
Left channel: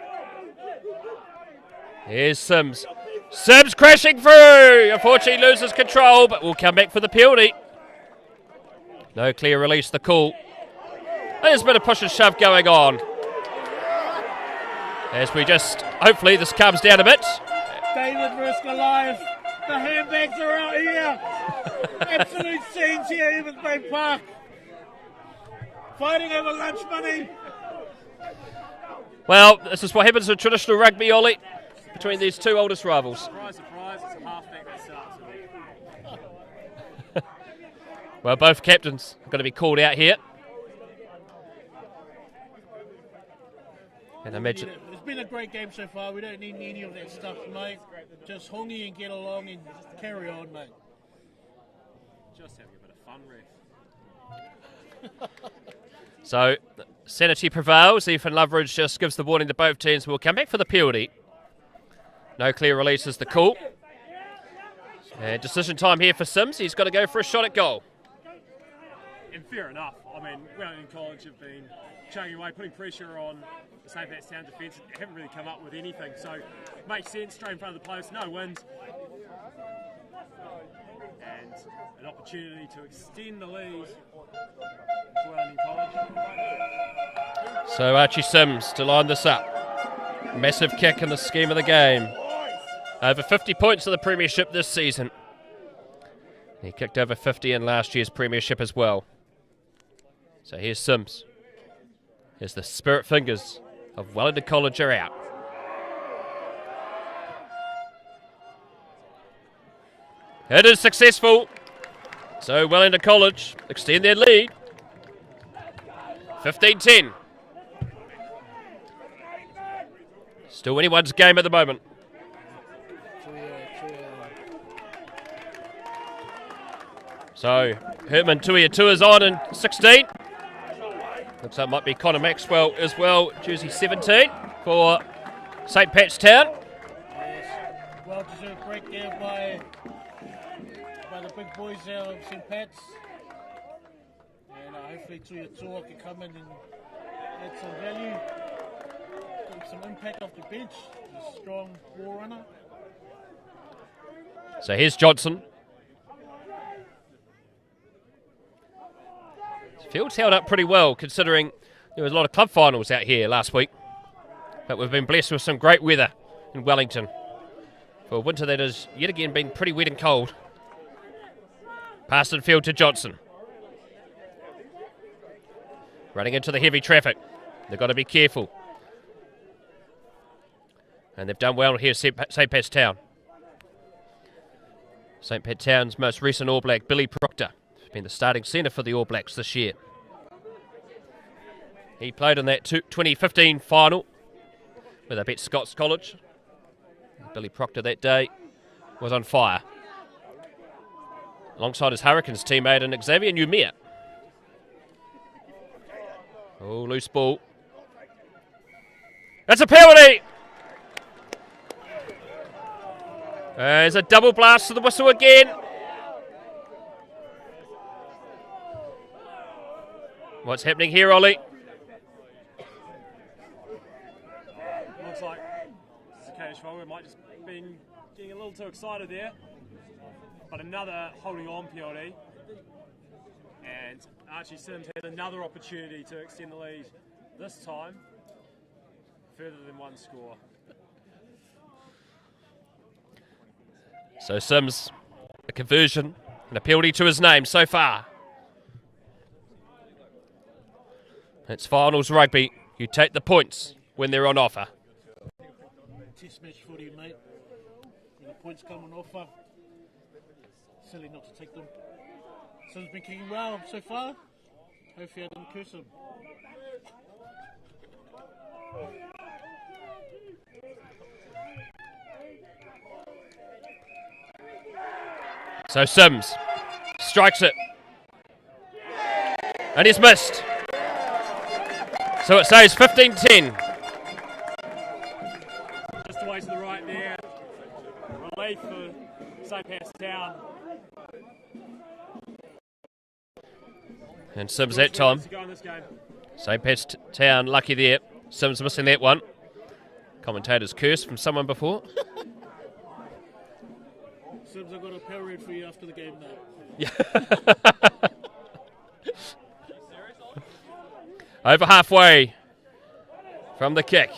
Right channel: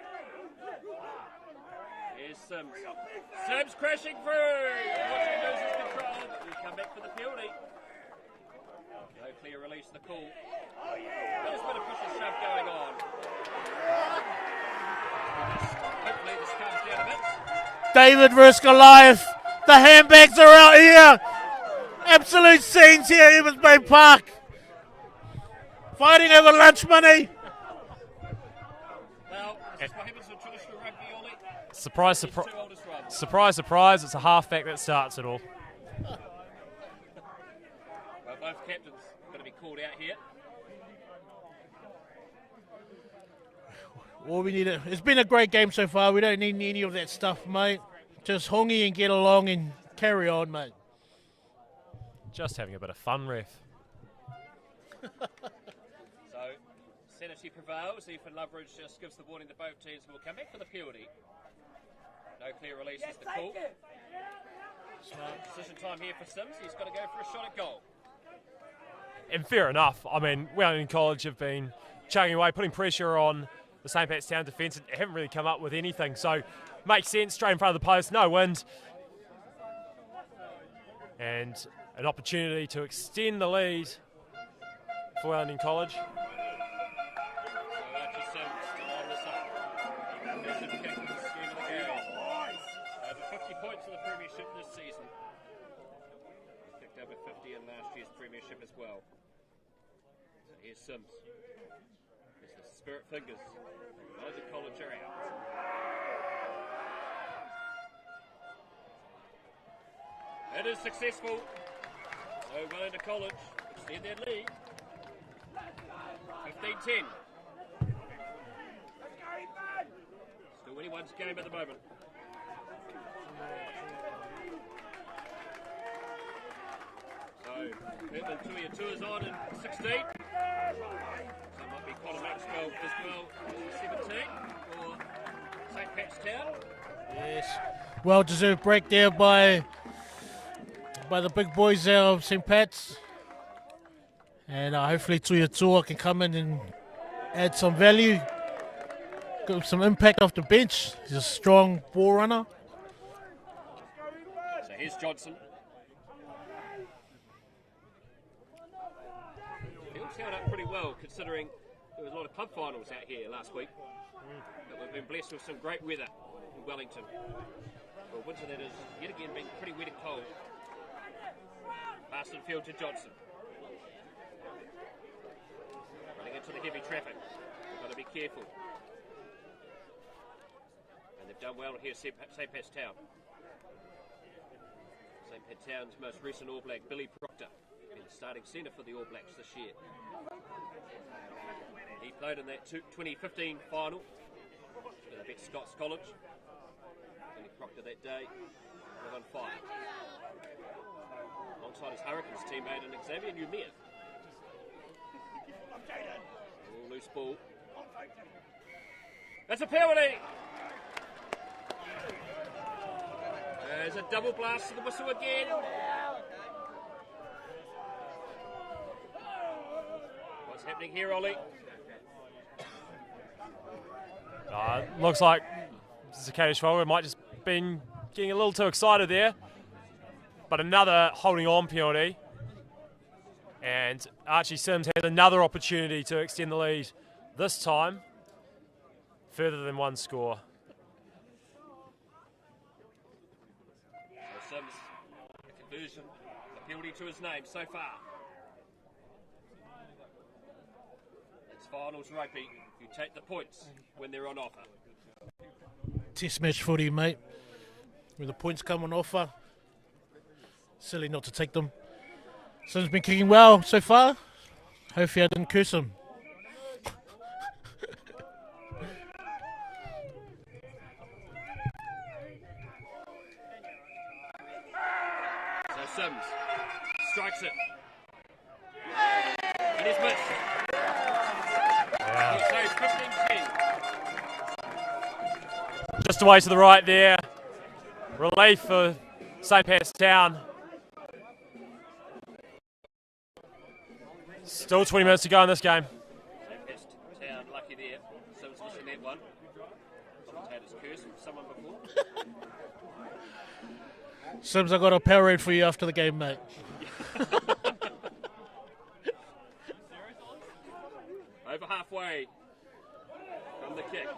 Here's Sims. Sims crashing through. Unfortunately loses control, but will come back for the penalty. No clear release, the call. There's a bit of push and shove going on. As we just, hopefully this calms down a bit. David versus Goliath. The handbags are out here. Absolute scenes here, Evans Bay Park. Fighting over lunch money. Well, this is what happens in traditional rugby, Ollie. Surprise, Between these two oldest rivals. Surprise, surprise, it's a halfback that starts it all. Well, both captains are going to be called out here. And It's been a great game so far. We don't need any of that stuff, mate. Just hongy and get along and carry on, mate. Just having a bit of fun, ref. So, sanity prevails. Ethan Loveridge just gives the warning to both teams. We'll come back for the penalty. No clear release is the call. And decision time here for Sims. He's got to go for a shot at goal. And fair enough. I mean, Wellington College have been chugging away, putting pressure on the St. Pat's Town defence. They haven't really come up with anything. So, makes sense. Straight in front of the post, no wind. And an opportunity to extend the lead for Wellington College. So Archie Sims to line this up. Massive kick in the scheme of the game. Over 50 points in the Premiership this season. He kicked over 50 in last year's Premiership as well. So here's Sims. Here's the Spirit Fingers of Wellington College are out. It is successful. So Wellington College extend their lead. 15-10. Still anyone's game at the moment. So Herman Tuiatua's on in 16. Looks like it might be Connor Maxwell as well, jersey 17 for St. Pat's Town. Yes. Well-deserved break there by the big boys there of St. Pat's. And hopefully Tuiatua can come in and add some value. Got some impact off the bench. He's a strong ball runner. So here's Johnson. Field's held up pretty well considering there was a lot of club finals out here last week. But we've been blessed with some great weather in Wellington. For a winter that has yet again been pretty wet and cold. Pass in field to Johnson. Running into the heavy traffic. They've got to be careful. And they've done well here, St. Pat's Town. St. Pat's Town's most recent All Black, Billy Proctor, has been the starting centre for the All Blacks this year. He played in that 2015 final where they beat Scots College. Billy Proctor that day was on fire. Alongside his Hurricanes teammate and Xavier Numia. Oh, loose ball. That's a penalty! There's a double blast to the whistle again. What's happening here, Ollie? Looks like Zakariya Schwalbe might just been getting a little too excited there. But another holding on penalty. And Archie Sims has another opportunity to extend the lead, this time further than one score. So Sims, a conversion and a penalty to his name so far. It's finals rugby. You take the points when they're on offer. Test match footy, mate. When the points come on offer, silly not to take them. Sim's been kicking well so far. Hopefully I didn't curse him. So Sims strikes it. And he's missed. So it says 15-10. Just away to the right there. Relief for St. Pat's Town. And Sims Still that 20 time. minutes to go in this game. St. Pat's Town lucky there. Sims missing that one. Commentator's curse from someone before. Sims, I got a Powerade for you after the game, mate. Over halfway from the kick.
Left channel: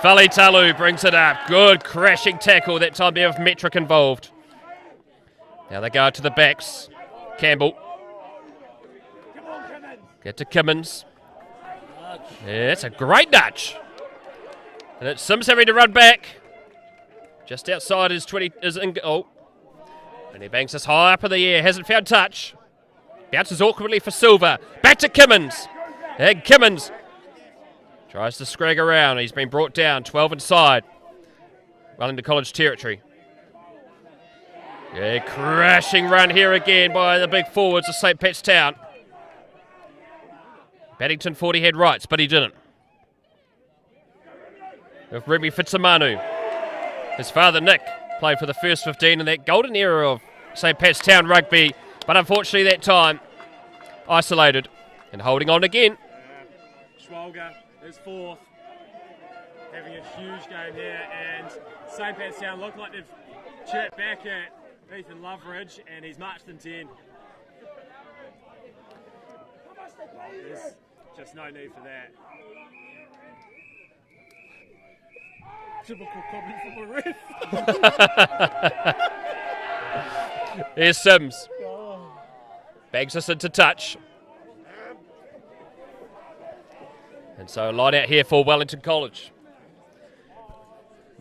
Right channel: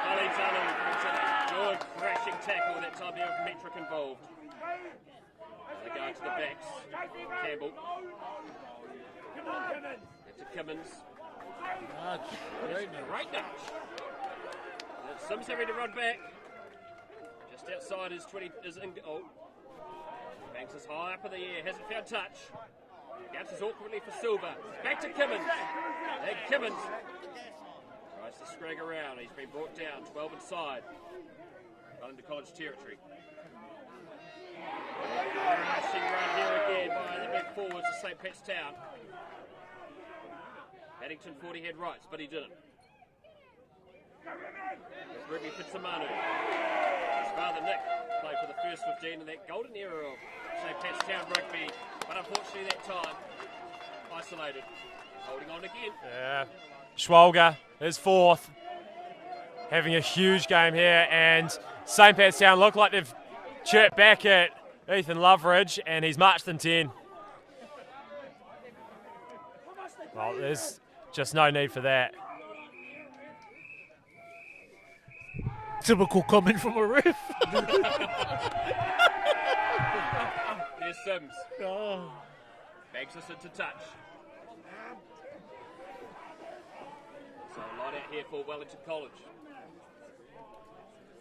Falitalu brings it up. Good crashing tackle that time there with Metric involved. Now they go to the backs. Campbell. Get to Kimmins. Yeah, it's a great nudge. And it's Sims having to run back. Just outside his 20 is in goal. And he bangs this high up in the air. Hasn't found touch. Bounces awkwardly for Silver. Back to Kimmins. And Kimmins tries to scrag around. He's been brought down. 12 inside. Wellington College territory. Yeah, crashing run here again by the big forwards of St. Pat's Town. Paddington thought he had rights, but he didn't. With Remy Fitzamanu. His father, Nick, played for the first 15 in that golden era of St. Pat's Town rugby, but unfortunately that time isolated and holding on again. Yeah. Schwalbe is fourth, having a huge game here, and St. Pat's Town look like they've chirped back at Ethan Loveridge, and he's marched in 10. Well, there's just no need for that. Typical comment from a ref. Here's Sims. Bags us into touch. And so a line out here for Wellington College.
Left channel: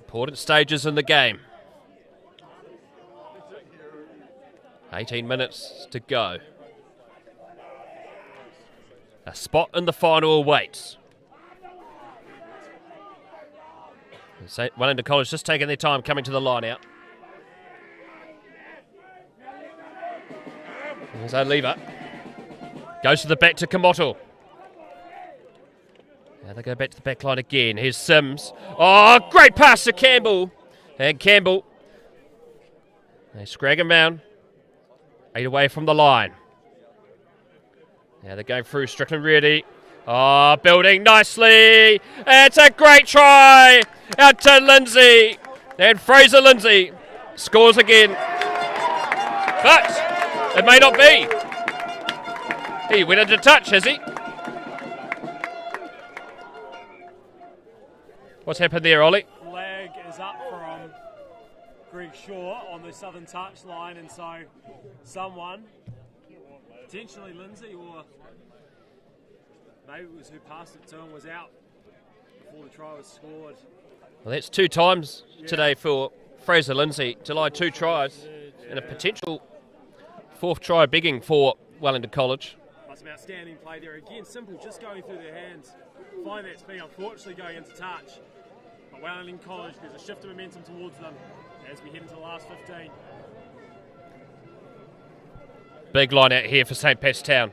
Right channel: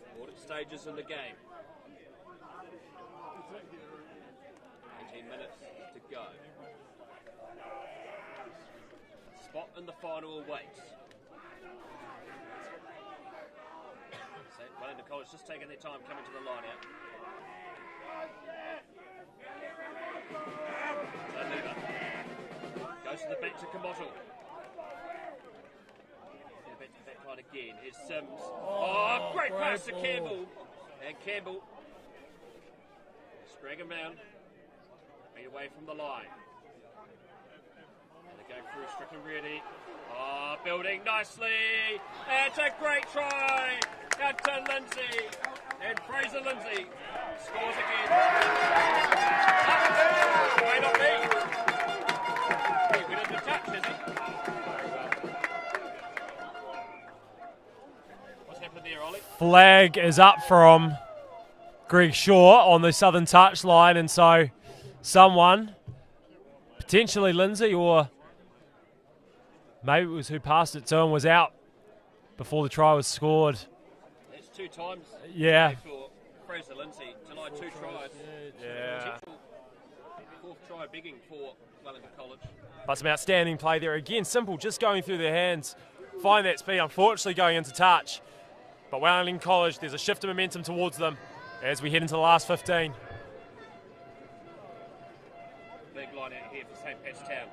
Important stages in the game. 18 minutes to go. A spot in the final awaits. Wellington College just taking their time coming to the line out. Here's O'Lever. Goes to the back to Kamoto. Now they go back to the back line again. Here's Sims. Oh, great pass to Campbell. And Campbell. They scrag him down. 8 away from the line. Now they're going through Strickland Reedy. Oh, building nicely. It's a great try. Out to Lindsay. And Fraser Lindsay scores again. But it may not be. He went into touch, has he? What's happened there, Ollie? Flag is up from Greg Shaw on the southern touch line, and so someone, potentially Lindsay, or maybe it was who passed it to him, was out before the try was scored. Well, that's 2 times today for Fraser Lindsay to line 2 tries and a potential 4th try begging for Wellington College. But some outstanding play there again. Simple, just going through their hands. Find that speed, unfortunately going into touch. But Wellington College, there's a shift of momentum towards them as we head into the last 15. Big line out here for St. Pat's Town.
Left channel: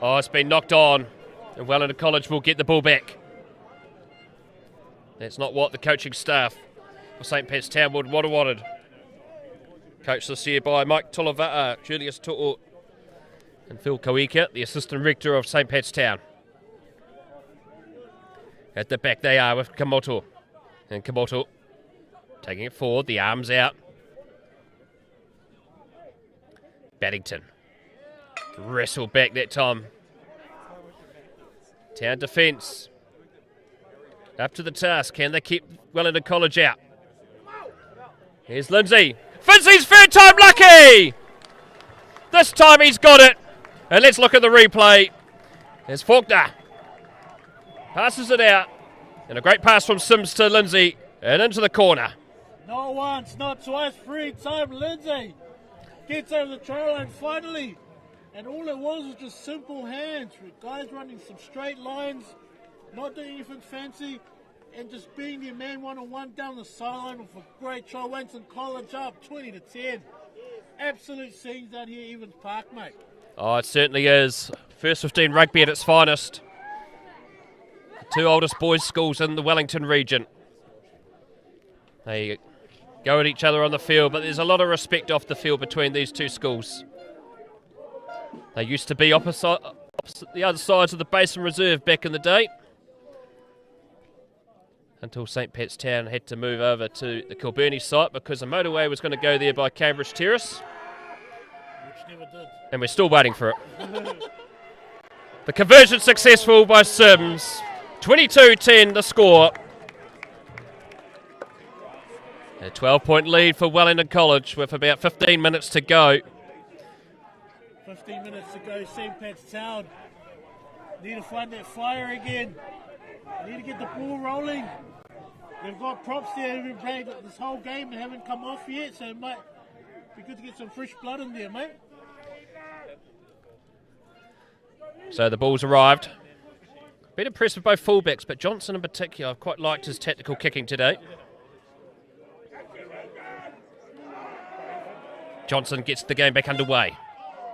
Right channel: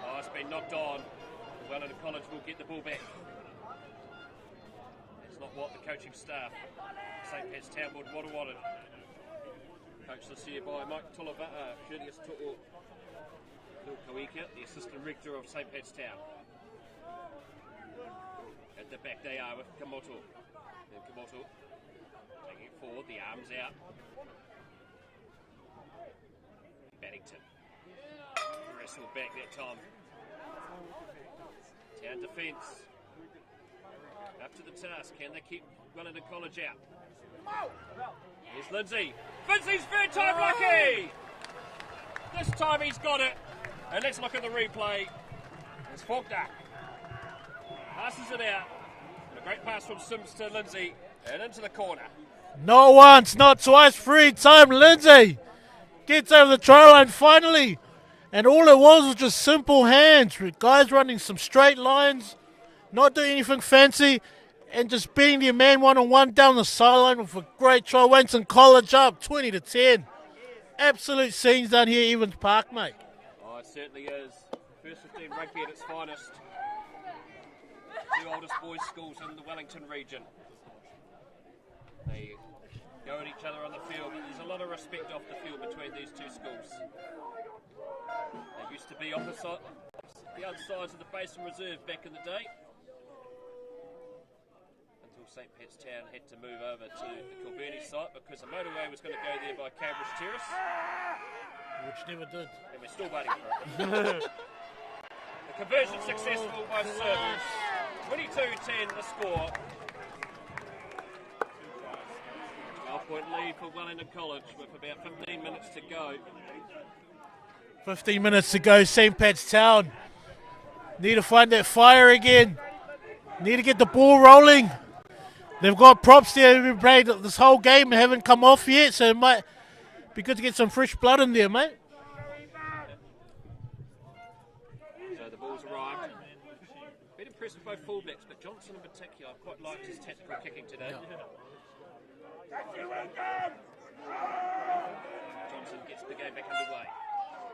Oh, it's been knocked on, and Wellington College will get the ball back. That's not what the coaching staff St. Pat's Town would have wanted. Coached this year by Mike Tulavaa, Julius To'o, and Phil Kawika, the assistant rector of St. Pat's Town. At the back they are with Kamoto. And Kamoto taking it forward, the arms out. Baddington. Wrestle back that time. Town defence. Up to the task. Can they keep Wellington College out? Here's Lindsay. Finzey's third time lucky! This time he's got it. And let's look at the replay. There's Faulkner. Passes it out. And a great pass from Sims to Lindsay. And into the corner. Not once, not twice, free time. Lindsay gets over the try line finally. And all it was just simple hands. Guys running some straight lines, not doing anything fancy, and just beating their man one-on-one down the sideline with a great try. Wellington College up 20-10. Absolute scenes down here, Evans Park, mate. Oh, it certainly is. First 15 rugby at its finest. The two oldest boys' schools in the Wellington region. They go at each other on the field, but there's a lot of respect off the field between these two schools. They used to be opposite the other sides of the Basin Reserve back in the day, until St. Pat's Town had to move over to the Kilburney site because the motorway was going to go there by Cambridge Terrace. Which never did. And we're still waiting for it. The conversion successful by Sims. 22-10 the score. A 12-point lead for Wellington College with about 15 minutes to go. 15 minutes to go, St. Pat's Town. Need to find that fire again. Need to get the ball rolling. They've got props there. They've been playing this whole game and haven't come off yet, so it might be good to get some fresh blood in there, mate. So the ball's arrived. Been impressed with both fullbacks, but Johnson in particular, I've quite liked his tactical kicking today. Johnson gets the game back underway.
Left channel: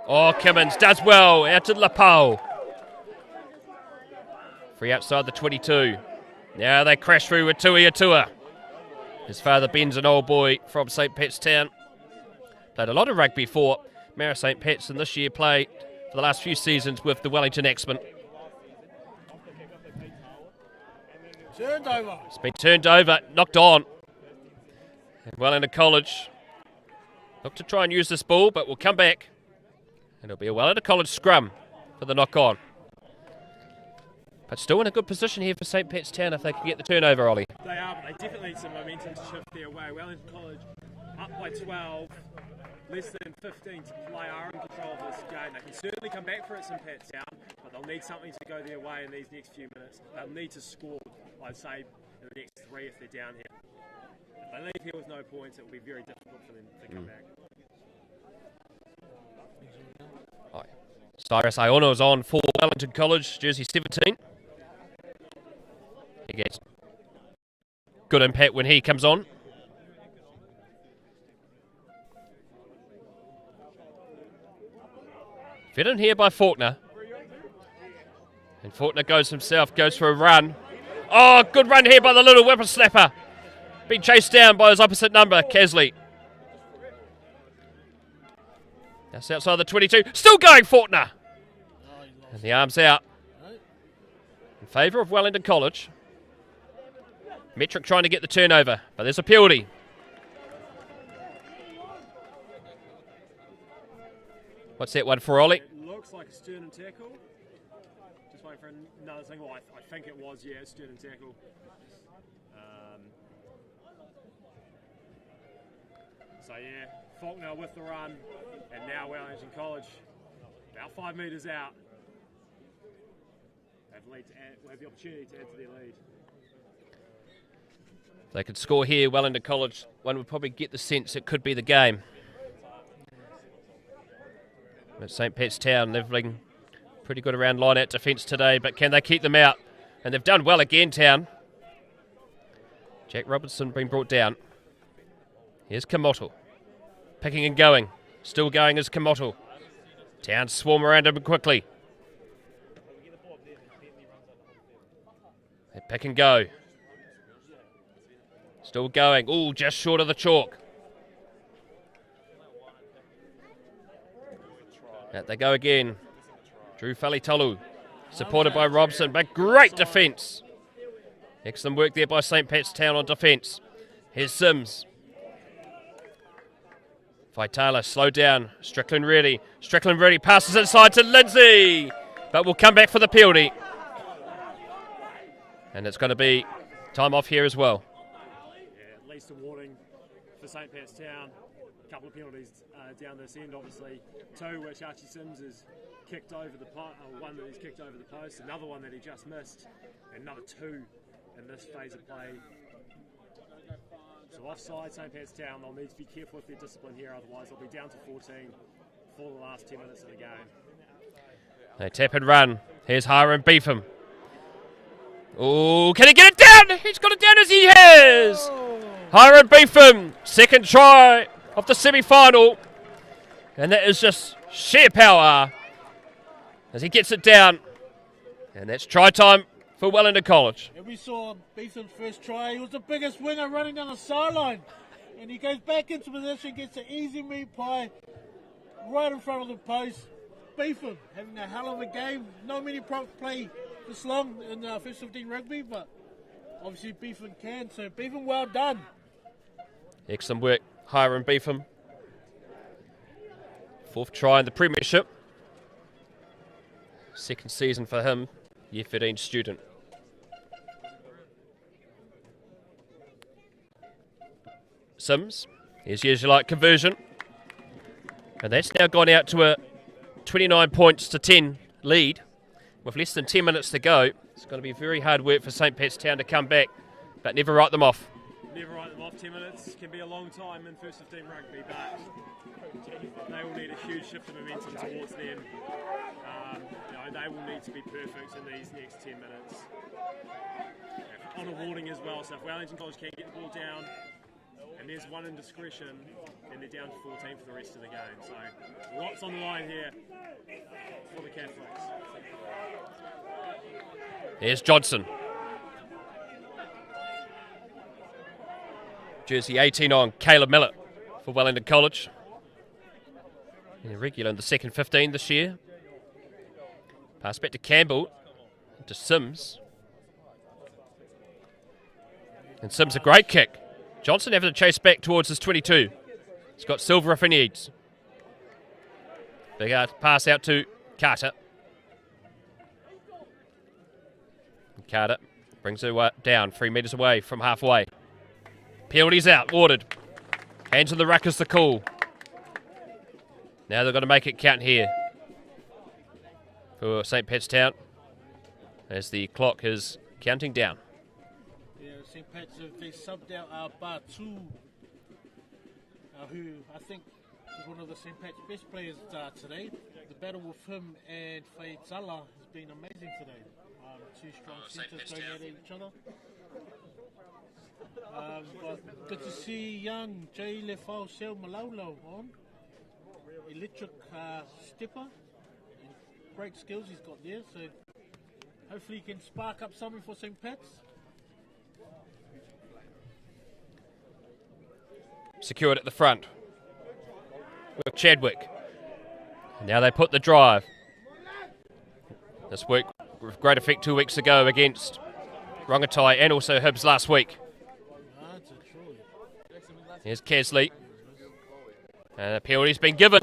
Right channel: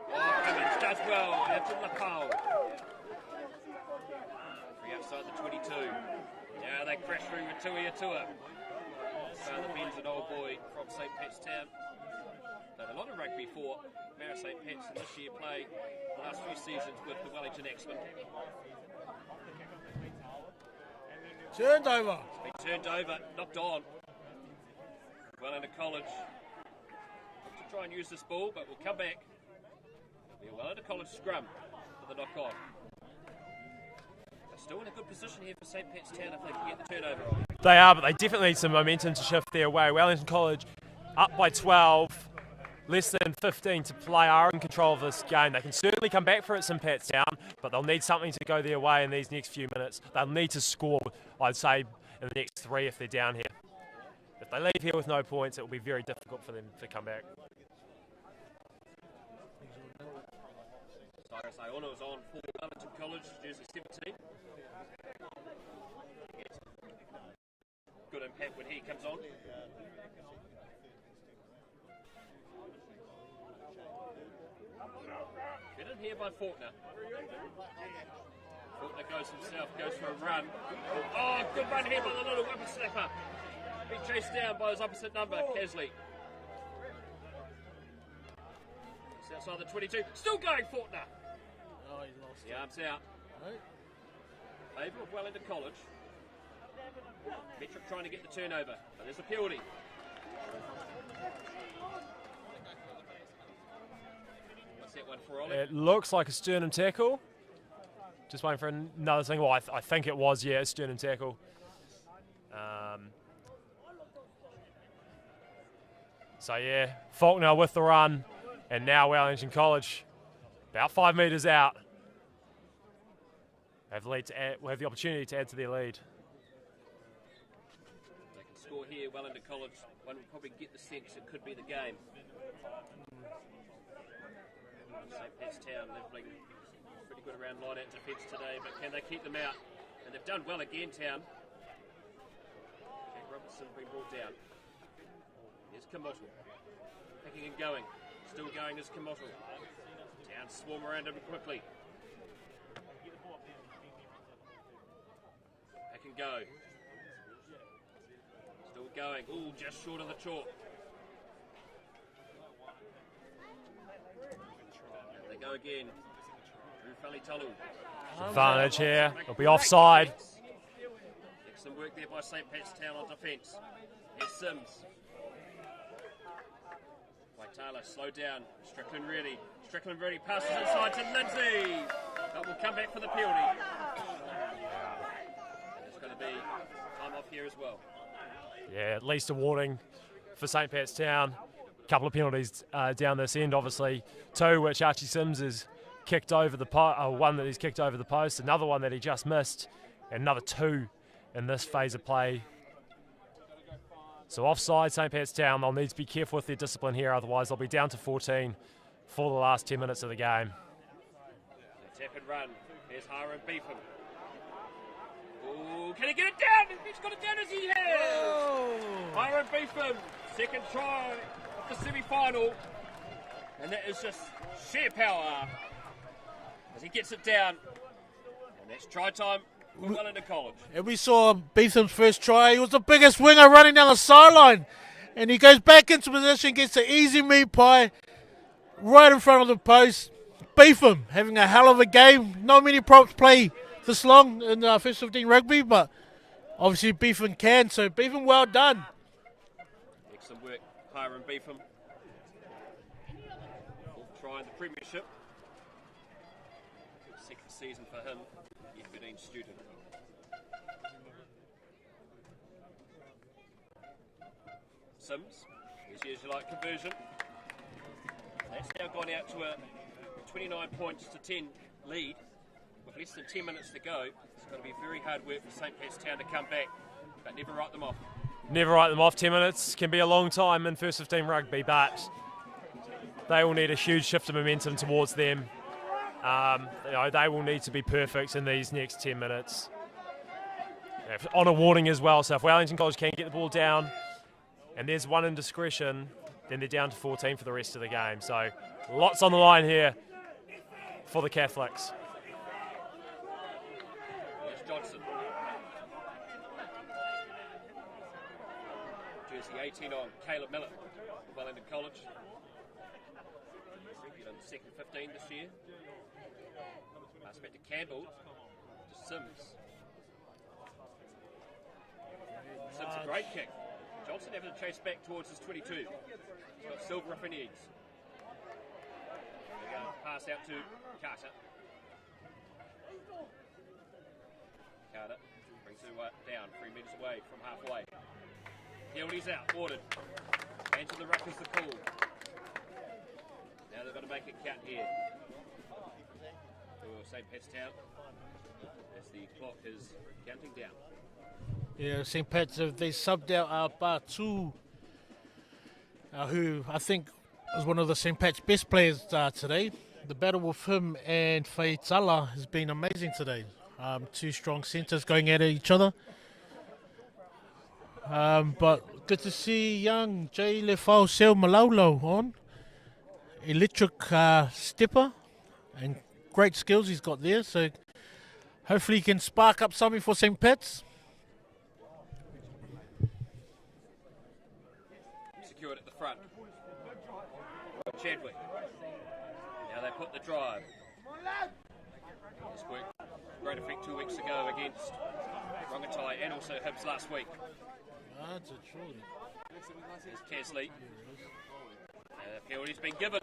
Oh, Kimmins does well, out to Lapau. Free outside the 22. Now they crash through with Tui Atua. His father Ben's an old boy from St. Pat's Town. Played a lot of rugby for Mara St. Pat's, and this year played for the last few seasons with the Wellington Axemen. Turned over. It's been turned over, knocked on. And Wellington College look to try and use this ball, but we'll come back. And it'll be a Wellington College scrum for the knock-on. But still in a good position here for St. Pat's Town if they can get the turnover, Ollie. They are, but they definitely need some momentum to shift their way. Wellington College up by 12, less than 15 to play, are in control of this game. They can certainly come back for it, St. Pat's Town, but they'll need something to go their way in these next few minutes. They'll need to score, I'd say, in the next 3 if they're down here. If they leave here with no points, it will be very difficult for them to come back. Cyrus Iono is on for Wellington College, jersey 17. He gets good impact when he comes on. Fed in here by Faulkner. And Faulkner goes himself, goes for a run. Oh, good run here by the little whippersnapper. Being chased down by his opposite number, Casley. That's outside the 22. Still going, Faulkner. And the arms out. In favour of Wellington College. Metric trying to get the turnover, but there's a penalty. What's that one for, Ollie? It looks like a sternum tackle. Just waiting for another thing. Well, I think it was, yeah, a sternum tackle. So, yeah, Faulkner with the run. And now Wellington College, about 5 metres out, will have the opportunity to add to their lead. If they could score here, Wellington College, one would probably get the sense it could be the game. But St. Pat's Town, they've been pretty good around line-out defence today, but can they keep them out? And they've done well again, Town. Jack Robinson being brought down. Here's Kamoto. Picking and going. Still going is Kamoto. Town swarm around him quickly. They pick and go. Still going. Oh, just short of the chalk. Out they go again. Drew Falitolu. Supported by Robson, but great defence. Excellent work there by St. Pat's Town on defence. Here's Sims. Vitala, slow down. Strickland ready. Strickland ready. Passes inside to Lindsay. But will come back for the penalty. And it's going to be time off here as well. Yeah, at least a warning for St. Pat's Town. A couple of penalties down this end, obviously. Two which Archie Sims has kicked over the one that he's kicked over the post, another one that he just missed, and another two in this phase of play. So offside, St. Pat's Town. They'll need to be careful with their discipline here, otherwise they'll be down to 14 for the last 10 minutes of the game. They tap and run. Here's Hiram Beefham. Oh, can he get it down? He's got it down as he has. Hiram Beefham, second try of the semi-final. And that is just sheer power as he gets it down. And that's try time for Wellington College. And we saw Beetham's first try. He was the biggest winger running down the sideline. And he goes back into position, gets an easy meat pie right in front of the post. Beetham having a hell of a game. Not many props play this long in first 15 rugby, but obviously Beetham can. So Beetham, well done. Excellent work, Hiram Beetham. Fourth try in the Premiership. Second season for him, year 13 student. Sims, here's usually like conversion. And that's now gone out to a 29 points to 10 lead. With less than 10 minutes to go, it's going to be very hard work for St. Pat's Town to come back, but never write them off. Never write them off. 10 minutes can be a long time in first 15 rugby, but they will need a huge shift of momentum towards them. They will need to be perfect in these next 10 minutes. On a warning as well, so if Wellington College can get the ball down and there's one indiscretion, then they're down to 14 for the rest of the game. So lots on the line here for the Catholics. Here's Johnson. Jersey 18 on, Caleb Millett for Wellington College. Regular in the second 15 this year. Pass back to Campbell, to Sims. And Sims a great kick. Johnson having to chase back towards his 22. He's got Silver if he needs. Big pass out to Carter. Carter brings it down 3 metres away from halfway. Penalties out, ordered. Hands on the ruck is the call. Now they've got to make it count here for St. Pat's Town as the clock is counting down. Yeah, St. Pat's, they subbed out Batu, who I think was one of the St. Pat's best players today. The battle with him and Faitala has been amazing today. Two strong centres going at each other. But good to see young Jay Lefau Sel Malolo on. Electric stepper and great skills he's got there. So hopefully he can spark up something for St. Pat's. Secured at the front with Chadwick. Now they put the drive. This week with great effect 2 weeks ago against Rongotai and also Hibs last week. Here's Kesley. And the penalty's been given.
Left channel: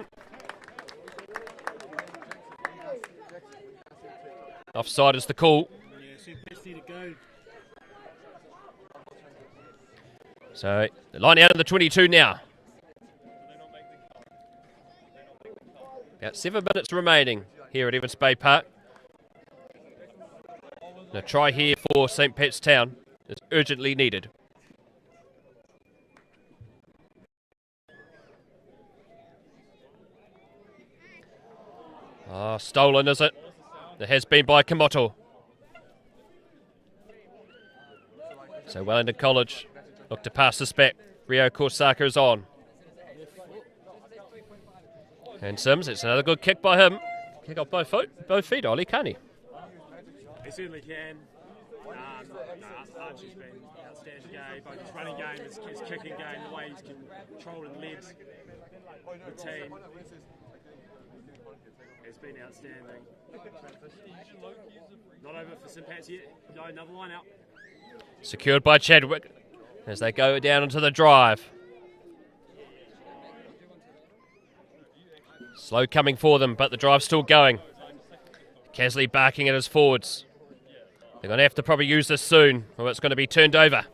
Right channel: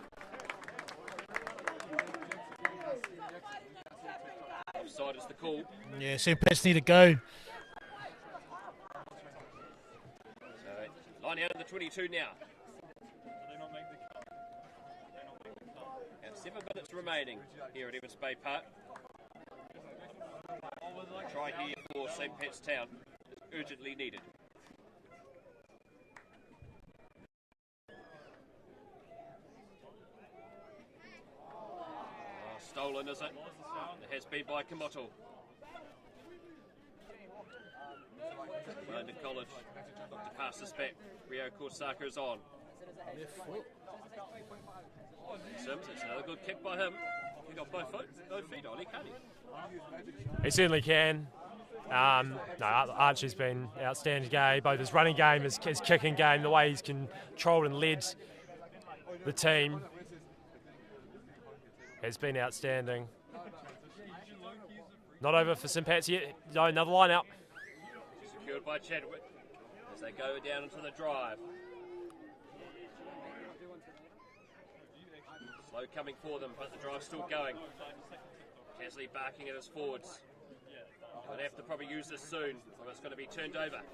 Offside is the call. Yeah, St. Pat's need to go. So the line out of the 22 now. About 7 minutes remaining here at Evans Bay Park. A try here for St. Pat's Town is urgently needed. Oh, stolen, is it? It has been by Kamoto. So Wellington College look to pass this back. Rio Korsaka is on. And Sims, it's another good kick by him. Kick off both feet, Ollie, can't he? He certainly can. No, Archie's been outstanding game, both his running game, his kicking game, the way he's controlled and led the team has been outstanding. Not over for St Pat's yet. No, another line out. Secured by Chadwick as they go down into the drive. Slow coming for them, but the drive's still going. Casley barking at his forwards. They're going to have to probably use this soon, or it's going to be turned over.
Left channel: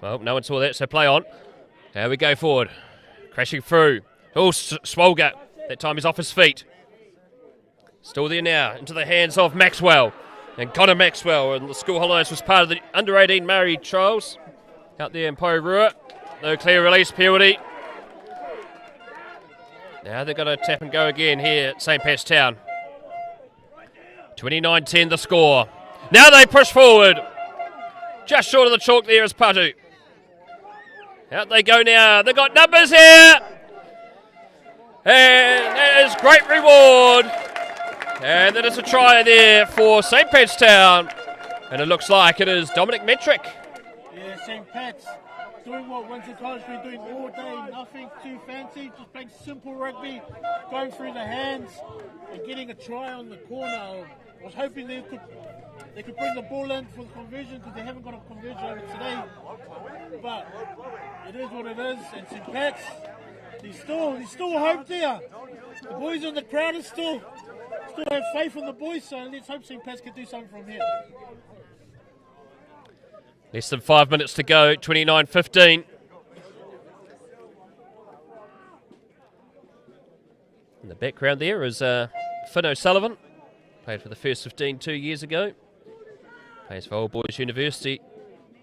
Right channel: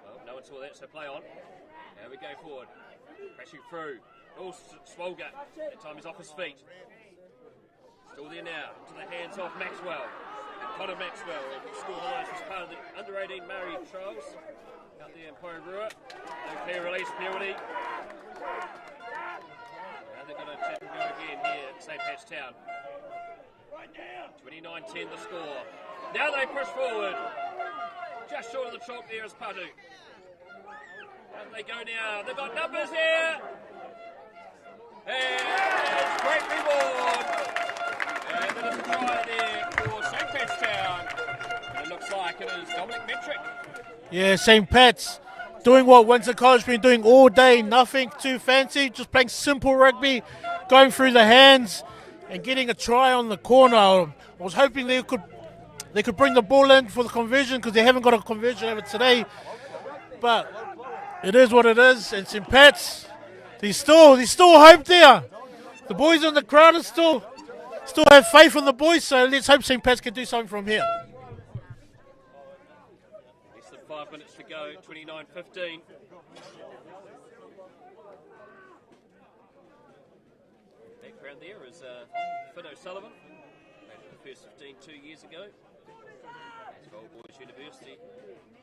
Well, no one saw that, so play on. There we go forward. Crashing through. Oh, Swolger. That time he's off his feet. Still there now, into the hands of Maxwell. And Connor Maxwell, and the School Hollows was part of the under-18 Murray trials. Out there in Poirua. No clear release penalty. Now they're going to tap and go again here at St Pat's Town. 29-10 the score. Now they push forward. Just short of the chalk there is Patu. Out they go now. They've got numbers here. And there's great reward. And that is a try there for St Pat's Town. And it looks like it is Dominic Metrick. Yeah, St Pat's doing what Wellington College been doing all day. Nothing too fancy. Just playing simple rugby. Going through the hands and getting a try on the corner. I was hoping they could bring the ball in for the conversion because they haven't got a conversion over today. But it is what it is. And St Pat's, there's still hope there. The boys in the crowd are still have faith in the boys, so let's hope St Pat's can do something from here. Less than 5 minutes to go, 29-15. In the background there is Finn O'Sullivan. Played for the first 15 2 years ago. Plays for Old Boys University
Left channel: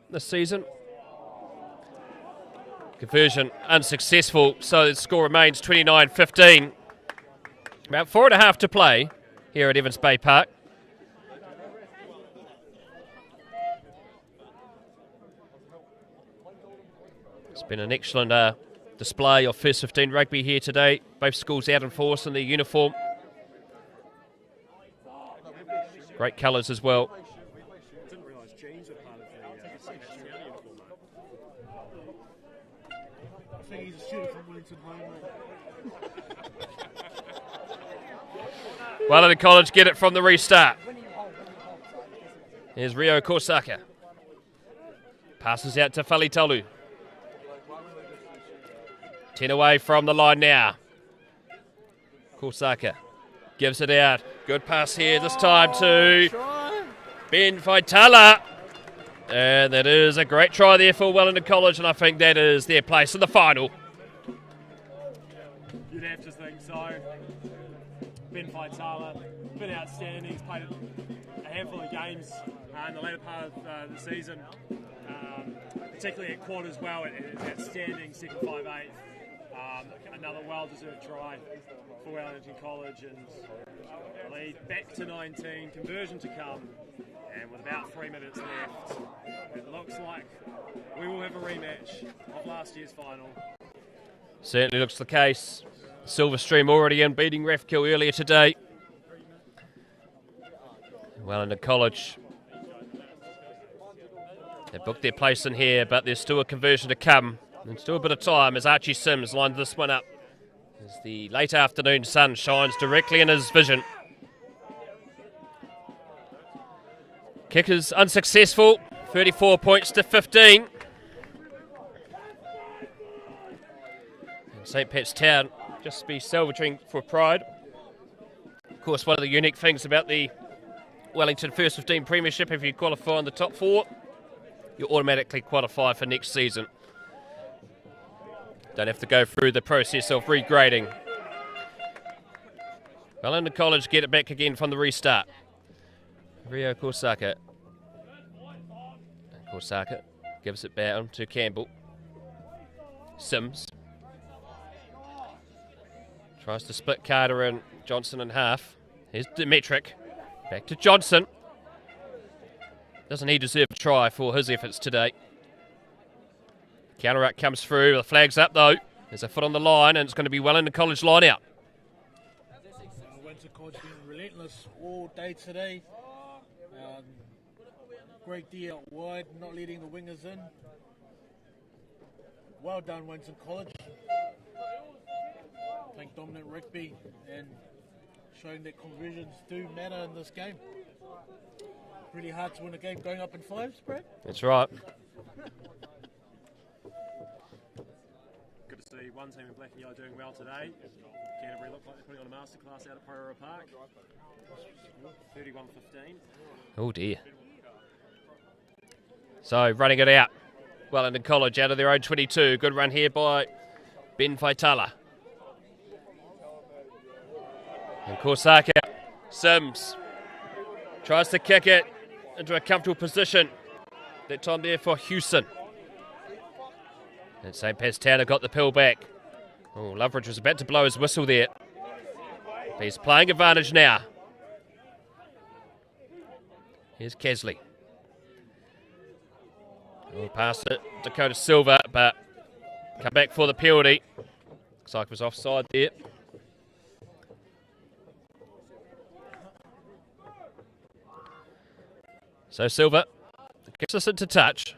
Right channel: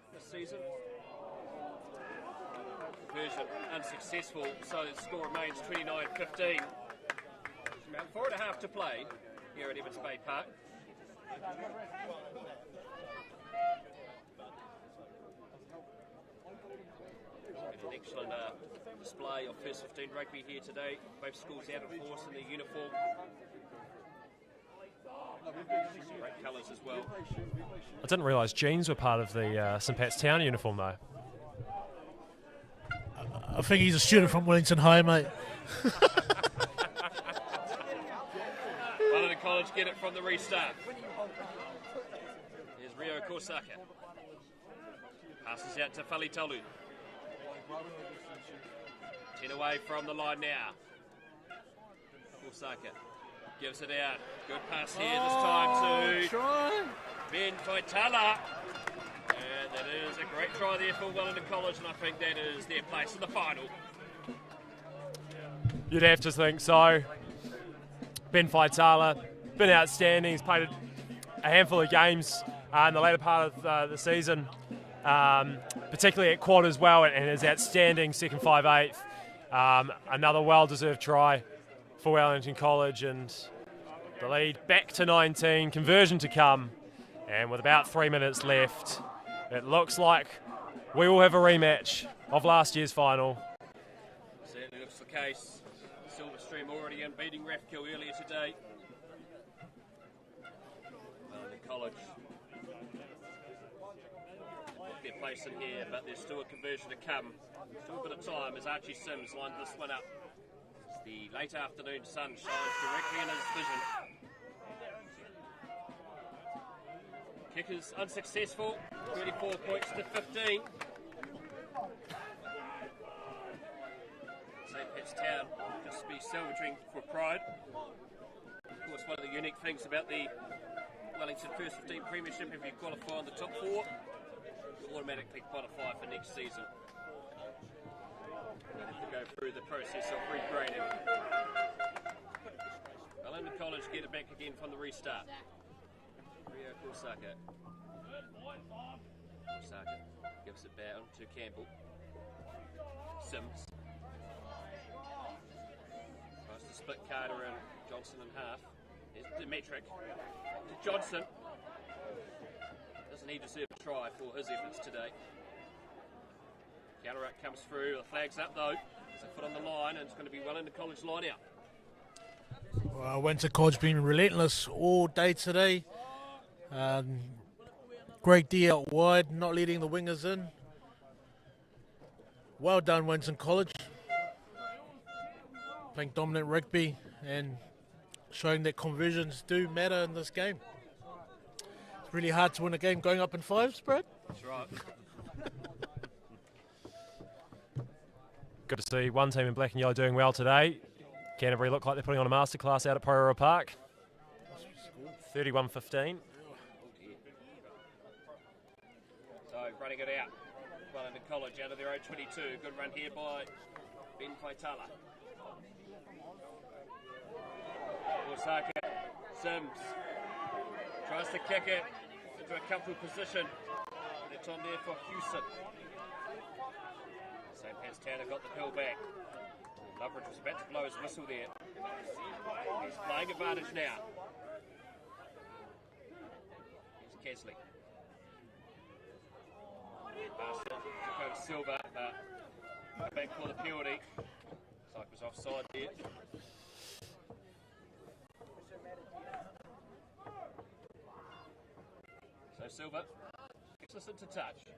this season. Conversion unsuccessful, so the score remains 29-15. About 4.5 to play here at Evans Bay Park. It's been an excellent display of first 15 rugby here today. Both schools out in force in their uniform. Great colours as well. I didn't realise jeans were part of the St Pat's Town uniform though. I think he's a student from Wellington High, mate. Wellington College get it from the restart. Here's Rio Korsaka. Passes out to Falitalu. 10 away from the line now. Korsaka gives it out. Good pass here this time to Ben Faitala. And that is a great try there for Wellington College, and I think that is their place in the final. You'd have to think so. Ben Faitala, been outstanding. He's played a handful of games in the later part of the season, particularly at quad as well, and is outstanding second 5/8. Another well-deserved try for Wellington College, and the lead back to 19, conversion to come, and with about 3 minutes left, it looks like we will have a rematch of last year's final. Certainly looks the case. Silverstream already in, beating Rathkill earlier today. Wellington College, they booked their place in here, but there's still a conversion to come. And still a bit of time as Archie Sims lined this one up. As the late afternoon sun shines directly in his vision. Kick is unsuccessful, 34 points to 15. St Pat's Town just be salvaging for pride. Of course, one of the unique things about the Wellington First 15 Premiership, if you qualify in the top 4, you automatically qualify for next season. Don't have to go through the process of regrading. Wellington College get it back again from the restart. Rio Korsaka. Korsaka gives it down to Campbell. Sims. Tries to split Carter and Johnson in half. Here's Demetric. Back to Johnson. Doesn't he deserve a try for his efforts today? Counter-up comes through. The flag's up though. There's a foot on the line and it's going to be Wellington College line out. Wellington College been relentless all day today. Great D out wide, not letting the wingers in. Well done, Wellington College. Playing dominant rugby and showing that conversions do matter in this game. It's really hard to win a game going up in fives, Brad. That's right. Good to see one team in black and yellow doing well today. Canterbury look like they're putting on a masterclass out at Poirot Park. 31-15. Oh dear. So running it out. Wellington College out of their own 22. Good run here by Ben Faitala. And Korsaka. Sims tries to kick it into a comfortable position. That time there for Hewson. And St. Pat's Town have got the pill back. Oh, Loveridge was about to blow his whistle there. He's playing advantage now. Here's Kesley. We'll pass it, Dakota Silva, but come back for the penalty. Looks like it was offside there. So Silva gets us into touch.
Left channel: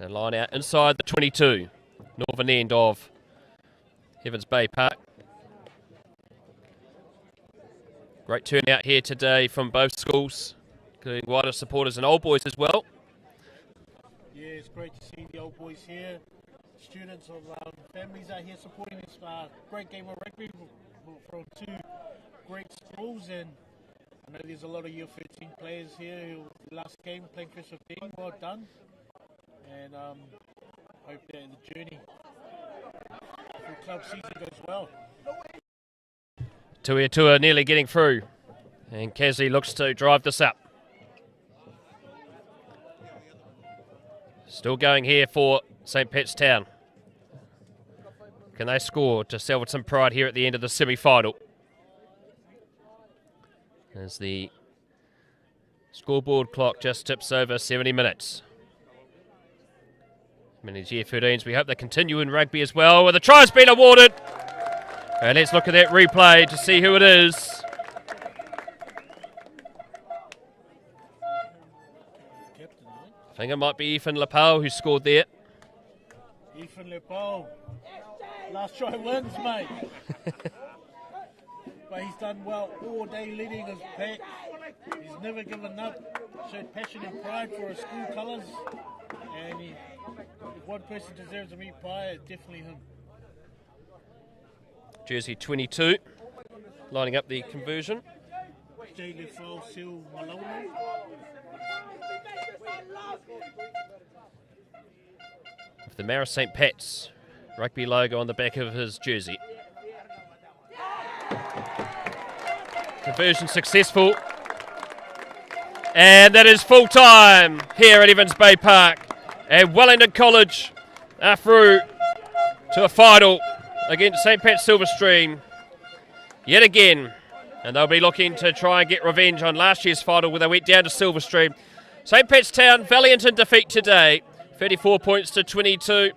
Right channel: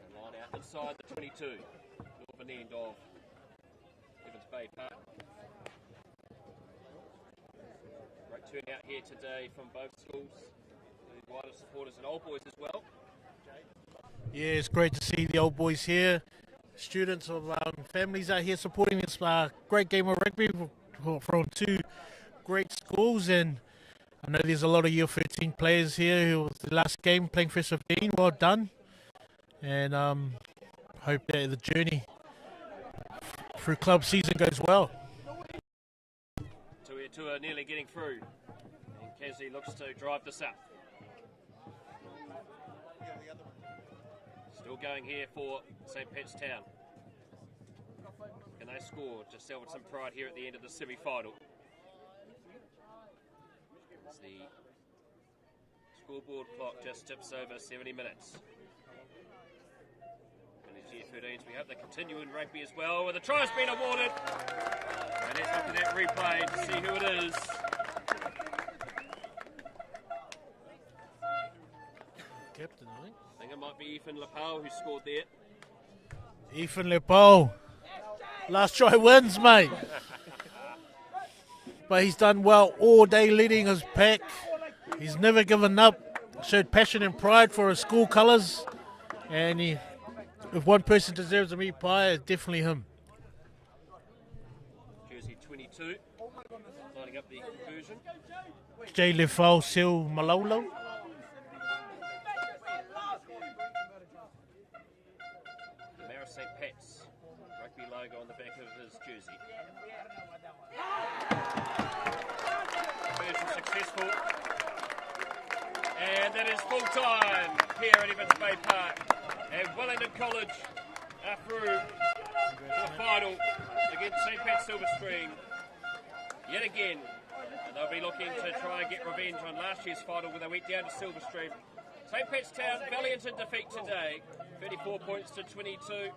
And line out inside the 22, northern end of Evans Bay Park. Great turnout here today from both schools, including wider supporters and old boys as well. Yeah, it's great to see the old boys here. Students of families out here supporting this great game of rugby from two great schools. And I know there's a lot of Year 13 players here who was the last game playing first 15. Well done. And hope that the journey through club season goes well. Tuiatua nearly getting through. And Kesley looks to drive this up. Still going here for St. Pat's Town. Can they score to salvage some pride here at the end of the semi-final? As the scoreboard clock just tips over 70 minutes. Many Year 13s, we hope they continue in rugby as well. Well, the try's been awarded. And let's look at that replay to see who it is. I think it might be Ethan Lepau who scored there. Ethan Lepau. Last try wins, mate. But he's done well all day leading his pack. He's never given up. Showed passion and pride for his school colours. And if one person deserves a meat pie, it's definitely him. Jersey 22, lining up the conversion. J. Lefau Sil Malolo. The Maris St. Pat's rugby logo on the back of his jersey. Conversion successful. And that is full time here at Evans Bay Park. And Wellington College are through to a final against St. Pat's Silverstream yet again. And they'll be looking to try and get revenge on last year's final where they went down to Silverstream. St. Pat's Town, valiant in defeat today. 34 points to 22.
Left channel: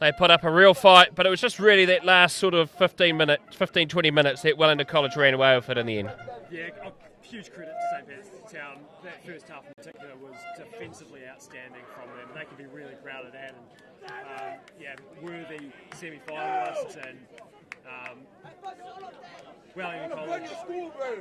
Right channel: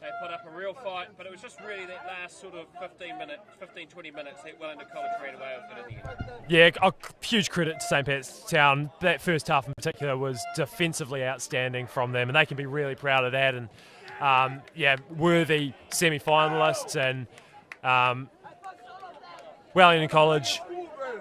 They put up a real fight, but it was just really that last sort of 20 minutes that Wellington College ran away with it in the end. Yeah, a huge credit to St. Pat's Town. That first half in particular was defensively outstanding from them, and they can be really proud of that. And worthy semi-finalists, and Wellington College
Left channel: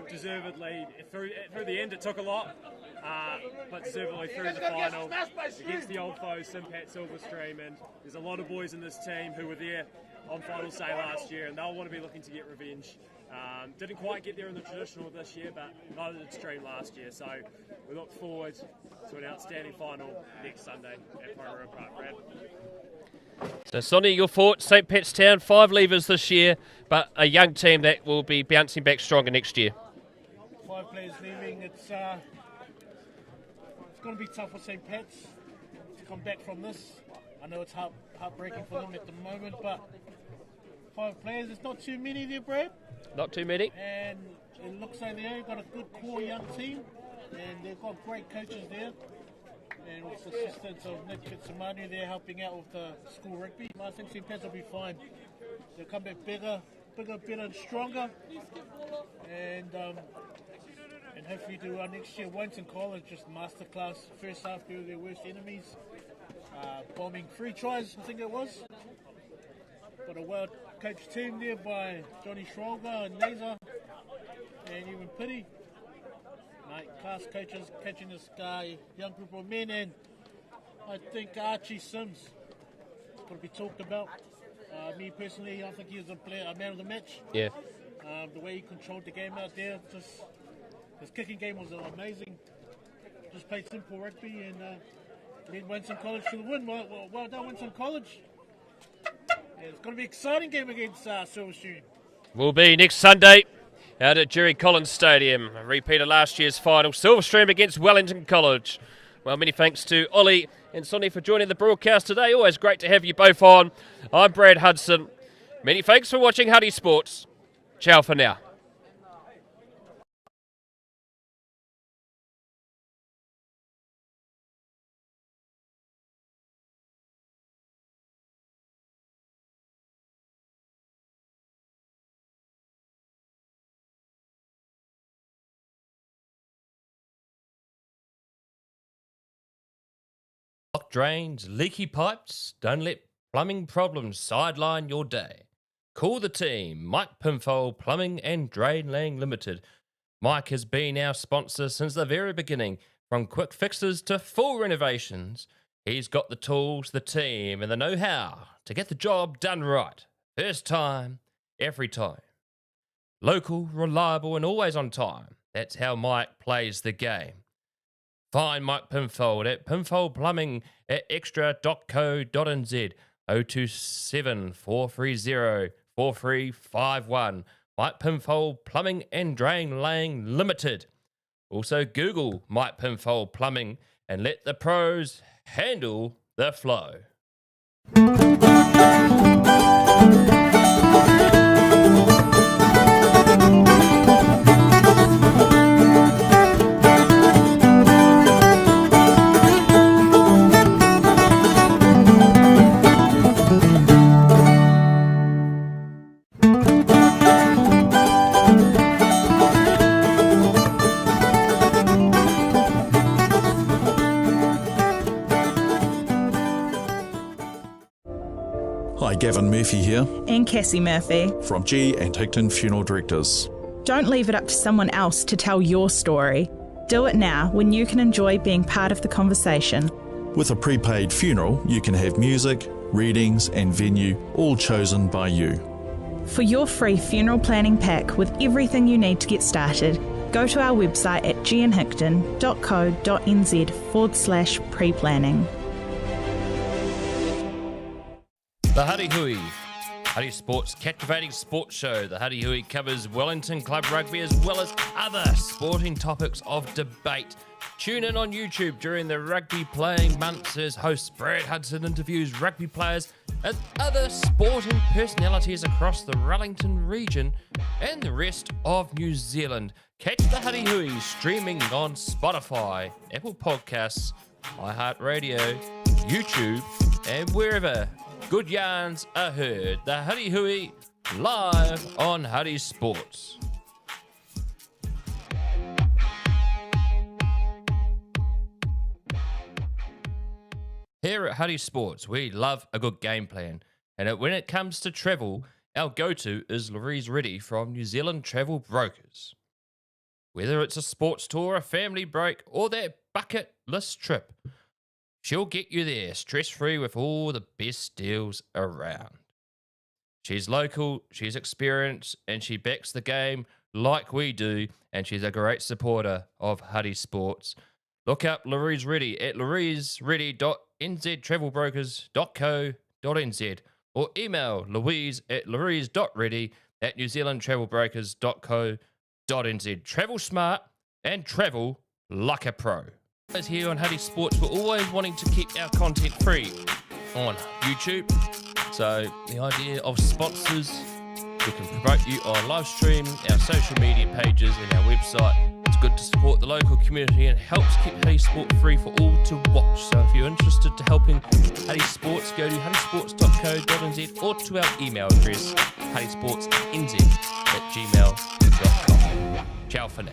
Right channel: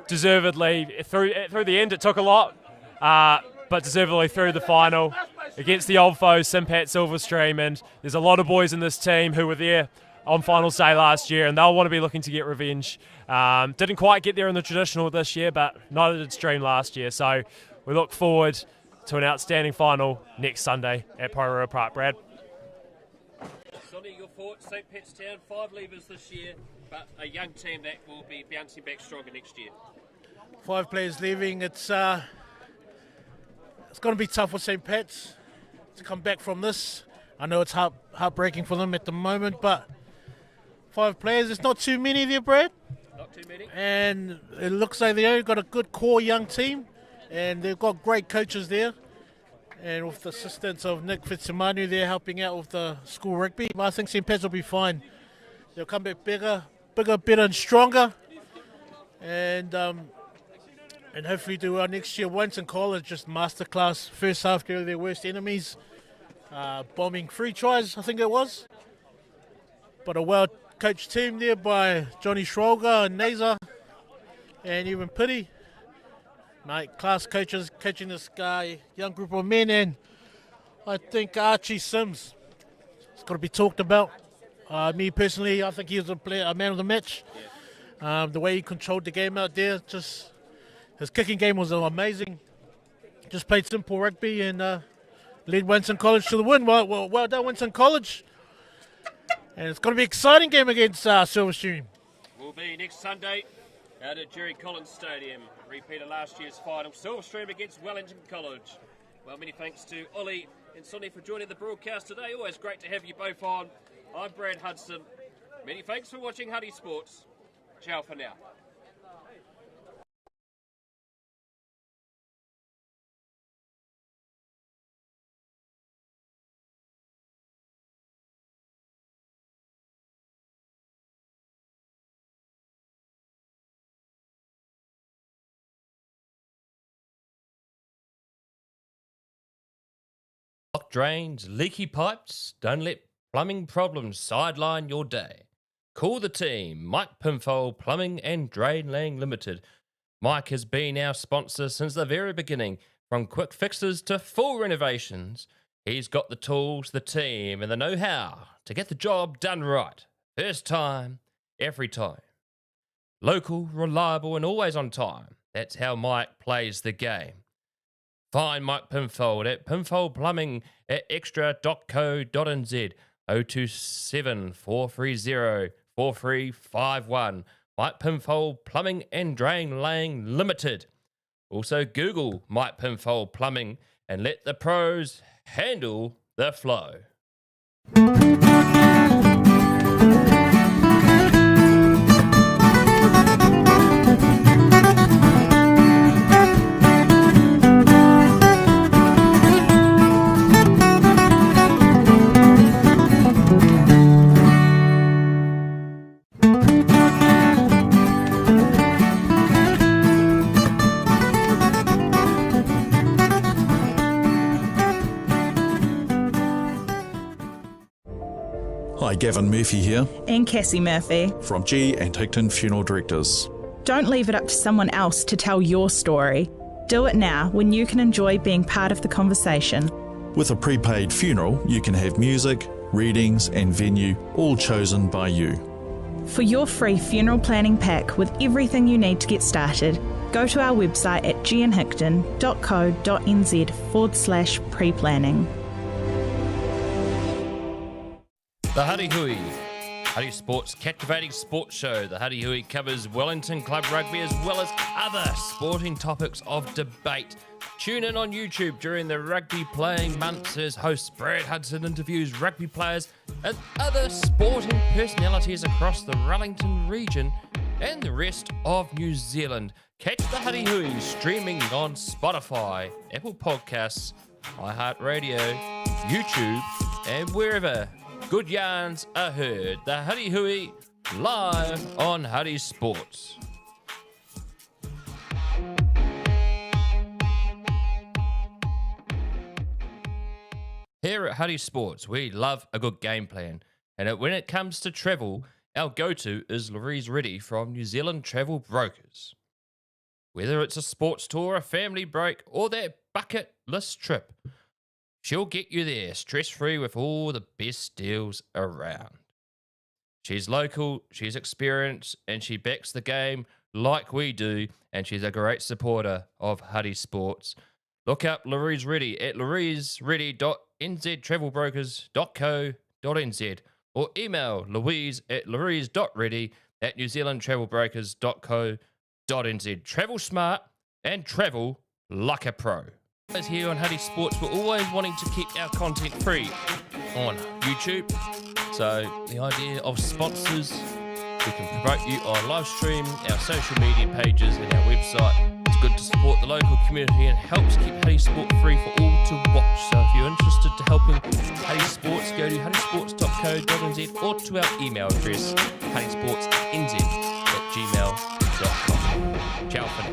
deservedly through the end. It took a lot, but deservedly through the final against the old foes, St. Pat's Silverstream. And there's a lot of boys in this team who were there on finals day last year, and they'll want to be looking to get revenge. Didn't quite get there in the traditional this year, but neither did Stream last year. So we look forward to an outstanding final next Sunday at Poirot Park, Brad. So, Sonny, your thoughts, St. Pat's Town, 5 leavers this year, but a young team that will be bouncing back stronger next year. 5 players leaving. It's going to be tough for St. Pat's to come back from this. I know it's heartbreaking for them at the moment, but 5 players, it's not too many there, Brad. Not too many. And it looks like they only got a good core young team, and they've got great coaches there. And with the assistance of Nick Fitzimanu, they're helping out with the school rugby. But I think St. Pat's will be fine. They'll come back bigger, bigger, better and stronger. And hopefully do well next year. Wellington College, just masterclass. First half, they're their worst enemies. Bombing 3 tries, I think it was. But a well-coached team there by Johnny Schwalger and Nazer and even Pity. Mate, class coaches coaching this guy, young group of men, and I think Archie Sims has got to be talked about. Me personally, I think he was a man of the match. Yeah. The way he controlled the game out there, just his kicking game was amazing. Just played simple rugby and led Wellington College to the win. Well done, Wellington College. And it's going to be an exciting game against Silverstream. Will be next Sunday out at Jerry Collins Stadium. A repeat of last year's final. Silverstream against Wellington College. Well, many thanks to Ollie and Sonny for joining the broadcast today. Always great to have you both on. I'm Brad Hudson. Many thanks for watching Huddy Sports. Ciao for now. Blocked drains, leaky pipes, don't let plumbing problems sideline your day. Call the team, Mike Pinfold Plumbing and Drain Laying Limited. Mike has been our sponsor since the very beginning, from quick fixes to full renovations. He's got the tools, the team and the know-how to get the job done right. First time, every time. Local, reliable and always on time. That's how Mike plays the game. Find Mike Pinfold at Pinfold Plumbing at extra.co.nz 027 430 4351. Mike Pinfold Plumbing and Drain Laying Limited. Also Google Mike Pinfold Plumbing and let the pros handle the flow. Hi, Gavin Murphy here And Cassie Murphy. from G and Hickton Funeral Directors. Don't leave it up to someone else to tell your story. Do it now when you can enjoy being part of the conversation. With a prepaid funeral, you can have music, readings and venue all chosen by you. For your free funeral planning pack with everything you need to get started, go to our website at gnhickton.co.nz/pre-planning. The Huddy Hui. Huddy Sports captivating sports show. The Huddy Hui covers Wellington Club Rugby as well as other sporting topics of debate. Tune in on YouTube during the rugby playing months as host Brad Hudson interviews rugby players and other sporting personalities across the Wellington region and the rest of New Zealand. Catch the Huddy Hui streaming on Spotify, Apple Podcasts, iHeartRadio, YouTube and wherever good yarns are heard. The Huddy Hui live on Huddy Sports. Here at Huddy Sports, we love a good game plan. And when it comes to travel, our go-to is Louise Reddy from New Zealand Travel Brokers. Whether it's a sports tour, a family break, or that bucket list trip, she'll get you there stress-free with all the best deals around. She's local, she's experienced, and she backs the game like we do, and she's a great supporter of Huddy Sports. Look up Louise Reddy at louisereddy.nztravelbrokers.co.nz or email louise@louise.reddy@newzealandtravelbrokers.co.nz. Travel smart and travel like a pro. As here on Huddy Sports, we're always wanting to keep our content free on YouTube. So the idea of sponsors, we can promote you on live stream, our social media pages and our website It's good to support the local community and helps keep Huddy Sport free for all to watch. So if you're interested to helping Huddy Sports, go to huddysports.co.nz or to our email address, huddysportsnz@gmail.com. Ciao for now.